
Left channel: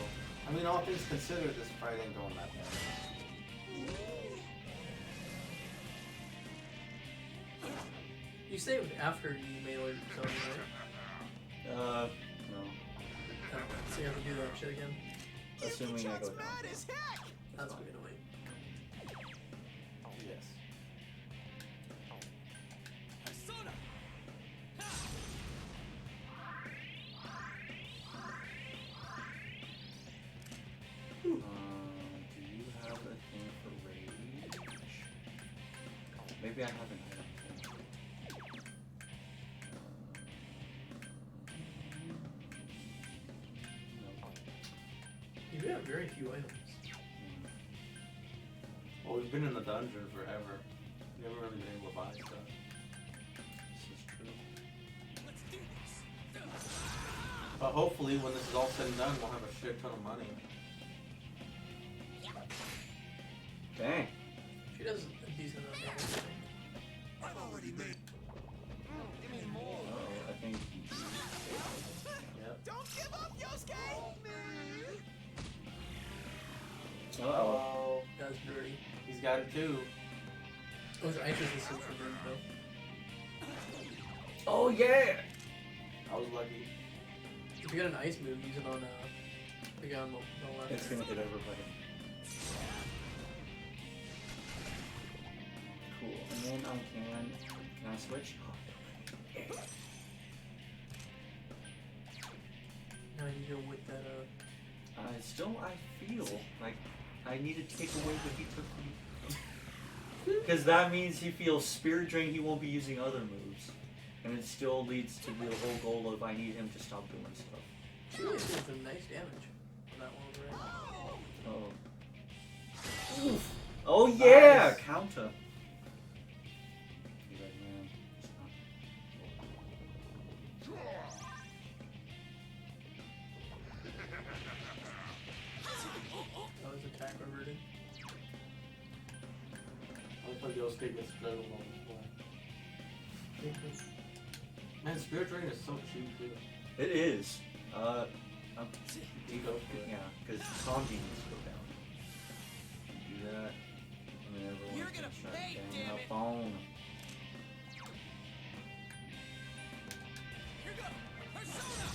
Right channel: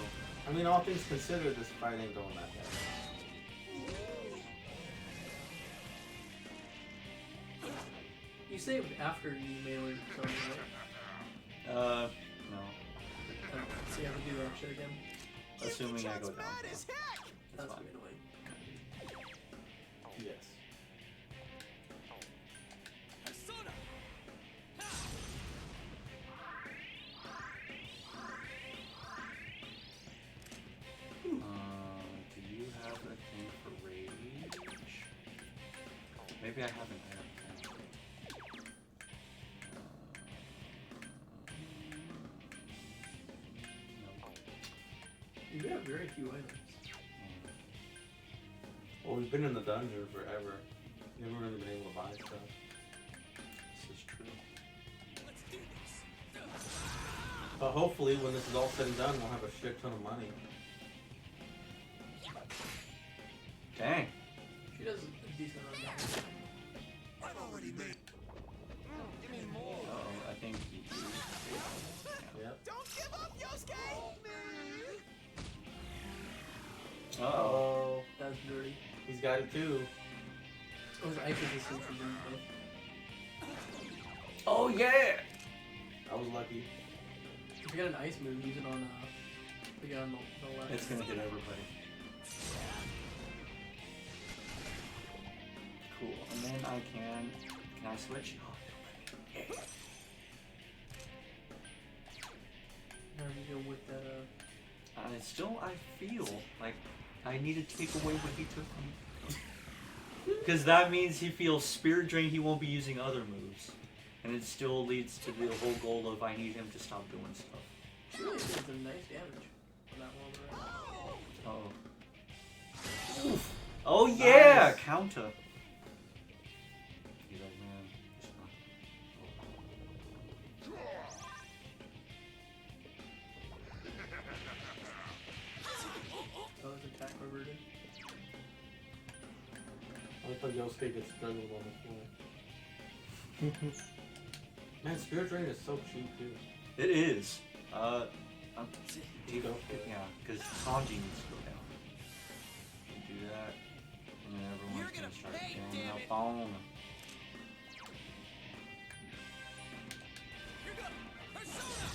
I mean, all things considered, this fight ain't going that bad. You saved after you melee Sony, right? no. So you have to do that shit again. Assuming I Yuki-chan's go down. mad as heck. That's fine. pretty annoying. Yes. Persona. Do you have a thing for rage? Maybe I haven't had it. No. You have very few items. Well, we've been in the dungeon forever. We haven't really been able to buy stuff. This is true. Let's do this. But hopefully, when this is all said and done, we'll have a shit ton of money. Dang. She does a decent amount of damage. I've already made. Give me more. Oh, I think. Yep. Don't give up, Yosuke. Uh oh. That's dirty. He's got it too. Oh, his items is super dirty, though. Oh yeah. I was lucky. If you got an ice move, use it on the guy on the left. It's gonna hit everybody. Cool. And then I can. Can I switch? Yeah. Now you go with that, Still, I feel like I need to take away what he took from me. Because that means he feels spirit drain, he won't be using other moves. And it still leads to the whole goal of I need him to stop doing stuff. she really did some nice damage on that one over there. Oh. Oh yeah! Nice. Counter. You guys, man. Oh, his attack reverted. I thought Yosuke gets struggled on this one. Man, Spirit Drain is so cheap too. It is. I'm, You go for it. yeah, because Sanji needs to go down. Do that. And then everyone You're gonna can start pay, getting damn up it. on. Here goes. Persona.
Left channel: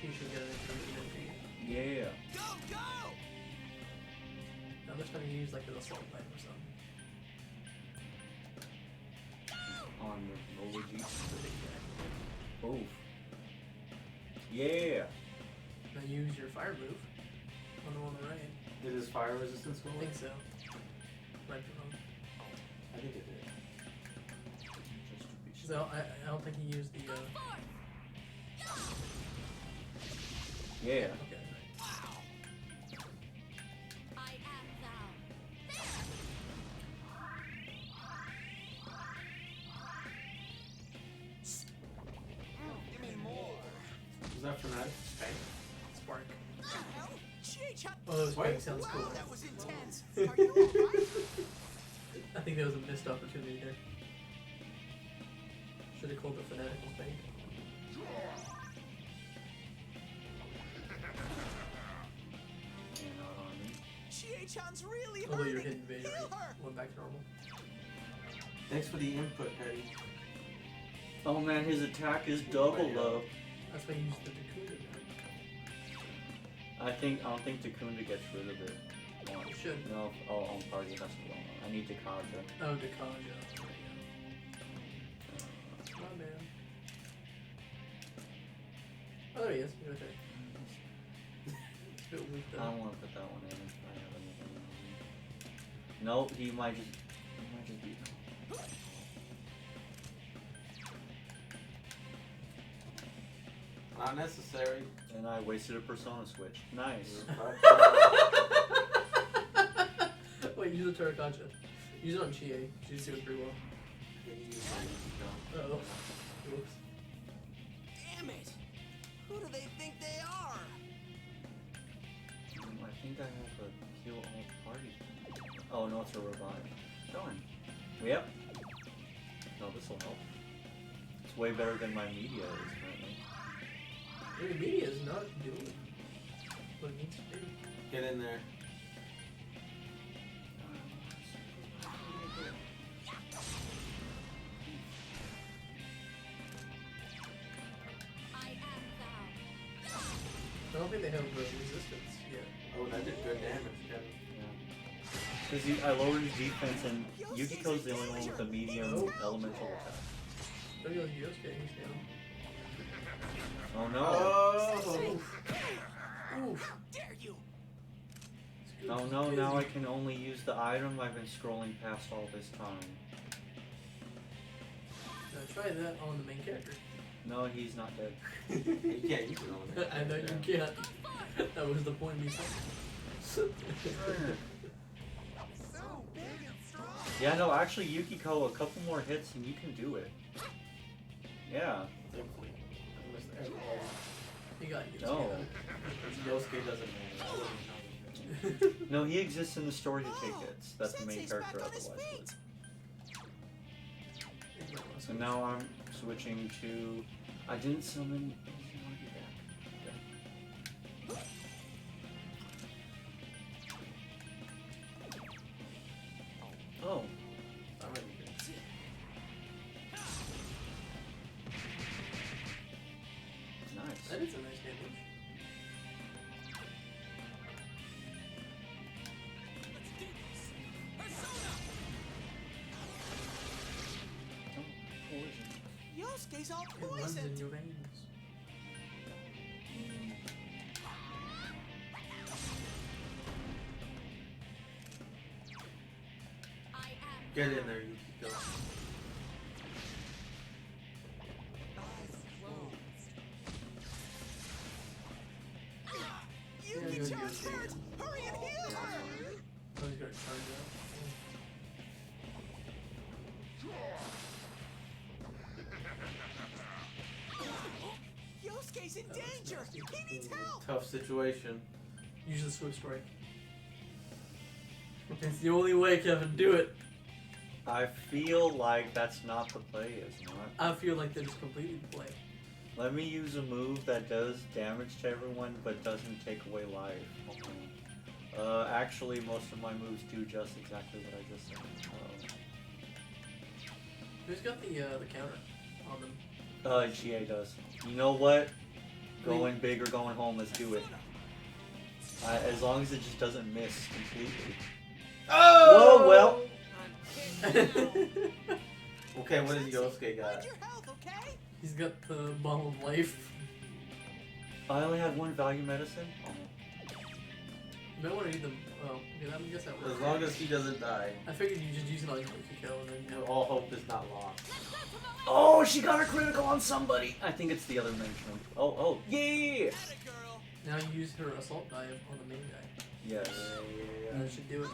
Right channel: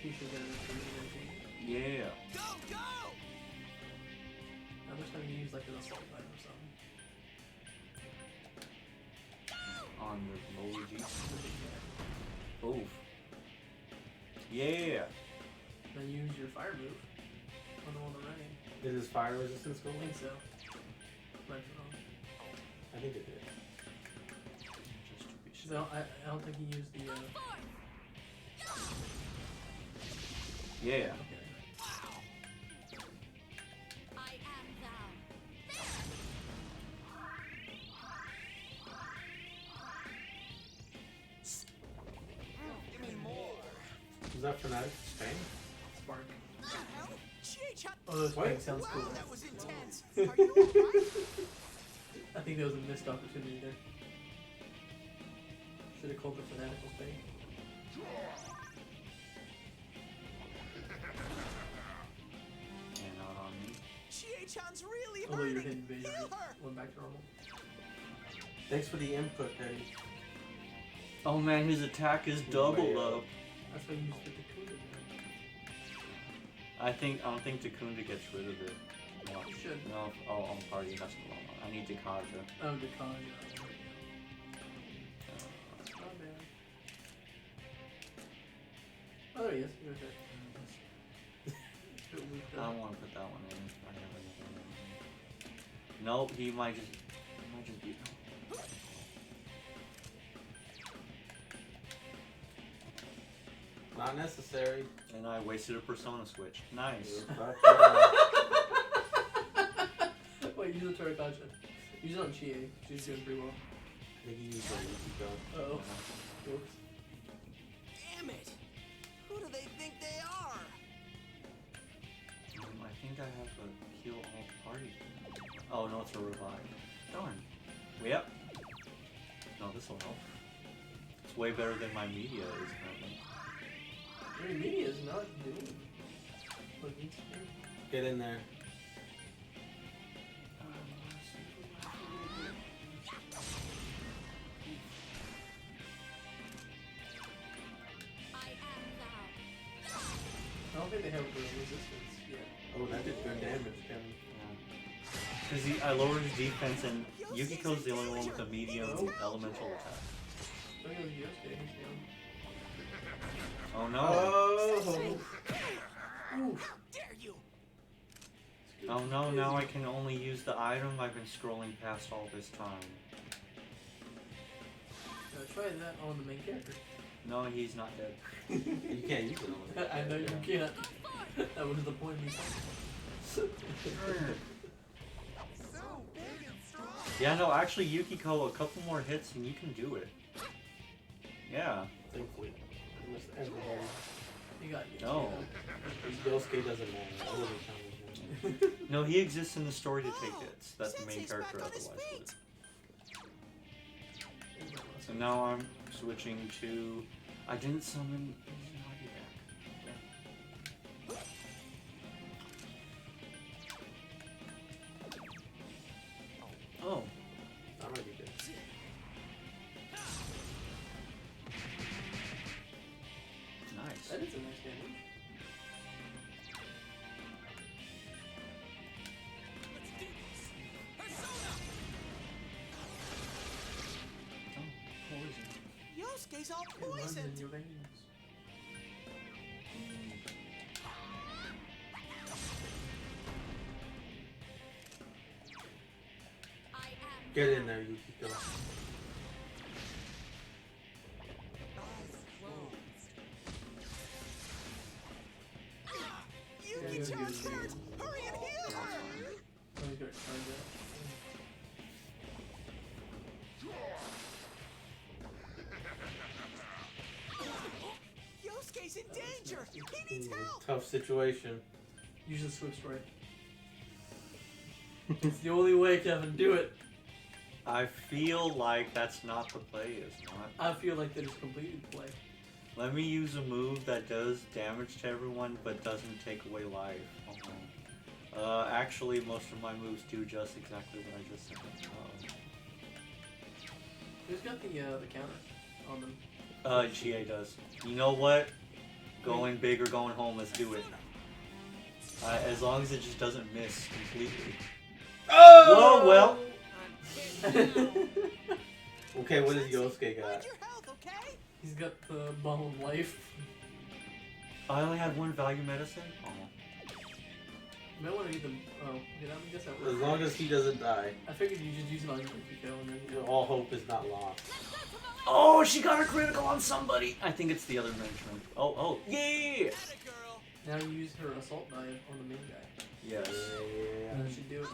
She should get an improvement, I think. Yeah. Go, go. I'm just gonna use like an assault knife or something. On your Luigi. Oof. Yeah. Then use your fire move on the one on the right. Did his fire resistance go I away? think so. Right or wrong. I think it did. Just to be So I don't think he used the. Go forth. Yeah. Okay. I am thou. that Fnatic? Spain? Spark. The hell? Chie-chan. Oh, Wait. Spark sounds cool. Wow, that was intense. Are you alright? I think there was a missed opportunity there. Should have called the fanatical thing. And not on me. Chie-chan's really Although your hurting. hidden vision Heal her. went back to normal. Thanks for the input, Eddie. Oh man, his attack is double up. That's why you used the Dakunda. I don't think Takunda gets rid of it. You should. No, on party, that's the wrong one. I need Dakaja. Oh, Dakanja. My bad. Oh, yes, you're right there. I don't want to put that one in. If I have anything. Nope, he might just be. Not necessary. And I wasted a Persona switch. Nice. Wait, use the Tarakaja. Use it on Chie. She's doing pretty well. Uh-oh. Oops. Damn it. Who do they think they are? I think I have to kill all party. Oh no, it's a revive. Darn. Yep. No, this'll help. It's way better than my media is currently. Your media is not doing what it needs to do. Get in there. I am thou. I don't think they have resistance yet. Oh, that did good damage, Kevin. Because I lowered his defense and Yukiko's the only one with a medium elemental attack. Don't go Yosuke, he's down. Oh no. Oh! Oof. How dare you? Oh no, now I can only use the item I've been scrolling past all this time. Try that on the main character. No, he's not dead. You can't use it on the I know you can't. That was the point of me saying. So big and strong. Yeah, no, actually Yukiko, a couple more hits and you can do it. Yeah. Thankfully. Almost everybody. You got you. No. Yosuke doesn't matter. I wouldn't challenge him. No, he exists in the story to take hits. That's the main Sensei's character back on his otherwise. feet. So now I'm switching to... I didn't summon... He's already back. Oh. That might be good. Nice. That is a nice damage. Let's do this. Persona. Oh, poison. Yosuke's all It runs in poisoned. your veins. I am Get thou. in there, Yukiko. Eyes closed. Yeah, Yuki-chan's you're hurt. Hurry and heal her. Oh, he's got charge up. Yosuke's in danger. He needs help. Tough situation. Use the Swift Strike. It's the only way, Kevin. Do it. I feel like that's not the play, is not. I feel like that is completely the play. Let me use a move that does damage to everyone but doesn't take away life. Actually, most of my moves do just exactly what I just said. Who's got the counter on them? Chie does. You know what? Going big or going home, let's do it. As long as it just doesn't miss completely. Oh! Whoa, well. I'm hit now. Okay, what does Yosuke Mind got? your health, okay? He's got the bomb of life. I only had one value medicine? Oh. You might want to eat them. Oh, yeah, I guess that As works. long as he doesn't die, I figured you just use it on Yukiko and then you know. all hope is not lost. Oh, she got her critical on somebody! I think it's the other mention. Oh, yeah! Atta girl. Now you use her assault dive on the main guy. Yes. And that should do it.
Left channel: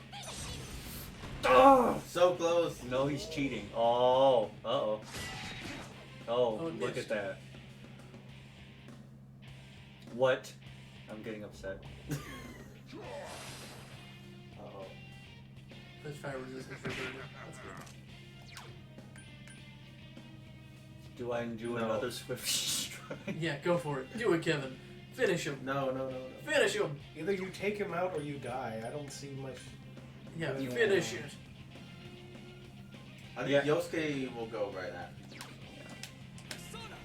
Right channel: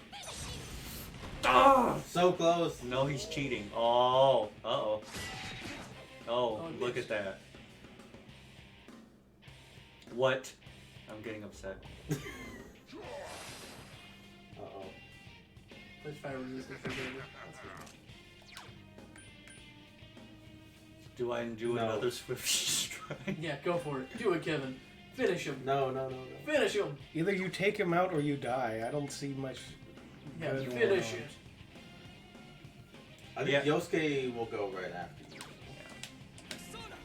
Oh! So close. No, he's cheating. Oh, uh-oh. Oh, Oh, look yes. at that. What? I'm getting upset. Uh-oh. There's fire resistance for Burger. That's good. Do I do No. another swift strike? Yeah, go for it. Do it, Kevin. Finish him. No. Finish him. Either you take him out or you die. I don't see much. Yeah, Good finish one. it. I think Yeah. Yosuke will go right after you. Persona.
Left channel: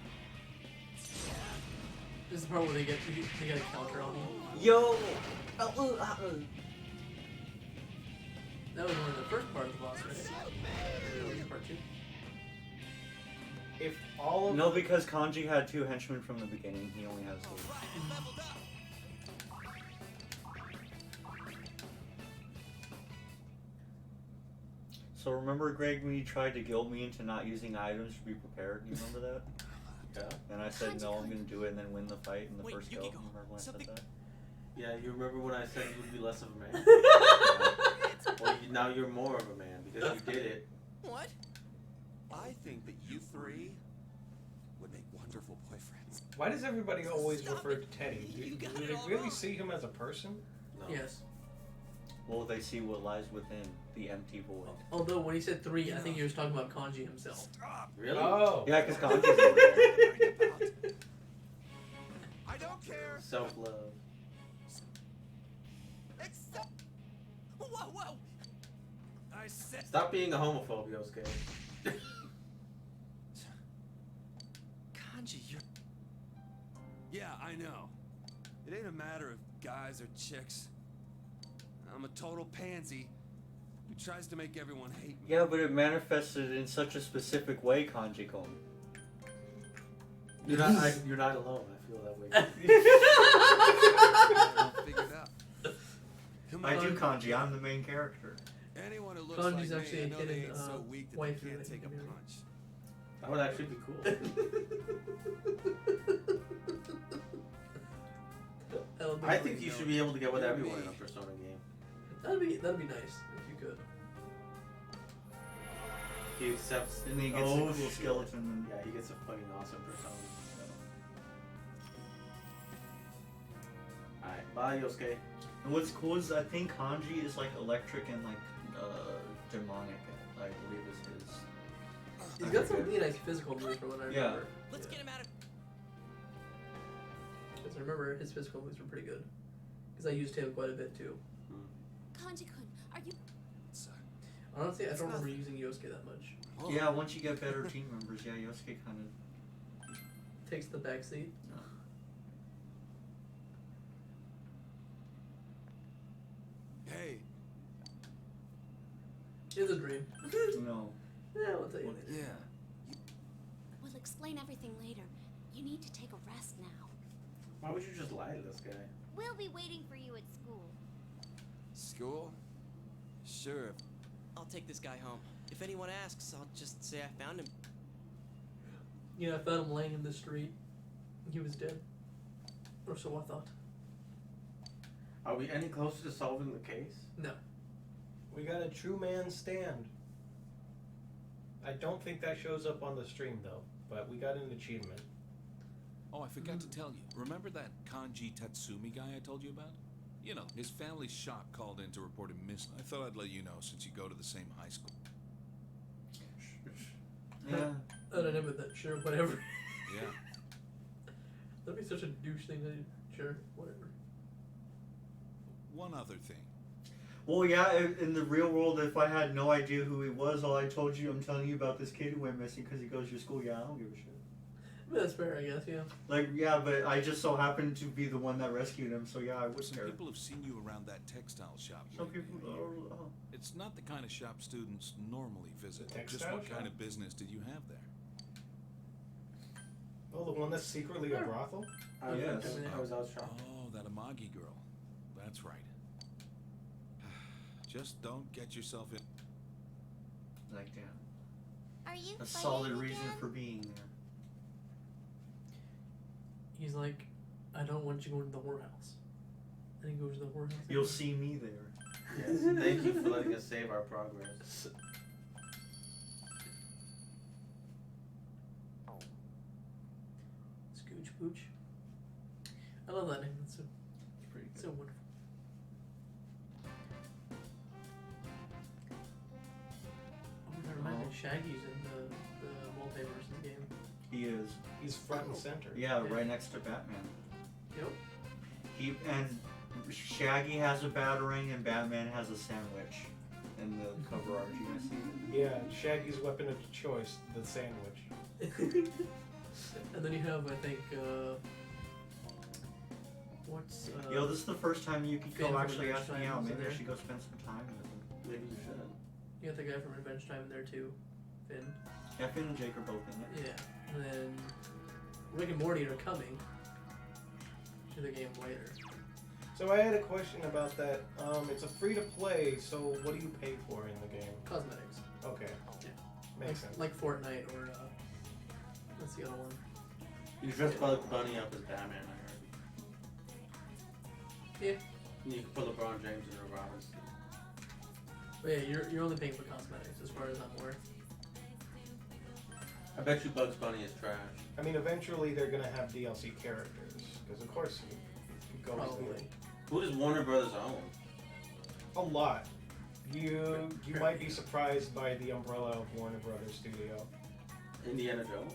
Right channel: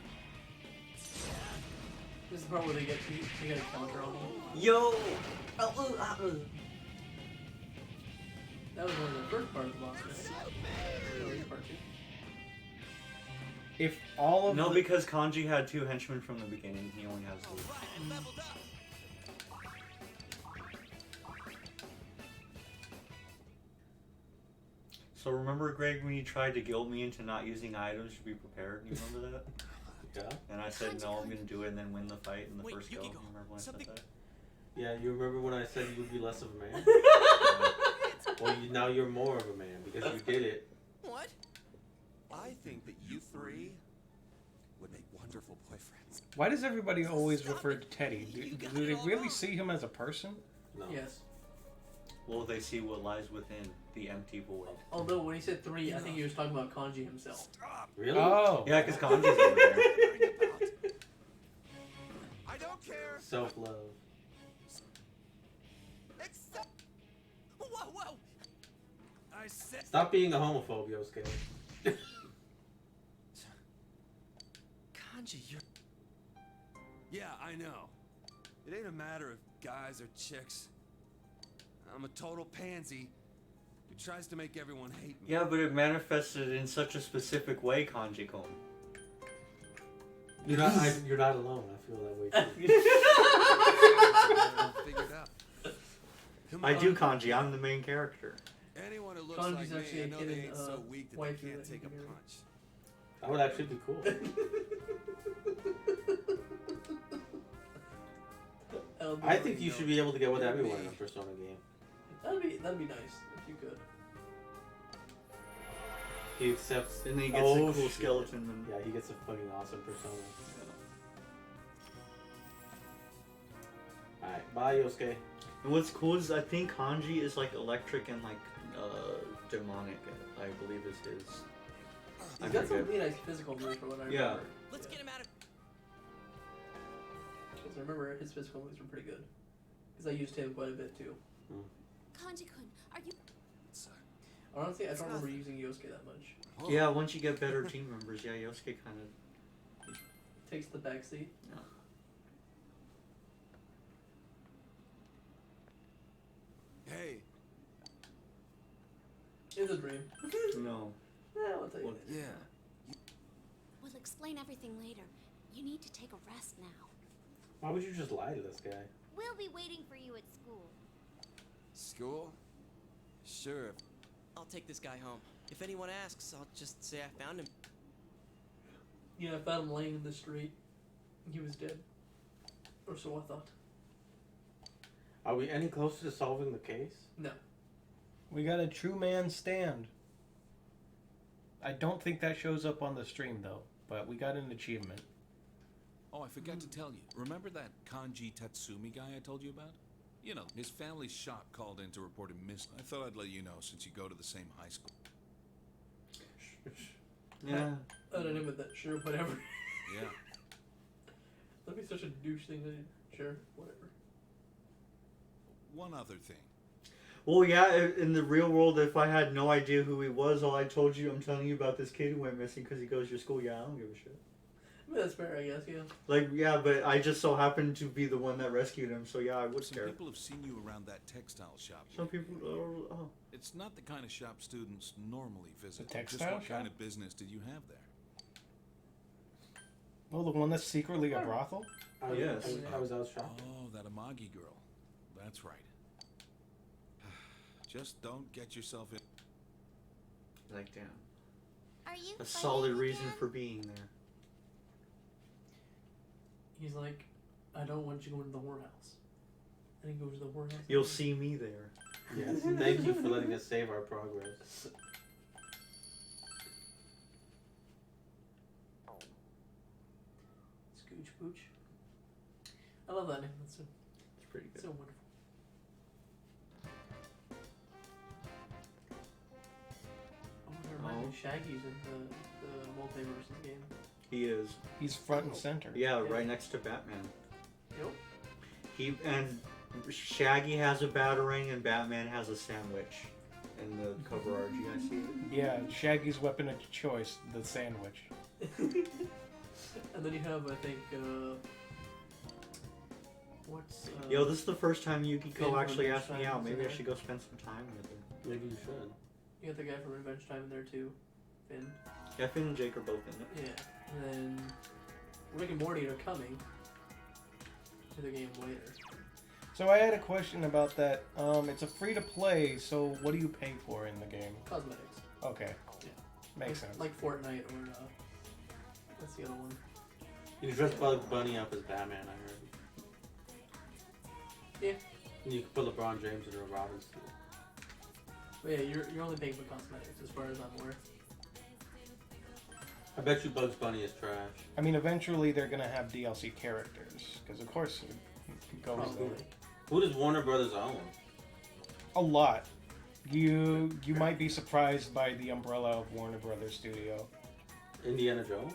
This is the part where they get a counter on him. Yo! That was one of the first part of the boss, right? Part 2. If all of No, because Kanji had 2 henchmen from the beginning. He only has 2. Alright, it leveled up. So remember, Greg, when you tried to guilt me into not using items to be prepared? You remember that? Yeah. And I said, no, I'm going to do it and then win the fight in the Wait, first go. Yukiko, Remember when I something- said that? Yeah, you remember when I said you would be less of a man? Well, now you're more of a man because you did it. What? I think that you three would make wonderful boyfriends. Why does everybody always Stop refer it. to Teddy? You got Do it they all really wrong. see him as a person? No. Yes. Well, they see what lies within the empty void. Although when he said 3, I think he was talking about Kanji himself. Stop. Really? Oh. Yeah, because Kanji's over there. Worrying about. I don't care. Self-love. Except Whoa! I said. Stop being a homophobe, Yosuke. Kanji, you're. Yeah, I know. It ain't a matter of guys or chicks. I'm a total pansy who tries to make everyone hate me. Yeah, but it manifested in such a specific way, Kanji-kun. You're not alone. I feel that way too. I'll figure it out. Come I on. do Kanji, I'm the main character. Anyone who looks Kanji's like actually me, I a know kid they in, ain't so weak that they waifu can't that take a you can do. punch. That would actually be cool. I think you should be able to get with You're everyone me. in a Persona game. That'd be nice if you could. He accepts. And then he gets Oh, a cool shit. skeleton. And... Yeah, he gets a fucking awesome Persona. Alright, bye Yosuke. And what's cool is I think Kanji is like electric and like demonic, I believe is his. He's got some really nice physical moves from what I Yeah. remember. Let's get him out of. Because I remember his physical moves were pretty good. Because I used him quite a bit too. Kanji-kun, are you... Honestly, I It's don't remember nothing. using Yosuke that much. Oh. Yeah, once you get better team members, yeah, Yosuke kind of. Takes the backseat. Hey, It's a dream. No. Yeah, I'll tell you. yeah. We'll explain everything later. You need to take a rest now. Why would you just lie to this guy? We'll be waiting for you at school. School? Sure. I'll take this guy home. If anyone asks, I'll just say I found him. Yeah, I found him laying in the street. He was dead. Or so I thought. Are we any closer to solving the case? No. We got a true man stand. I don't think that shows up on the stream though, but we got an achievement. Oh, I forgot to tell you. Remember that Kanji Tatsumi guy I told you about? You know, his family's shop called in to report him missing. I thought I'd let you know since you go to the same high school. Yeah. I don't know about that. Sure, whatever. Yeah. That'd be such a douche thing to sure, whatever. One other thing. Well, yeah, in the real world, if I had no idea who he was, all I told you, I'm telling you about this kid who went missing because he goes to your school. Yeah, I don't give a shit. That's fair, I guess, yeah. Like, yeah, but I just so happened to be the one that rescued him, so yeah, I would Some care. people have seen you around that textile shop. Some lately. people, oh. It's not the kind of shop students normally visit. Just Textile what kind shop? of business did you have there? Oh, the one that's secretly a brothel? Yes. I was out shopping. Oh, that Amagi girl. That's right. Just don't get yourself in. Like, damn. Are you A fighting solid reason again? for being there. He's like, I don't want you going to the whorehouse. And he goes to the whorehouse. You'll see me there. Yes, thank you for letting us save our progress. Scooch pooch. I love Shaggy's in the multiverse game. He is. He's front and center. Yeah, Yeah. right next to Batman. Yep. And Shaggy has a batarang and Batman has a sandwich in the cover art. You guys see it? Yeah, Shaggy's weapon of choice, the sandwich. And then you have, I think, what's Yo, this is the first time Finn Yukiko from actually Adventure asked me Time out. is in Maybe I there. should go spend some time with him. Maybe you should. you got the guy from Revenge Time in there too, Finn. Yeah, Finn and Jake are both in it. Yeah. And then Rick and Morty are coming to the game later. So I had a question about that. It's a free to play, so what do you pay for in the game? Cosmetics. Okay. Yeah. Makes sense. Like Fortnite or what's the other one? You dress Bugs Bunny up as Batman, I heard. Yeah. And you can put LeBron James in a Robin suit. But yeah, you're only paying for cosmetics as far as I'm aware. I bet you Bugs Bunny is trash. I mean, eventually they're gonna have DLC characters, because of course it goes Probably. Who does Warner Brothers own? a lot. You might be surprised by the umbrella of Warner Brothers Studio. Indiana Jones?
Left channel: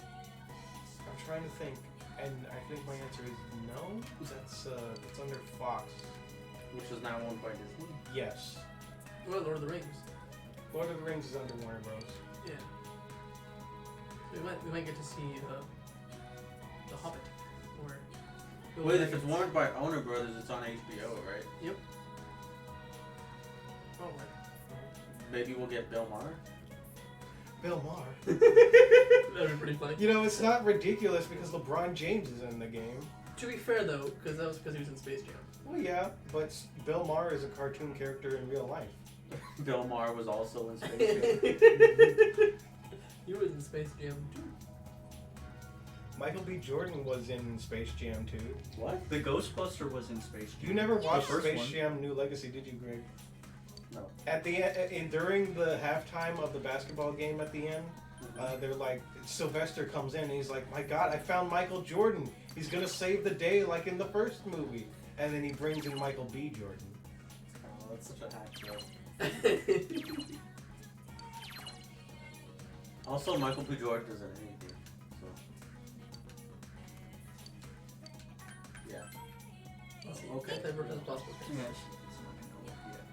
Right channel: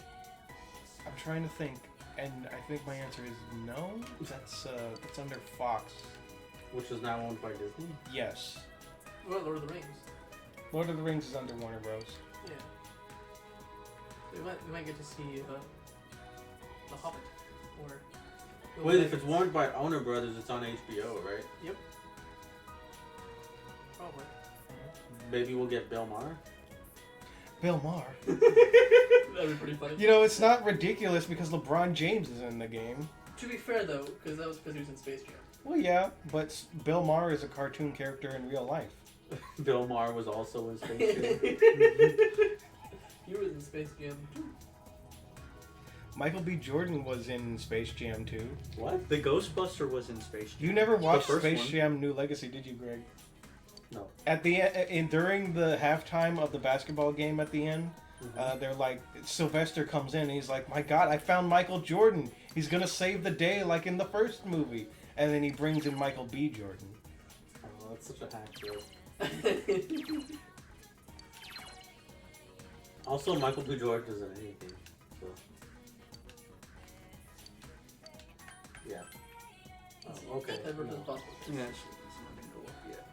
I'm trying to think, and I think my answer is no. That's it's under Fox. Which is now owned by Disney? Yes. Well, Lord of the Rings. Lord of the Rings is under Warner Bros. Yeah. We might get to see The Hobbit or. Wait, if it's owned by Warner Brothers, it's on HBO, right? Yep. Probably. Maybe we'll get Bill Maher? Bill Maher. That'd be pretty funny. You know, it's not ridiculous because LeBron James is in the game. To be fair though, because that was because he was in Space Jam. Well, yeah, but Bill Maher is a cartoon character in real life. Bill Maher was also in Space Jam. He was in Space Jam too. Michael B. Jordan was in Space Jam too. What? The Ghostbuster was in Space Jam. You never watched first Space one. Jam New Legacy, did you, Greg? No. At the end, during the halftime of the basketball game at the end, they're like, Sylvester comes in and he's like, my God, I found Michael Jordan. He's gonna save the day like in the first movie. And then he brings in Michael B. Jordan. Oh, that's such a hack joke. Also, Michael B. Jordan isn't anything. So. Yeah. Oh, okay. Ever as possible. Yeah, it's not gonna go up yet.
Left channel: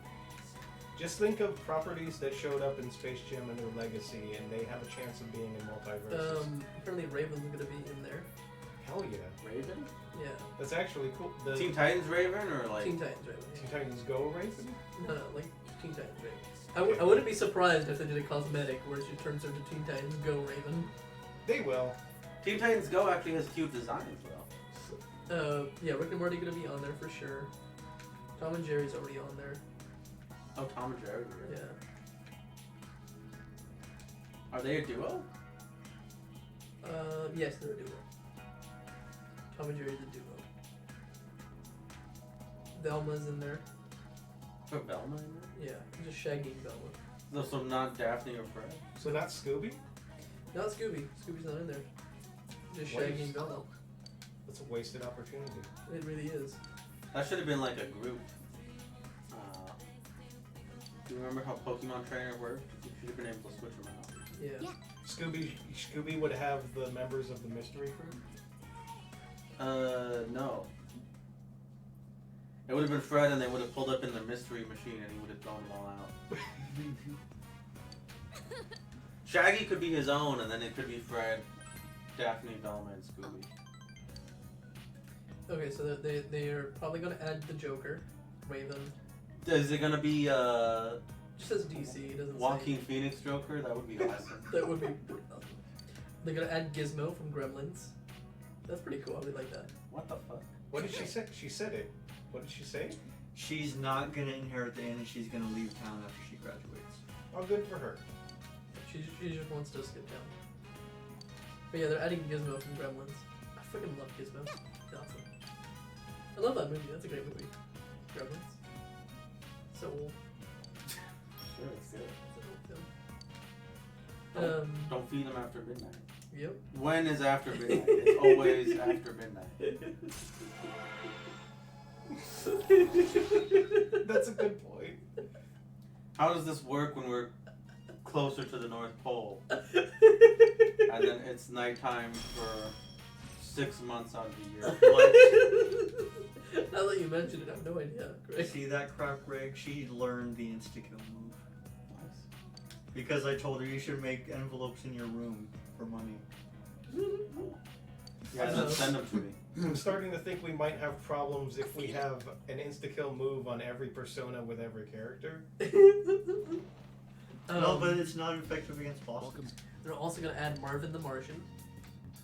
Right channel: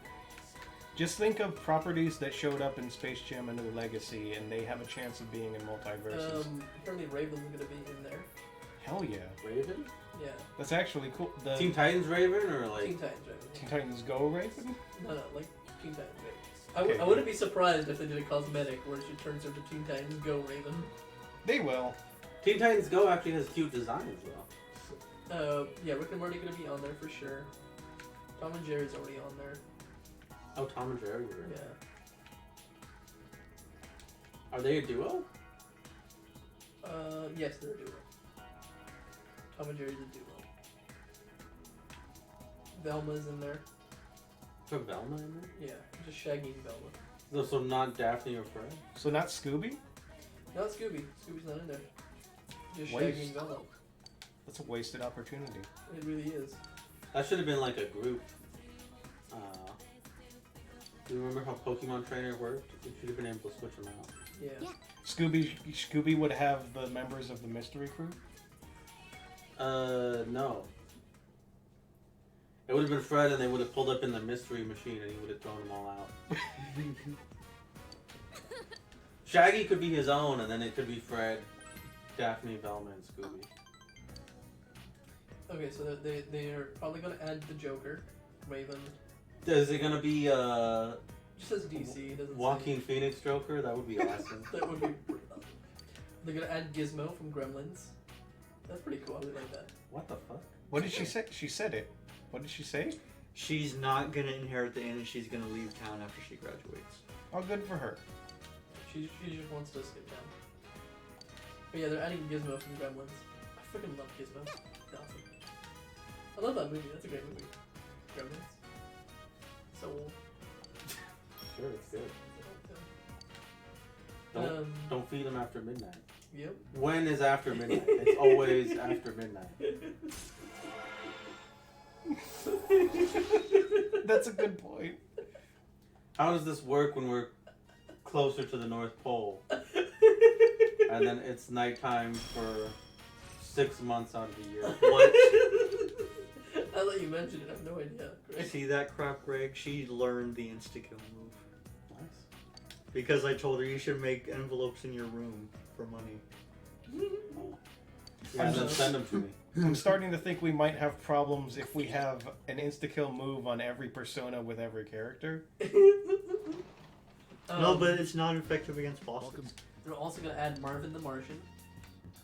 Just think of properties that showed up in Space Jam: A New Legacy, and they have a chance of being in multiverses. Apparently Raven's gonna be in there. Hell yeah, Raven? Yeah. that's actually cool. The Teen Titans Raven or like? Teen Titans Raven. Teen Titans Go Raven? No, like Teen Titans Raven. I wouldn't be surprised if they did a cosmetic where she turns into Teen Titans Go Raven. They will. Teen Titans Go actually has cute designs though. Yeah, Rick and Morty gonna be on there for sure. Tom and Jerry's already on there. Oh, Tom and Jerry. Really? Yeah. Are they a duo? Yes, they're a duo. Tom and Jerry's a duo. Velma's in there. Put Velma in there? Yeah, just Shaggy and Velma. No, so not Daphne or Fred? So not Scooby? Not Scooby. Scooby's not in there. Just Waste. Shaggy and Velma. That's a wasted opportunity. It really is. That should have been like a group. Do you remember how Pokemon Trainer worked? You should have been able to switch them out. Yeah. Scooby would have the members of the mystery crew? No. It would have been Fred, and they would have pulled up in the mystery machine, and he would have thrown them all out. Shaggy could be his own, and then it could be Fred, Daphne, Velma, and Scooby. Okay, so they're probably gonna add the Joker, Raven. Is it gonna be Just says DC. It doesn't Joaquin say. Phoenix Joker? That would be awesome. That would be pretty awesome. They're gonna add Gizmo from Gremlins. That's pretty cool. I really like that. What the fuck? What did she say? She said it. What did she say? She's not gonna inherit the inn and she's gonna leave town after she graduates. Oh, good for her. She just wants to skip down. But yeah, they're adding Gizmo from Gremlins. I freaking love Gizmo. It's awesome. I love that movie. That's a great movie. Gremlins. So old. Sure, it's good. So old. Don't feed them after midnight. Yep. When is after midnight? It's always after midnight. That's a good point. How does this work when we're closer to the North Pole, and then it's nighttime for 6 months out of the year. What? Now that you mention it, I have no idea. Greg. See that crap, Greg? She learned the insta-kill move. Nice. Because I told her you should make envelopes in your room for money. Yeah, and then send them to me. I'm starting to think we might have problems if we have an insta-kill move on every persona with every character. No, but it's not effective against bosses. Welcome. They're also gonna add Marvin the Martian,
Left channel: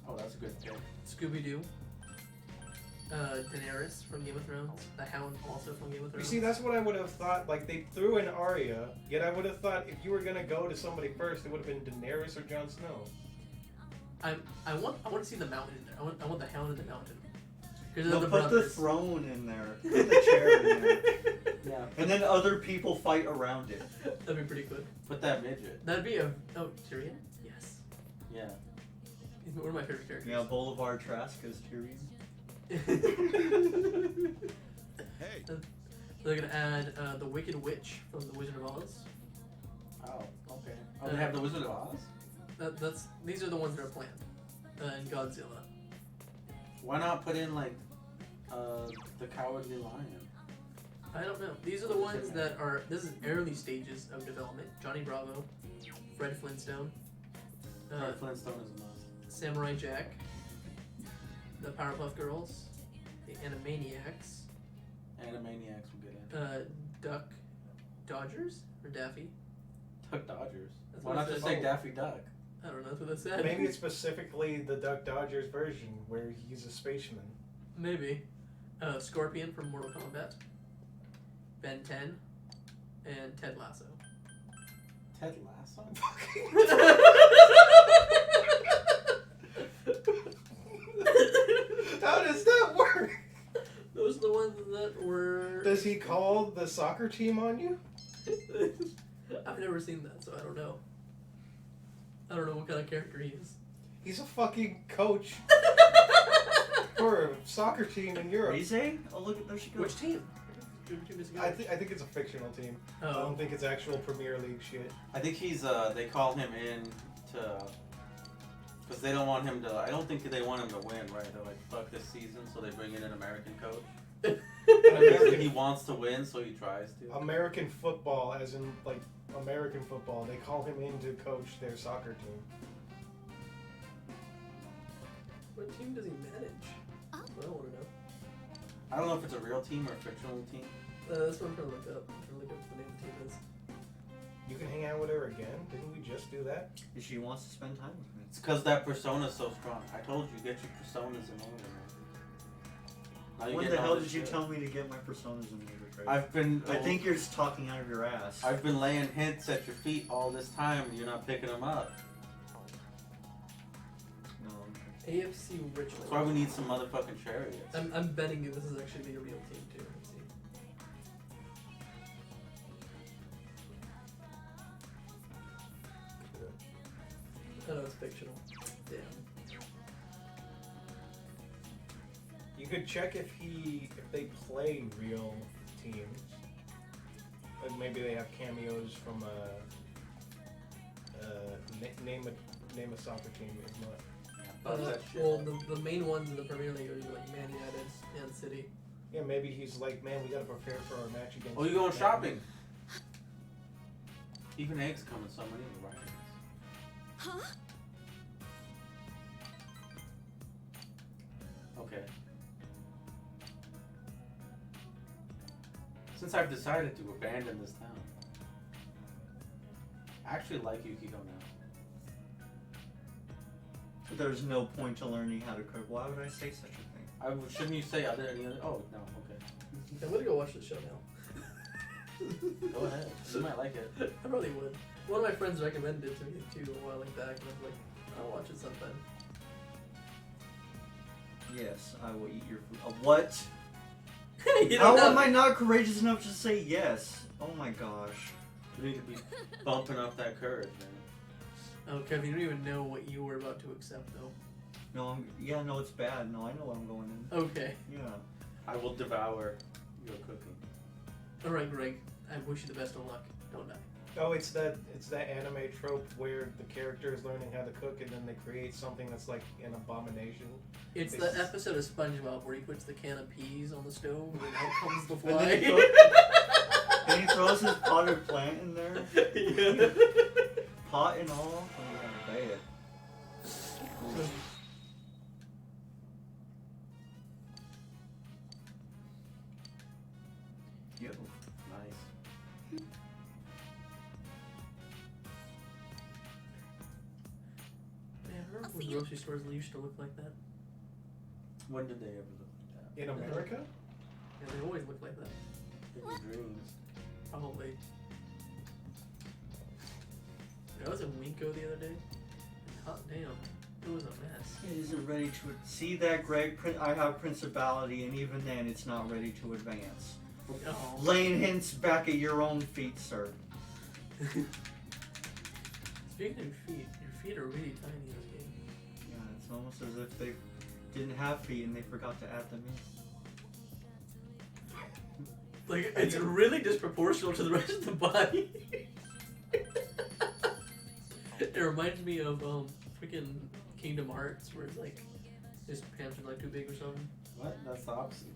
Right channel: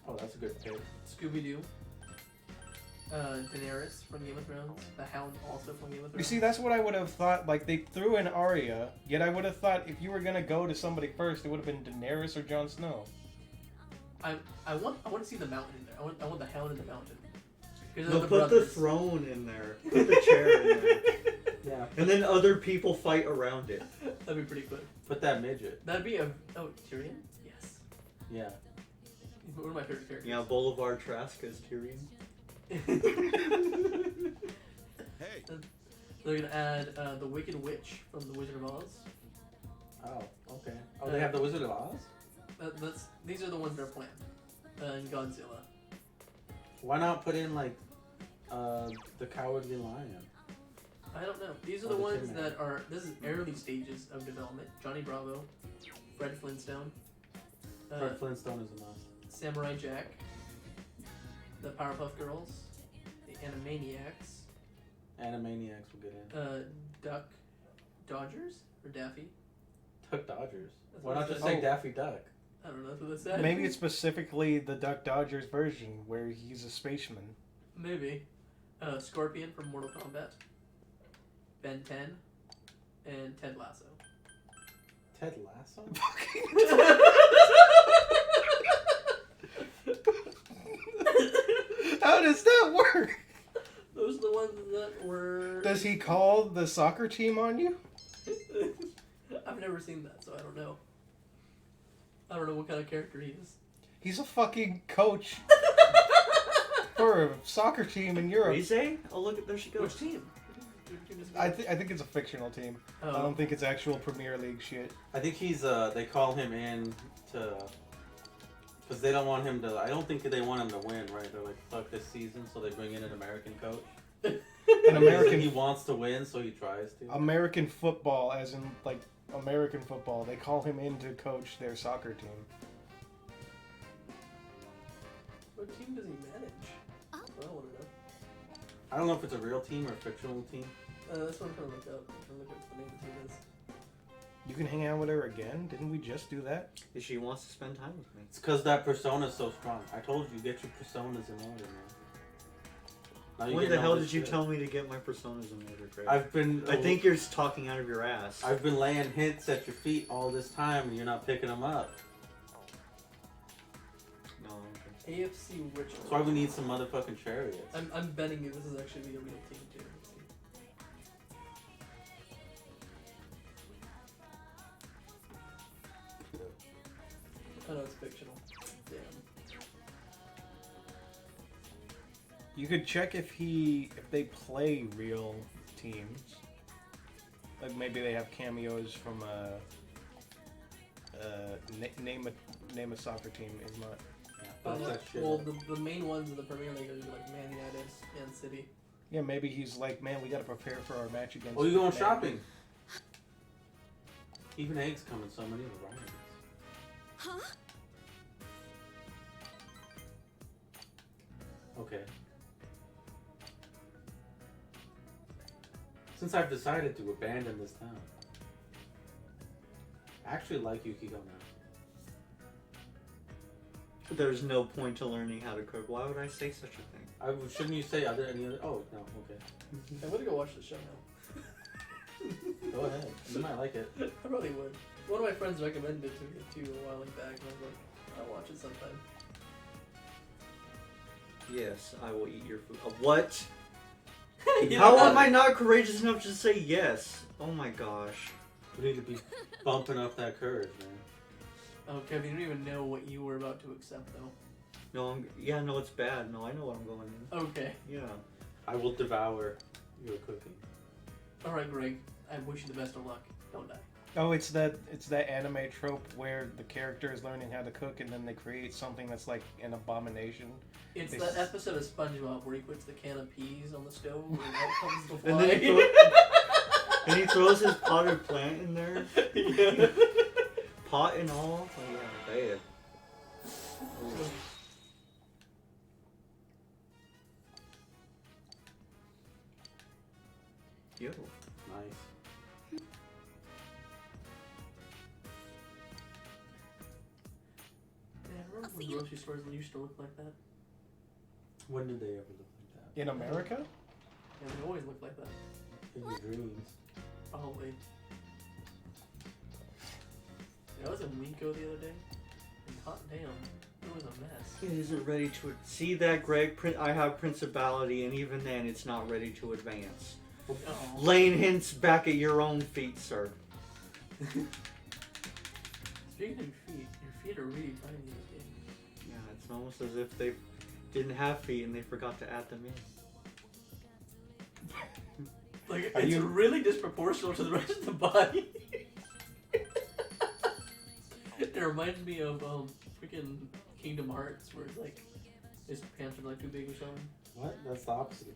Oh, that's a good pick. Scooby Doo, Daenerys from Game of Thrones, the Hound also from Game of Thrones. You see, that's what I would have thought. Like, they threw in Arya, yet I would have thought if you were gonna go to somebody first, it would have been Daenerys or Jon Snow. I want to see the mountain in there. I want the Hound in the mountain. 'Cause No, they're put brothers. the throne in there. Put the chair in there. Yeah. And then other people fight around it. That'd be pretty good. Put that midget. That'd be a Tyrion. Yes, Yeah. he's one of my favorite characters. Yeah, Boulevard Trask is Tyrion. Hey. They're gonna add the Wicked Witch from the Wizard of Oz. Oh, okay. Oh, they have the Wizard of Oz? These are the ones that are planned. And Godzilla. Why not put in, like, the Cowardly Lion? I don't know. These are the ones that are. This is early stages of development. Johnny Bravo, Fred Flintstone, Fred Flintstone is a must. Samurai Jack, the Powerpuff Girls, the Animaniacs, Animaniacs will get in. Duck Dodgers or Daffy. Duck Dodgers. That's Why what not it just says. say Daffy Duck? I don't know. That's what it said. Maybe it's specifically the Duck Dodgers version where he's a spaceman. Maybe. Scorpion from Mortal Kombat, Ben 10, and Ted Lasso. Ted Lasso? How does that work? Those are the ones that were. Does he call the soccer team on you? I've never seen that, so I don't know. I don't know what kind of character he is. He's a fucking coach for a soccer team in Europe. Rize? Oh, look, there she goes. Which team? I think it's a fictional team. I Oh. don't think it's actual Premier League shit. I think he's, they call him in to... Because they don't want him to... I don't think they want him to win, right? They're like, fuck this season, so they bring in an American coach. An He American wants to win, so he tries to. American football, as in like American football. They call him in to coach their soccer team. What team does he manage? I don't want to know. I don't know if it's a real team or a fictional team. That's what I'm trying to look up. I'm trying to look up what the name of the team is. You can hang out with her again? Didn't we just do that? If she wants to spend time with me. It's because that persona's so strong. I told you, get your personas in order, man. Now When get the all hell this did you shit. tell me to get my personas in order, Greg? I've been... I think you're just talking out of your ass. I've been laying hints at your feet all this time, and you're not picking them up. No. AFC Ritual. That's why we need some motherfucking chariots. I'm betting you this is actually a real team too. Let's see. Oh no, it's fictional. Damn. You could check if they play real teams. Like maybe they have cameos from name a soccer team. If not, That shit. Well, the main ones in the Premier League are like Man United and City. yeah, maybe he's like, man, we gotta prepare for our match against. Oh, you going Man." shopping? Even eggs come in so many varieties. Huh? Okay. Since I've decided to abandon this town, I actually like Yukiko now. There's no point to learning how to cook. Why would I say such a thing? Shouldn't you say other any other? Oh no, okay. I'm gonna go watch the show now. Go ahead. You might like it. I probably would. One of my friends recommended it to me too a while back, and I was like, I'll watch it sometime. Yes, I will eat your food. What? You How don't am have- I not courageous enough to say yes? Oh my gosh. We need to be bumping up that courage, man. Oh, Kevin, you don't even know what you were about to accept, though. No, no, it's bad. No, I know what I'm going in. Okay. Yeah. I will devour your cooking. All right, Greg. I wish you the best of luck. Don't die. Oh, it's that anime trope where the character is learning how to cook and then they create something that's like an abomination. It's They that s- episode of SpongeBob where he puts the can of peas on the stove and out comes the And fly. then and he throws his potted plant in there. Yeah. Pot and all. Oh yeah, bad. Yo. Nice. Yeah, I remember I'll when see you. grocery stores used to look like that. When did they ever look like that? In America? Yeah, they always look like that. In your dreams. Probably. I was in Winco the other day. And hot damn, it was a mess. It isn't ready to see that, Greg. I have principality, and even then, it's not ready to advance. Oh. Laying hints back at your own feet, sir. Speaking of your feet are really tiny in this game. Yeah, it's almost as if they didn't have feet and they forgot to add them in. Like, Are it's you- really disproportional to the rest of the body. It reminds me of freaking Kingdom Hearts, where it's like his pants are like too big or something. What? That's the opposite.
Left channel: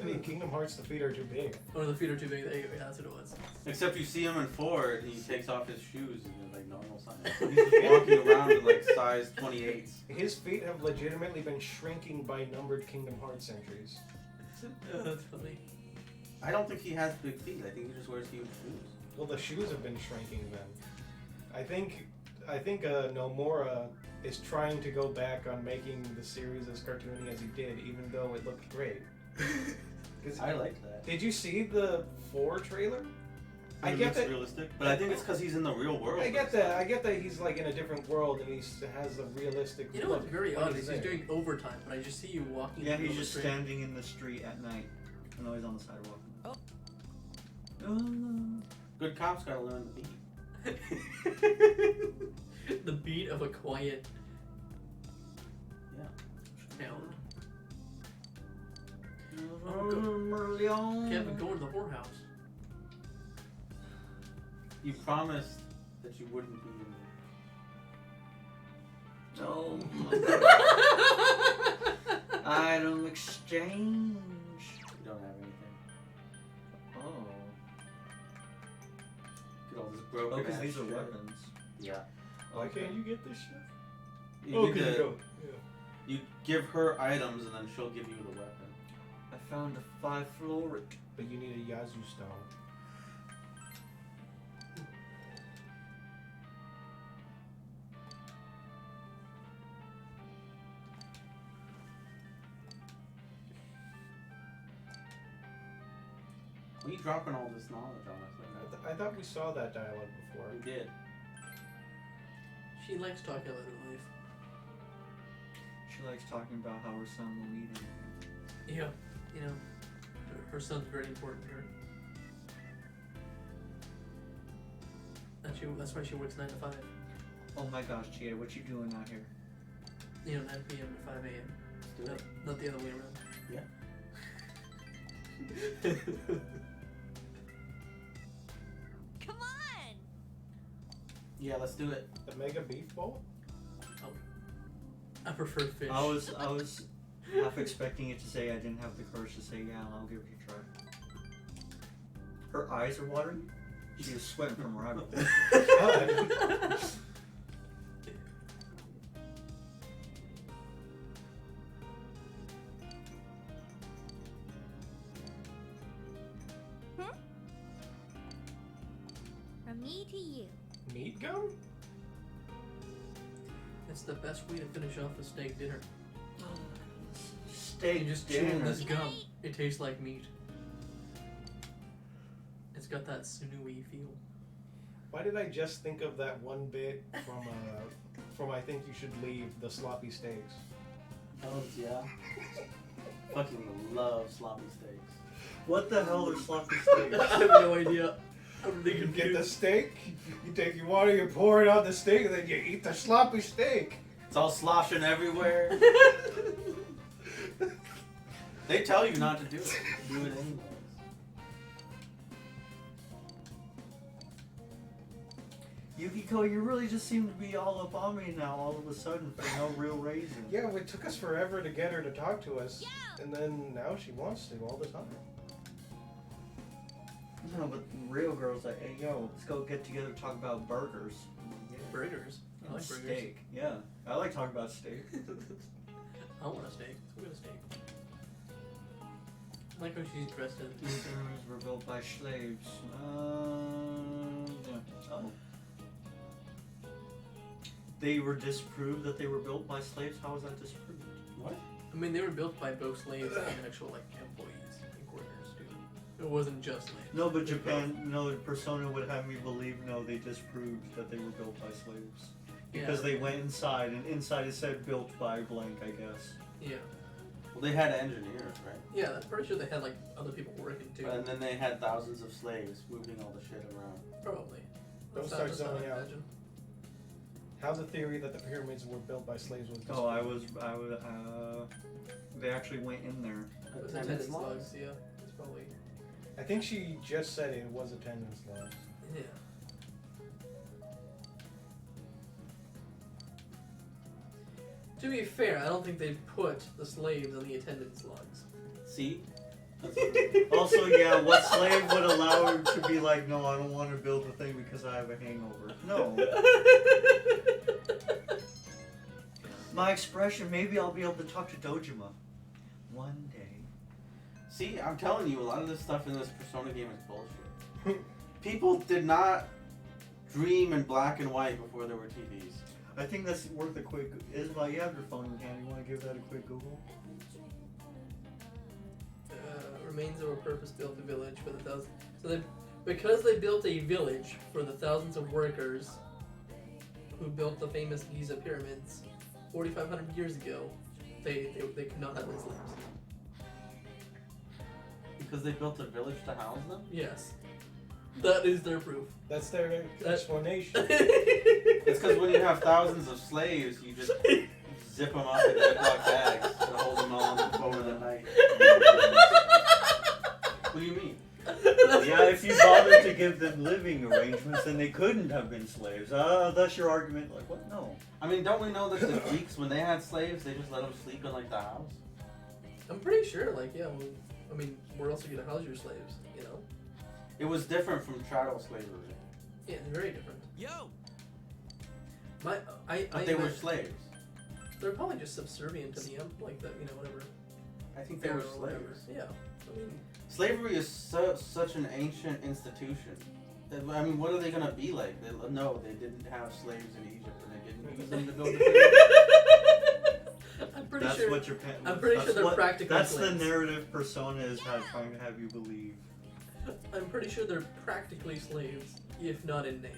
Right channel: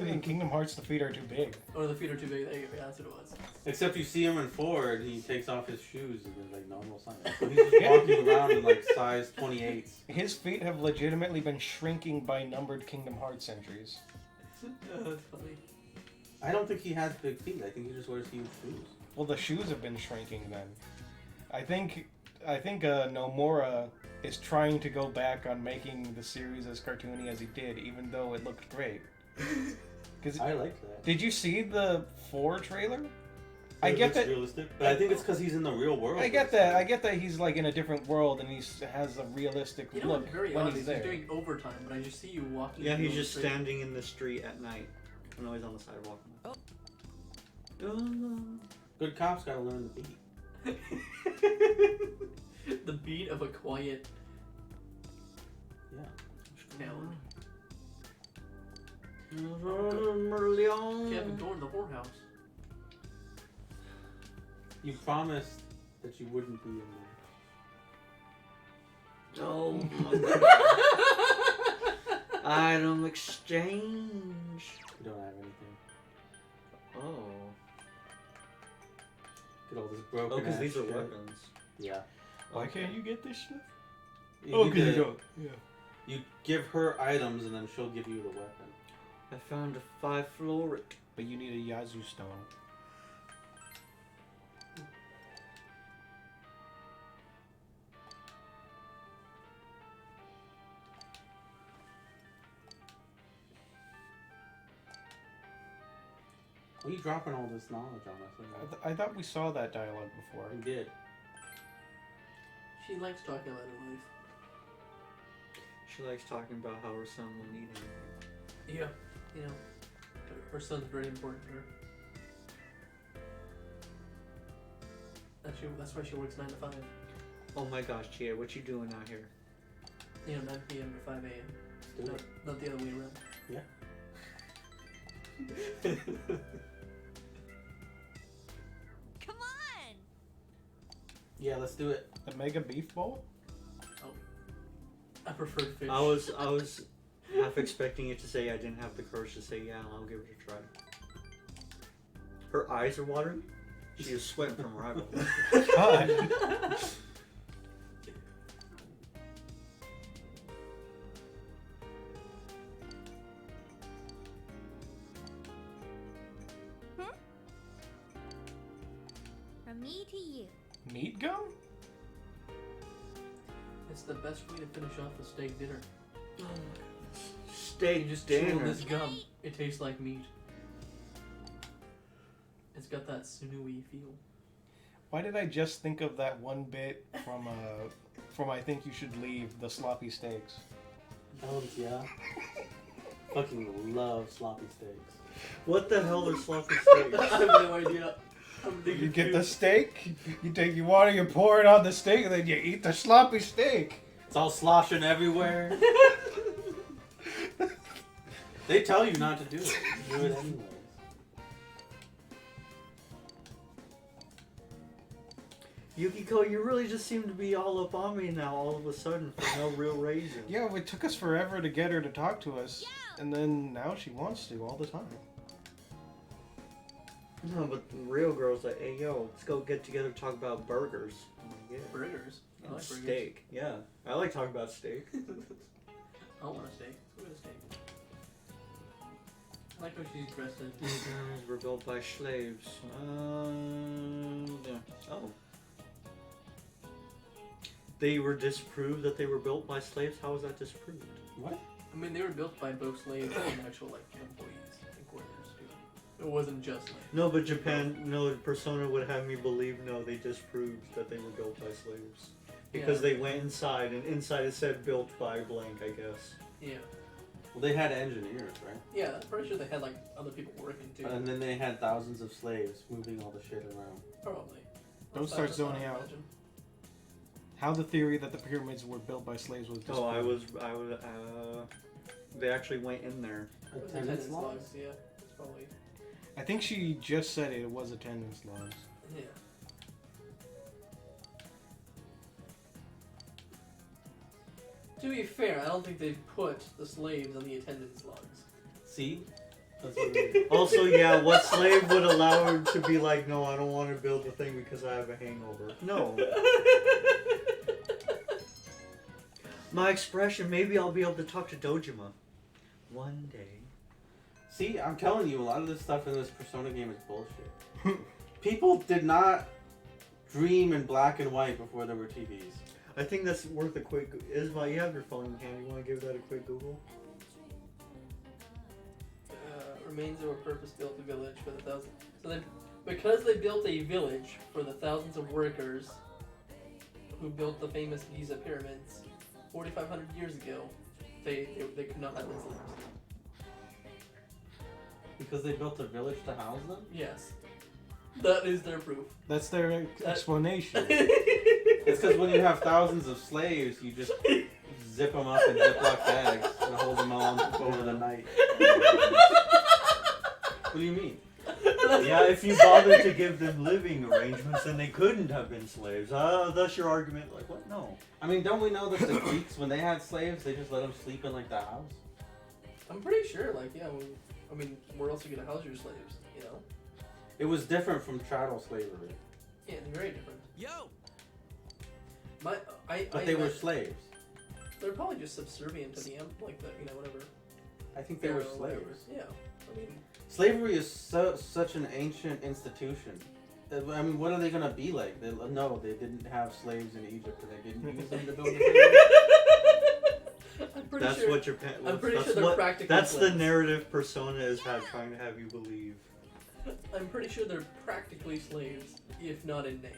In Kingdom Hearts, the feet are too big. Or the feet are too big. There you go. That's what it was. Except you see him in 4 and he takes off his shoes and they're like normal size. He's just walking around in like size 28s. His feet have legitimately been shrinking by numbered Kingdom Hearts entries. That's funny. I don't think he has big feet. I think he just wears huge shoes. Well, the shoes have been shrinking then. I think Nomura is trying to go back on making the series as cartoony as he did, even though it looked great. Because I like that. did you see the 4 trailer? I It get looks that. realistic, but I think it's because he's in the real world. I get that. I get that he's like in a different world and he has a realistic You know look what's very when odd he's is there. he's doing overtime, but I just see you walking. Yeah, in the he's middle just of the standing in the street at night. And always on the sidewalk. Oh. Good cops gotta learn the beat. street. The beat of a quiet Yeah. town. Merleon. Can't even go to the whorehouse. You promised that you wouldn't be in Oh. Item exchange. You don't have anything. Oh. Get all this broken Oh, because ass these are shit. weapons. Yeah. Why can't you get this stuff? You Oh, need can you to- go? Yeah. You give her items and then she'll give you the weapon. I found a 5 fluoric. But you need a Yazoo stone. What are you dropping all this knowledge on us? I thought we saw that dialogue before. We did. She likes talking about her life. She likes talking about how her son will need him. Yeah, you know, her son's very important to her. That's why she works 9 to 5. Oh my gosh, Gia, what you doing out here? You know, 9 p.m. to 5 a.m. Do No, it. not the other way around. Come on! Yeah, let's do it. The Mega Beef Bowl? I prefer fish. I was half expecting it to say I didn't have the courage to say yeah, I'll give it a try. Her eyes are watering. She is sweating from her eyeballs. God. From me to you. Meat gum? It's the best way to finish off a steak dinner. Steak You just chew on dinner. this gum. It tastes like meat. It's got that sinewy feel. Why did I just think of that one bit from I Think You Should Leave, the sloppy steaks? Oh, yeah. Fucking love sloppy steaks. What the hell are sloppy steaks? I have no idea. I'm really You get the confused. steak, you take your water, you pour it on the steak, and then you eat the sloppy steak. It's all sloshing everywhere. They tell you not to do it. You do it anyways. Yukiko, you really just seem to be all up on me now all of a sudden for no real reason. Yeah, it took us forever to get her to talk to us, and then now she wants to all the time. No, but the real girl's like, hey, yo, let's go get together and talk about burgers. I'm like, yeah. Burgers. I And like burgers. steak. Yeah, I like talking about steak. I want a steak. Let's go get a steak. I like how she's dressed as. These pyramids were built by slaves. Yeah. Oh. They were disproved that they were built by slaves? How was that disproved? What? I mean, they were built by both slaves and actual like employees and quarters too. It wasn't just slaves. No, but Japan, no, Persona would have me believe, no, they disproved that they were built by slaves. Because they went inside, and inside it said built by blank, I guess. Yeah. Well, they had engineers, right? Yeah, I'm pretty sure they had like other people working too. And then they had thousands of slaves moving all the shit around. Probably. Don't start zoning out. How the theory that the pyramids were built by slaves was Oh, they actually went in there. Attendance logs, yeah. It's probably. I think she just said it was attendance logs. Yeah. To be fair, I don't think they've put the slaves on the attendance logs. See? That's what it is. Also, yeah, what slave would allow her to be like, no, I don't want to build the thing because I have a hangover? No. My expression, maybe I'll be able to talk to Dojima. One day. See, I'm telling you, a lot of this stuff in this Persona game is bullshit. People did not dream in black and white before there were TVs. I think that's worth a quick... Isma, you have your phone in hand. You want to give that a quick Google? Remains of a purpose-built village for the thousands. So because they built a village for the thousands of workers who built the famous Giza pyramids 4,500 years ago, they could not have any slaves. Because they built a village to house them? Yes. That is their proof. That's their explanation. It's because when you have thousands of slaves, you just zip them up in Ziploc bags and hold them on over the night. What do you mean? Yeah, if you bothered to give them living arrangements, then they couldn't have been slaves. That's your argument. Like, what? No. I mean, don't we know that the Greeks, when they had slaves, they just let them sleep in, like, the house? I'm pretty sure, like, yeah, well, I mean, where else are you gonna house your slaves, you know? It was different from chattel slavery. Yeah, it's very different. Yo! But they were slaves. They're probably just subservient to the like the, whatever. I think they were Pharaoh or whatever. slaves. Yeah. I mean, Slavery is such an ancient institution. I mean, what are they gonna be like? No, they didn't have slaves in Egypt, and they didn't use them to build the pyramids. I'm pretty That's sure. what Japan. I'm pretty that's sure they're what, practically That's the slaves. narrative Persona is trying to have you believe. I'm pretty sure they're practically slaves, if not in name.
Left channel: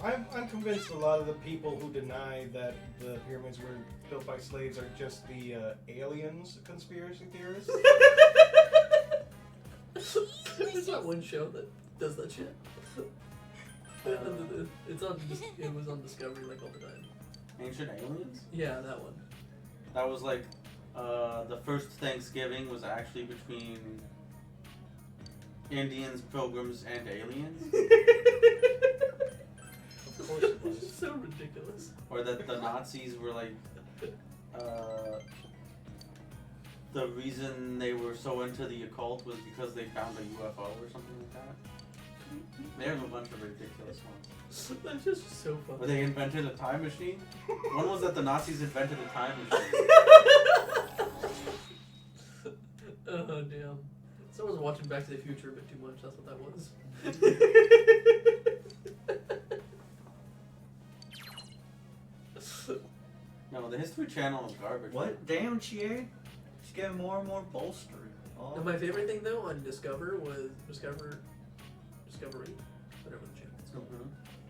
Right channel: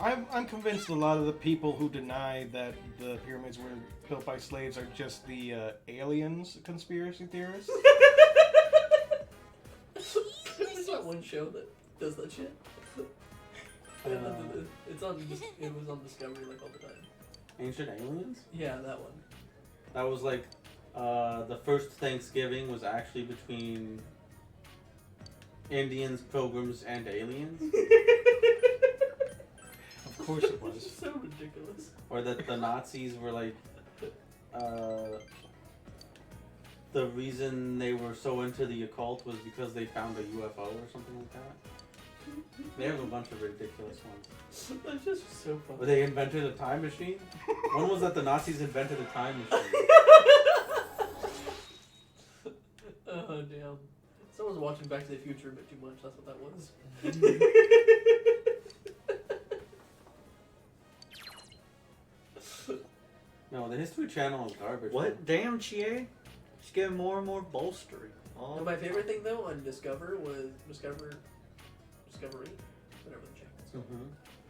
I'm convinced a lot of the people who deny that the pyramids were built by slaves are just the aliens conspiracy theorists. There's that one show that does that shit. It was on Discovery like all the time. Ancient aliens? Yeah, that one. That was like, the first Thanksgiving was actually between Indians, pilgrims, and aliens. Of course it was. So ridiculous. Or that the Nazis were like, the reason they were so into the occult was because they found a UFO or something like that. They have a bunch of ridiculous ones. That's just so funny. Where they invented a time machine? One was that the Nazis invented a time machine. Oh, damn. Someone's watching Back to the Future a bit too much, that's what that was. No, the History Channel is garbage. What? Damn, Chie? She's getting more and more bolstered. No, my favorite thing though on Discovery, whatever the channel is called,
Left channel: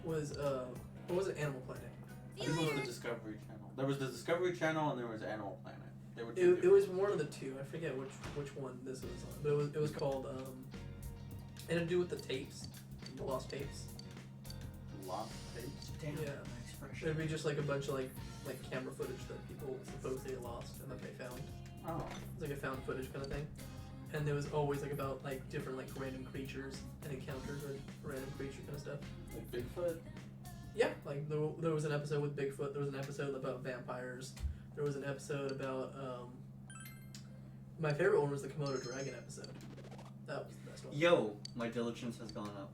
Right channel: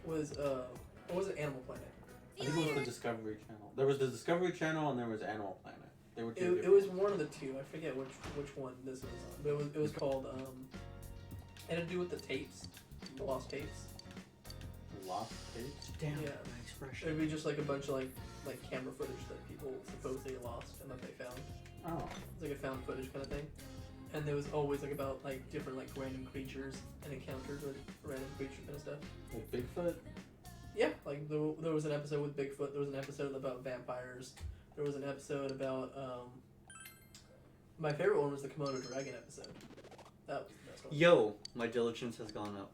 what was it, Animal Planet? I think it was the Discovery Channel. There was the Discovery Channel and there was Animal Planet. They were two. It was one of the two. I forget which one this was on, but it was called it had to do with the tapes, the lost tapes. Lost tapes? Damn, Yeah. my expression. It'd be just like a bunch of like camera footage that people supposedly lost and that they found. Oh. It's like a found footage kind of thing. And there was always like about like different like random creatures and encounters with random creature kind of stuff. Like Bigfoot? Yeah, There was an episode with Bigfoot. There was an episode about vampires. There was an episode about my favorite one was the Komodo dragon episode. That was the best one. Yo, my diligence has gone up.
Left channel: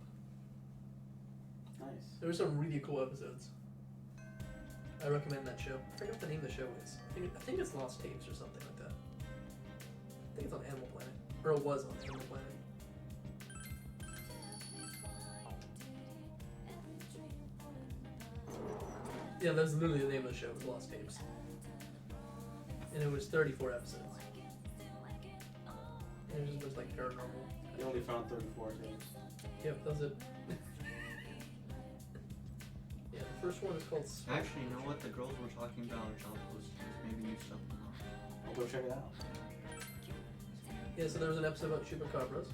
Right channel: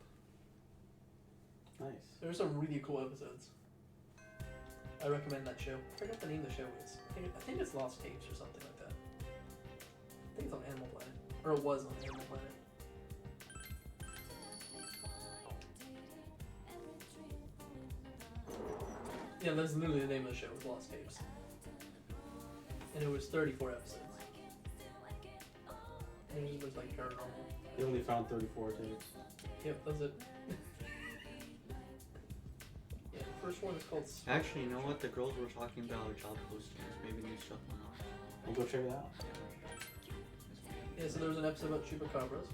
Nice. There were some really cool episodes. I recommend that show. I forget what the name of the show is. I think it's Lost Tapes or something like that. I think it's on Animal Planet. Or it was on Animal Planet. Yeah, that's literally the name of the show, was Lost Tapes. And it was 34 episodes. And it was like paranormal. You only found 34 too. Yep, that's it. Yeah, the first one is called Spark. Actually, you know what? The girls were talking about job postings. Maybe new stuff went on. We'll go check it out. Yeah, so there was an episode about chupacabras.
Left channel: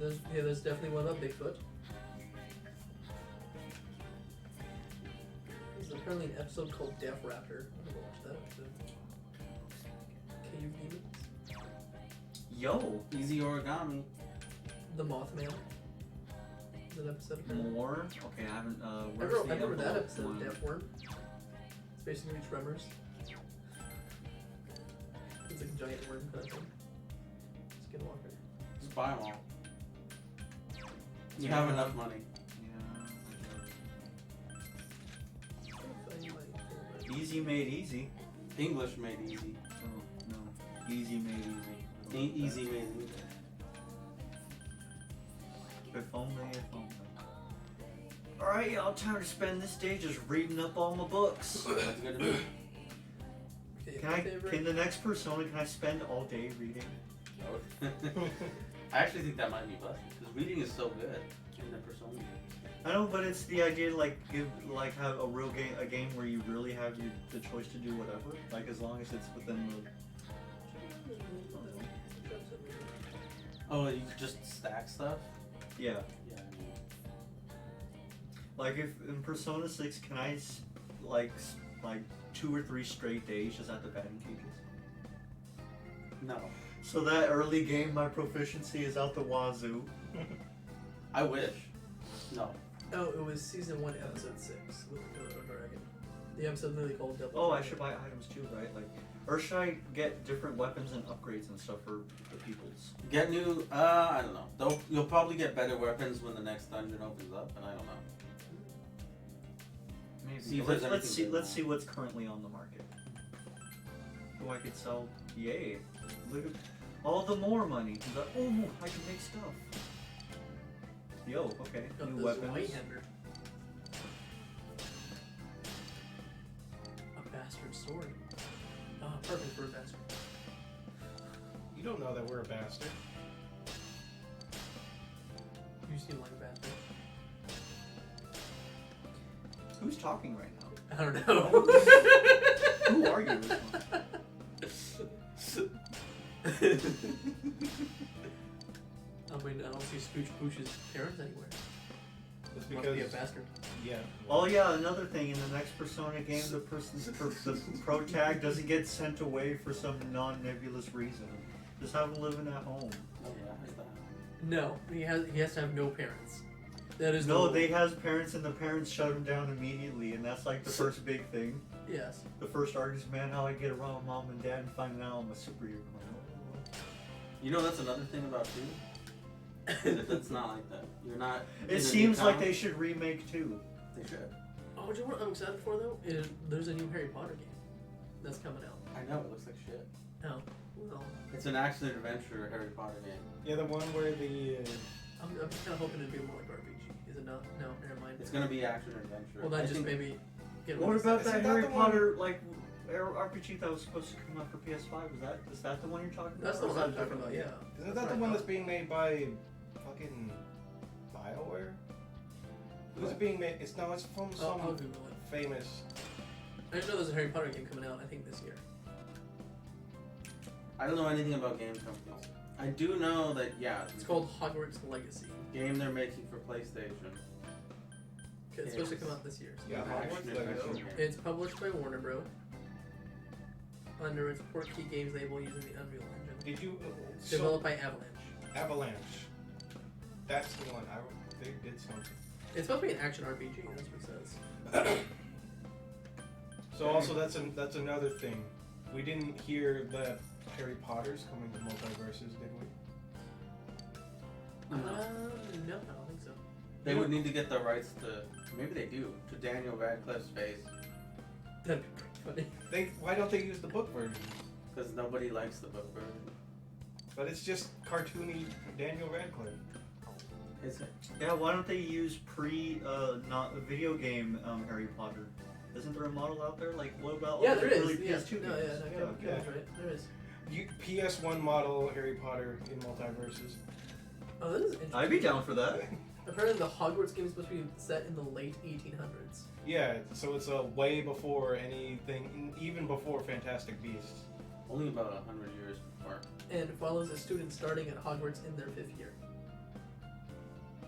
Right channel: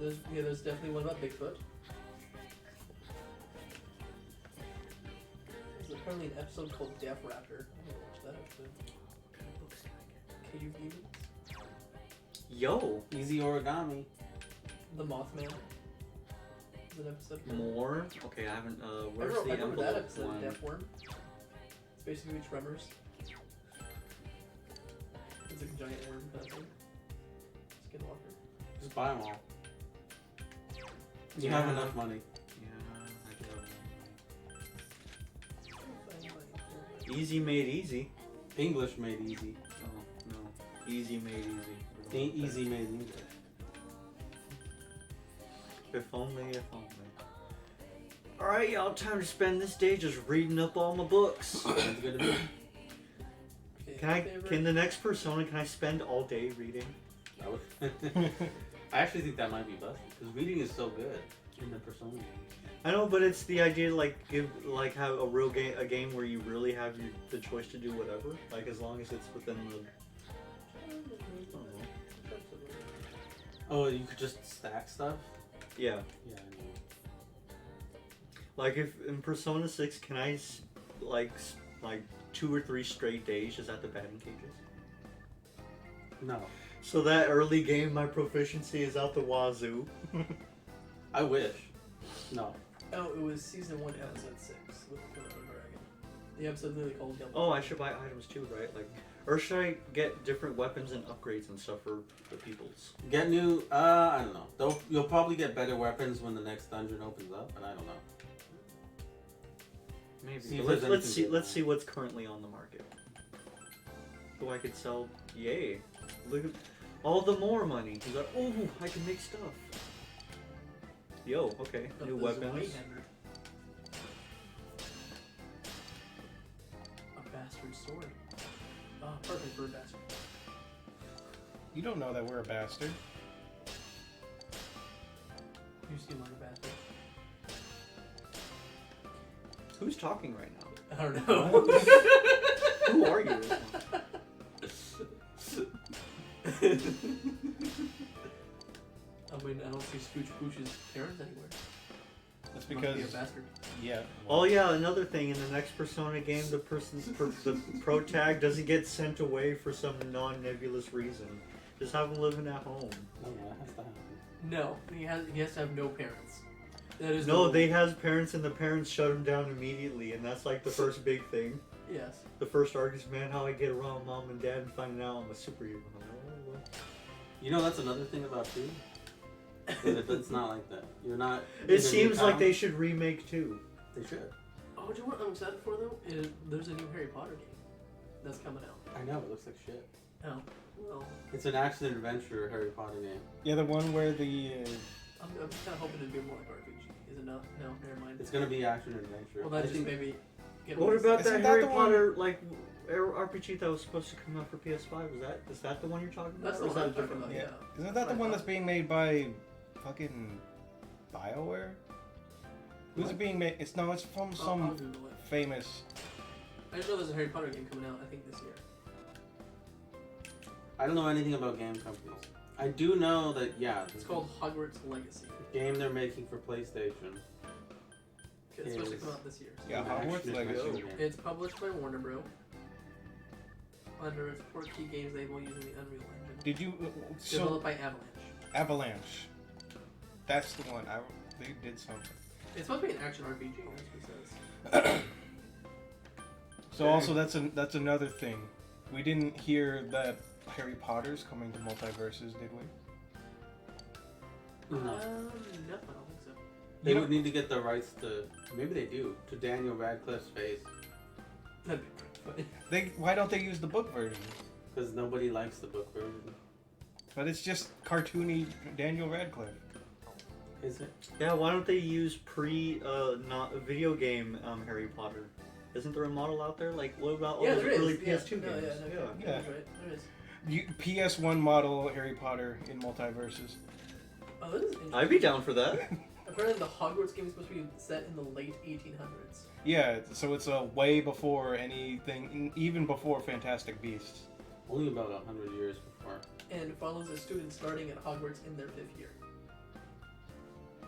There's definitely one about Bigfoot. There's apparently an episode called Death Raptor. I'm gonna watch that episode. Cave Demons. Yo, Easy origami. The Mothman. Is an episode of that? more? Okay, I haven't. I Where's remember, the I remember that envelope episode, one? Death Worm. It's basically Tremors. It's like a giant worm kind of thing. Skinwalker. Just buy them all. You Yeah. have enough money. Yeah. Easy made easy. English made easy. Oh no, easy made easy. Ain't easy made English. If only, if only. Alright, y'all, time to spend this day just reading up all my books. That's good to be. Can the next Persona, can I spend all day reading? I actually think that might be busted because reading is so good in the Persona. I know, but it's the idea to have a real game, a game where you really have the choice to do whatever, like as long as it's within the. Oh, you could just stack stuff. Yeah. Yeah. Like if in Persona 6, can I like 2 or 3 straight days just at the batting cages? No. So that early game, my proficiency is out the wazoo. I wish. No. Oh, it was season 1, episode 6 with the Komodo Dragon. The episode literally called Devil. Oh, I should buy items too, right? Like, or should I get different weapons and upgrades and stuff for the peoples? Get new. I don't know. You'll probably get better weapons when the next dungeon opens up, and I don't know. Maybe. See if But there's let's anything see. good. Let's see what's currently on the market. Who I could sell? Yay! Look at all the more money. He's like, oh, I can make stuff. Yo, okay, Got new the weapons. Zweihander. A bastard sword. Oh, perfect for a bastard. You don't know that we're a bastard. You seem like a bastard. Who's talking right now? I don't know. Who are you? I mean, I don't see Scooch Pooch's parents anywhere. That's Must be a because bastard. yeah. Oh yeah, another thing in the next Persona game, the pro tag doesn't get sent away for some non-nebulous reason. Just have him living at home. Oh, yeah, that has to happen. No, he has to have no parents. That is No, the they rule. has parents and the parents shut him down immediately, and that's like the first big thing. Yes. The first arc is, man, how I get around mom and dad and finding out I'm a superhero. You know, that's another thing about 2. It's not like that. You're not. in It the seems new like town. they should remake too. They should. Oh, do you know what I'm excited for though? Is there's a new Harry Potter game that's coming out. I know, it looks like shit. Oh, well, It's an action adventure Harry Potter game. Yeah, the one where the I'm kind of hoping it'd be more like RPG. Is it not? No, never mind. It's gonna be action adventure. Well, I then just think- maybe get What about Isn't that that Harry the one- Potter RPG that was supposed to come out for PS5? Is that the one you're talking about? That's the Or is one I'm that talking different? about. Yeah. isn't that the one that's being made by fucking BioWare? Who's it being made? It's from I'll some Google it. famous. I just know there's a Harry Potter game coming out. I think this year. I don't know anything about game companies. I do know that It's called Hogwarts Legacy. game they're making for PlayStation. It's supposed to come out this year. So Yeah, An Hogwarts action Legacy. adventure game. It's published by Warner Bros. Under its Portkey Games label using the Unreal Engine. Did you? Developed by Avalanche. Avalanche. That's the one. They did something. It's supposed to be an action RPG, that's what it says. So also that's another thing. We didn't hear that Harry Potter's coming to multiverses, did we? No, I don't think so. They would need to get the rights to, maybe they do, to Daniel Radcliffe's face. That'd be pretty funny. Why don't they use the book version? Because nobody likes the book version. But it's just cartoony Daniel Radcliffe. Is it? Yeah, why don't they use not a video game Harry Potter? Isn't there a model out there? Like, what about all Yeah, the there early is. PS2 Yeah, games? no, yeah, that's right. There is. PS1 model Harry Potter in multiverses. Oh, this is interesting. I'd be down for that. Apparently, the Hogwarts game is supposed to be set in the late 1800s. Yeah, so it's way before anything, even before Fantastic Beasts. Only about 100 years before. And follows a student starting at Hogwarts in their 5th year.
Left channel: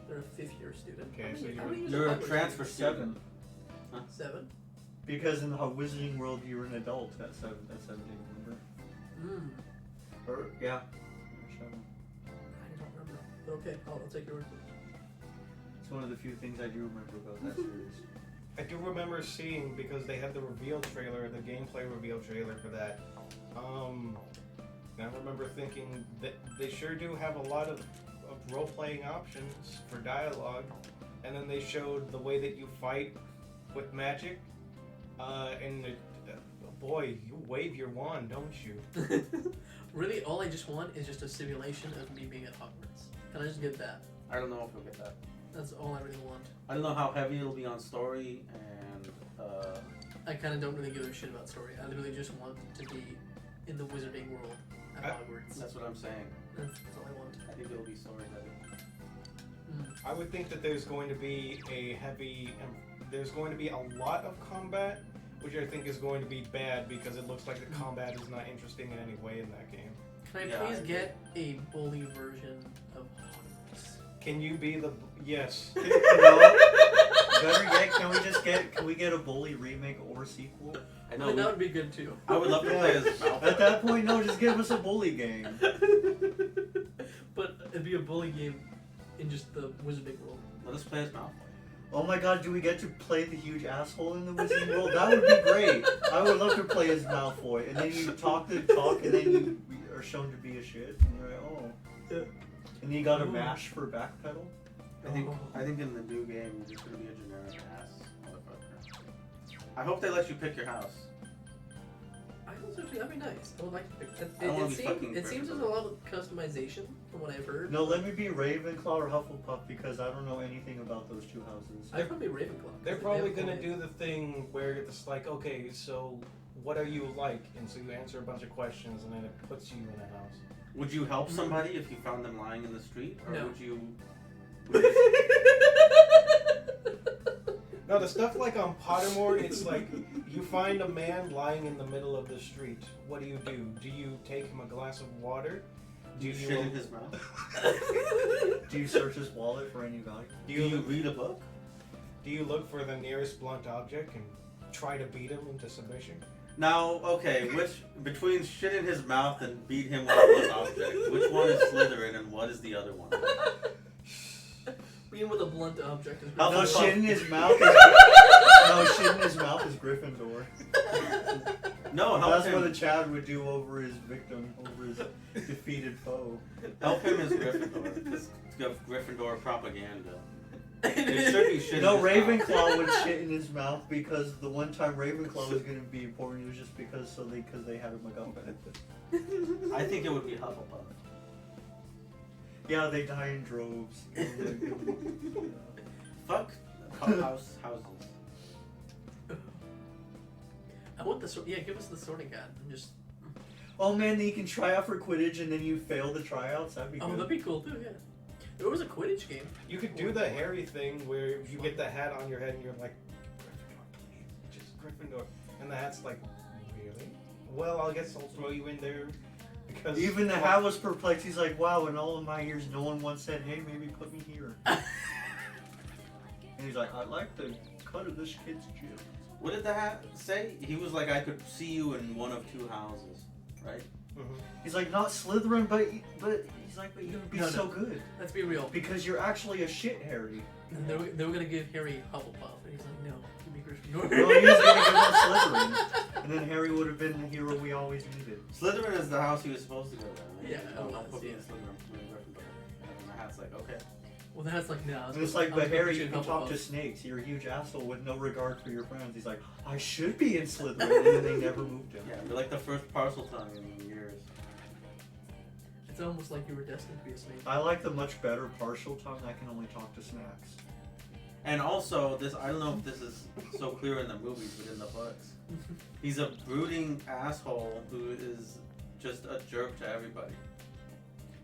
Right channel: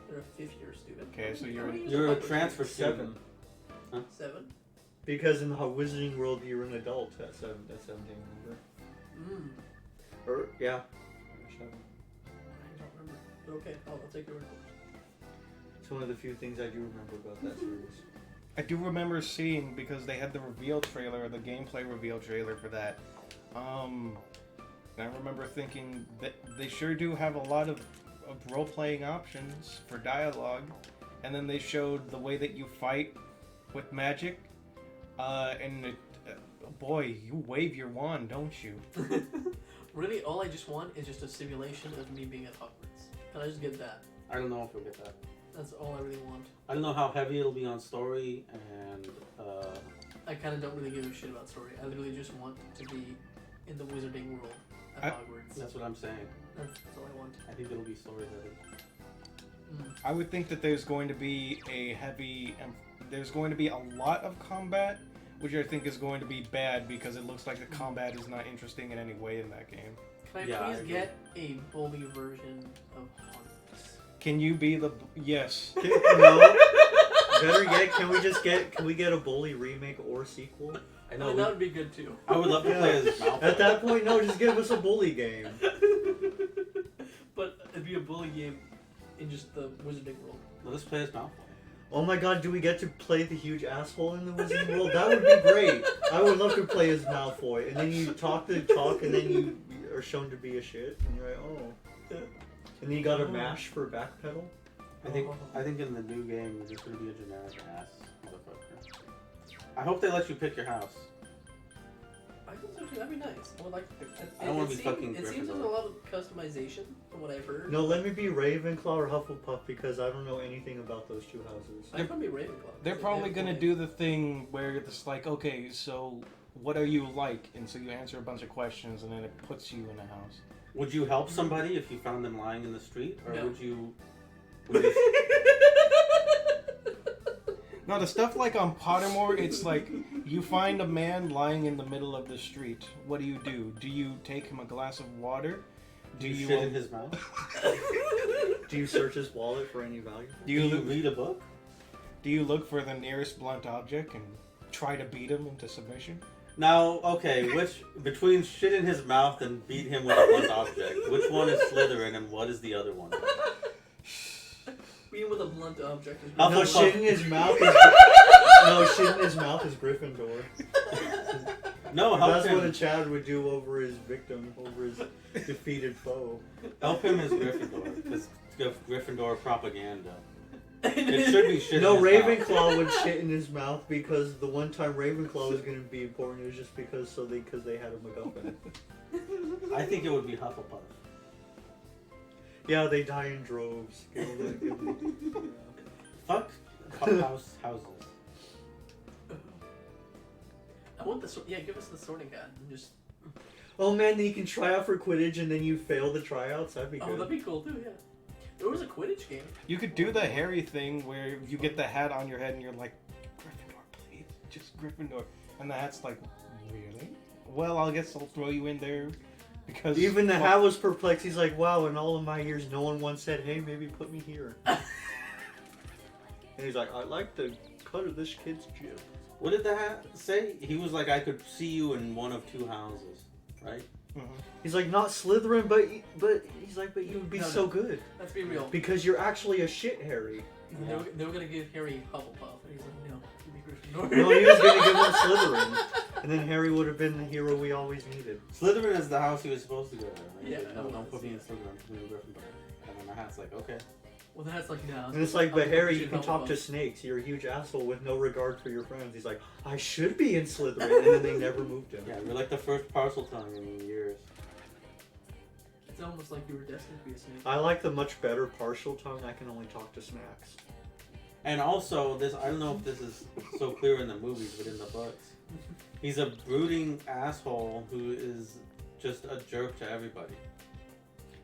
They're a 5th year student. Okay, so You're a transfer student. 7? Because in the Wizarding World, you're an adult at 17, remember? Or, yeah. 7. I don't remember. But okay, I'll take your word for it. It's one of the few things I do remember about that series. I do remember seeing, because they had the reveal trailer, the gameplay reveal trailer for that. I remember thinking that they sure do have a lot of role-playing options for dialogue, and then they showed the way that you fight with magic, and boy, you wave your wand, don't you? Really, all I just want is just a simulation of me being at Hogwarts. Can I just get that? I don't know if you'll get that. That's all I really want. I don't know how heavy it'll be on story, and I kind of don't really give a shit about story. I literally just want to be in the Wizarding world at Hogwarts. that's what I'm saying. That's all I want. I think it'll be story heavy. I would think that there's going to be there's going to be a lot of combat, which I think is going to be bad because it looks like the combat is not interesting in any way in that game. Can I please get a bully version of Hogwarts? Can you be the yes? No. Better yet, can we get a Bully remake or sequel? I know. That would be good too. I would love to play as Malfoy. At that point, no, just give us a Bully game. But it'd be a bully game in just the Wizarding world. Let us play as Malfoy. Oh my god, do we get to play the huge asshole in the Wizarding World? That would be great. I would love to play as Malfoy. And then you talk the talk, and then you are shown to be a shit. And you're like, oh. And then you got a mash for backpedal. I think in the new game, you're just going to be a generic ass motherfucker. I hope they let you pick your house. I think actually that'd be nice. I would like to pick. I don't want to be fucking It seems there's a lot of customization from what I've heard. No, let me be Ravenclaw or Hufflepuff because I don't know anything about those two houses. I'd probably be Ravenclaw. They're probably gonna do the thing where it's like, okay, so what are you like? And so you answer a bunch of questions, and then it puts you in a house. Would you help somebody if you found them lying in the street, or No. would you? No, the stuff like on Pottermore, it's like you find a man lying in the middle of the street. What do? Do you take him a glass of water? Do you shit in his mouth? Do you search his wallet for any value? Do you read a book? Do you look for the nearest blunt object and try to beat him into submission? Now, okay, between shit in his mouth and beat him with a blunt object, which one is Slytherin and what is the other one? Being with a blunt object is No, shit in his mouth is shit in his mouth is Gryffindor. No, help That's him. what a child would do over his victim, over his defeated foe. Help him as Gryffindor, because Gryffindor propaganda. It should be shit No, in his mouth. Ravenclaw would shit in his mouth because the one time Ravenclaw was going to be important, it was just because they had a MacGuffin. I think it would be Hufflepuff. Yeah, they die in droves. Fuck houses. I want the sword. Yeah, give us the sorting hat and just. Oh man, you can try out for Quidditch and then you fail the tryouts. That'd be good. Oh, that'd be cool too. Yeah. There was a Quidditch game. You could do the Harry thing where you get the hat on your head and you're like, Gryffindor, please, just Gryffindor. And the hat's like, really? Well, I guess I'll throw you in there. Because Even the hat was perplexed. He's like, wow, in all of my years, no one once said, hey, maybe put me here. And he's like, I like the cut of this kid's jib. What did the hat say? He was like, I could see you in one of two houses, right? He's like, not Slytherin, but he's like, but you'd be No, so no. good Let's be real. because you're actually a shit Harry. And they were gonna give Harry Hufflepuff, and he's like, no, give me Gryffindor. No, he was gonna give him Slytherin, and then Harry would have been the hero we always needed. Slytherin is the house he was supposed to go to. And Yeah, like, no, don't put me in yeah. Slytherin, put me in Gryffindor. And then my hat's like, okay. Well, that's like, no. And it's like, but Harry, you can talk to snakes. You're a huge asshole with no regard for your friends. He's like, I should be in Slytherin, and then they never moved him. Yeah, you're like the first parcel tongue in years. It's almost like you were destined to be a snake. I like the much better partial tongue. I can only talk to snacks. And also, this, I don't know if this is so clear in the movies, but in the books, he's a brooding asshole who is just a jerk to everybody.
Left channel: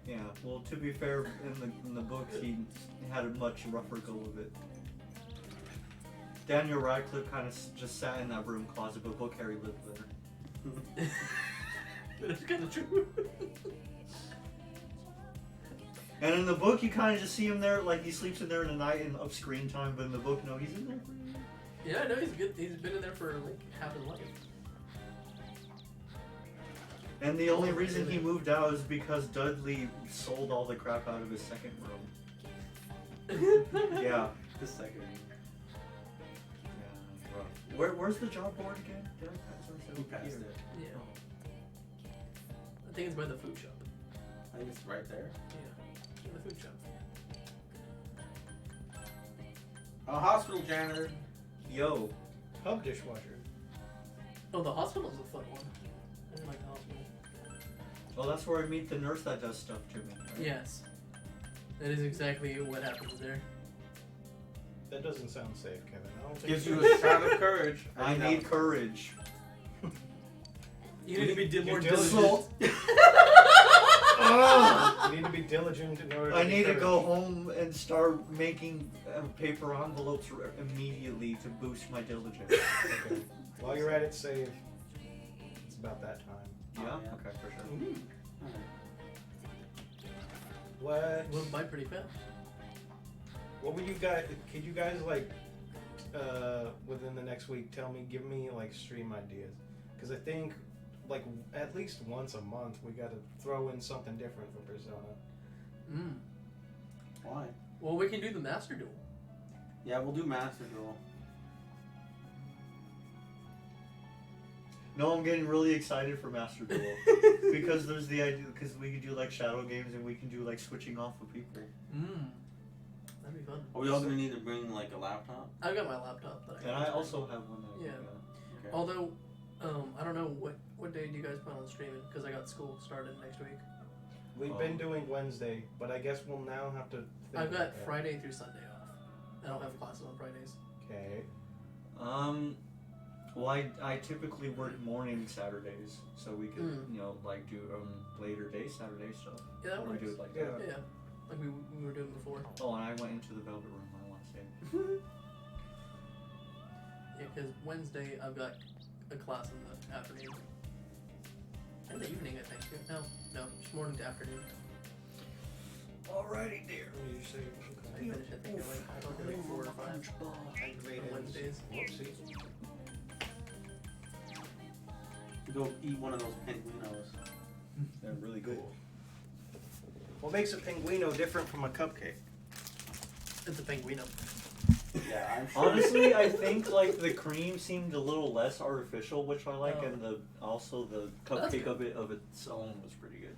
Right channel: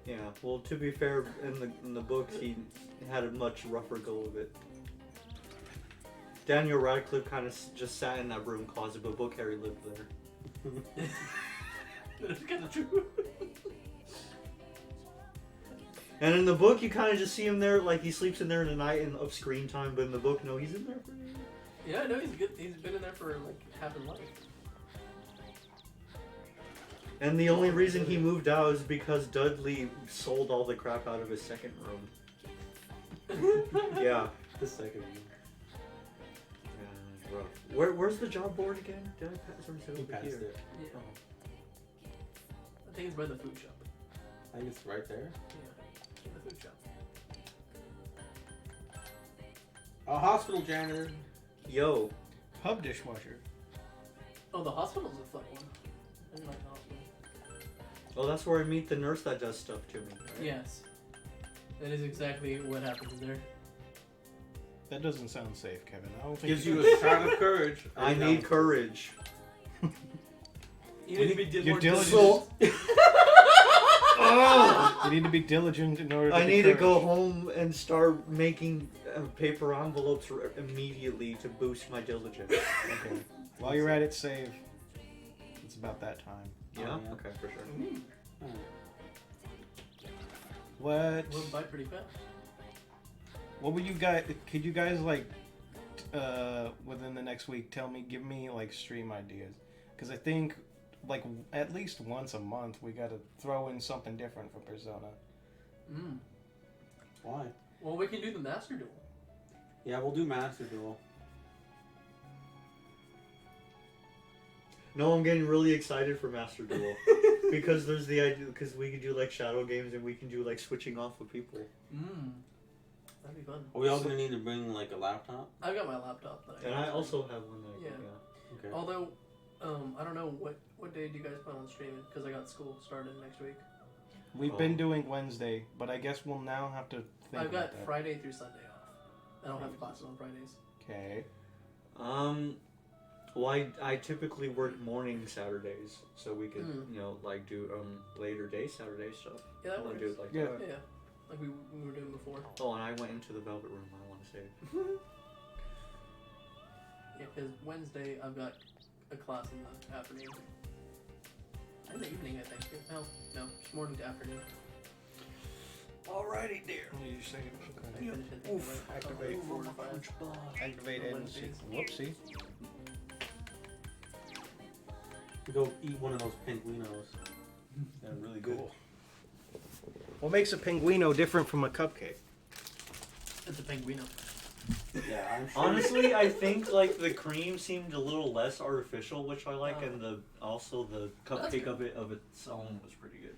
Yeah. Well, to be fair, in the books, he had a much rougher go of it. Daniel Radcliffe kind of just sat in that broom closet, but book Harry lived there. That's kind of true. And in the book, you kind of just see him there, like he sleeps in there in the night and up screen time. But in the book, no, he's in there for you. Yeah, no, he's good. He's been in there for like half his life. And the only reason he moved out is because Dudley sold all the crap out of his second room. Yeah. The second one. Yeah, rough. Where's the job board again? Did I pass or He over passed here? it. Yeah. I think it's by the food shop. I think it's right there. Yeah, the food shop. A hospital janitor. Yo, Hub dishwasher. Oh, the hospital's a fun one. I really like the hospital. well, that's where I meet the nurse that does stuff to me. Right? Yes. That is exactly what happens there. That doesn't sound safe, Kevin. I don't think Gives you a shot of courage. I need courage. You need to be You're more diligent. diligent. You need to be diligent in order to I get need to go courage. home and start making paper envelopes immediately to boost my diligence. Okay. While you're at it, save. It's about that time. Yeah? yeah. Okay, for sure. What? Went by pretty fast. What would you guys? Could you guys like, within the next week, give me like stream ideas? Because I think, like, at least once a month we got to throw in something different for Persona. Mm. Why? Well, we can do the Master Duel. Yeah, we'll do Master Duel. No, I'm getting really excited for Master Duel. Because there's the idea, because we can do like shadow games and we can do like switching off of people. Mm. That'd be fun. Are we all gonna need to bring like a laptop? I've got my laptop. That And I also have one. Yeah. Okay. Although, I don't know what day do you guys plan on streaming? Because I got school started next week. We've been doing Wednesday, but I guess we'll now have to. Think I've got about that. Friday through Sunday off. I don't have classes on Fridays. Okay. Well, I typically work morning Saturdays, so we could, you know, like do later day Saturday stuff. Yeah, that Or works. do it like Yeah. that. Yeah, like we were doing before. Oh, and I went into the Velvet Room, I want to say. Yeah, because Wednesday I've got a class in the afternoon. And the evening, I think. No, it's morning to afternoon. Alrighty, dear. What did you say? I finish it, I think, like, Activate 4 or 5. Activate On and Wednesdays. whoopsie. Go eat one of those pinguinos. They're really good. What makes a pinguino different from a cupcake? It's a penguino. Yeah, I'm sure. Honestly, I think like the cream seemed a little less artificial, which I like, Oh. and the That's cupcake good. of its own was pretty good.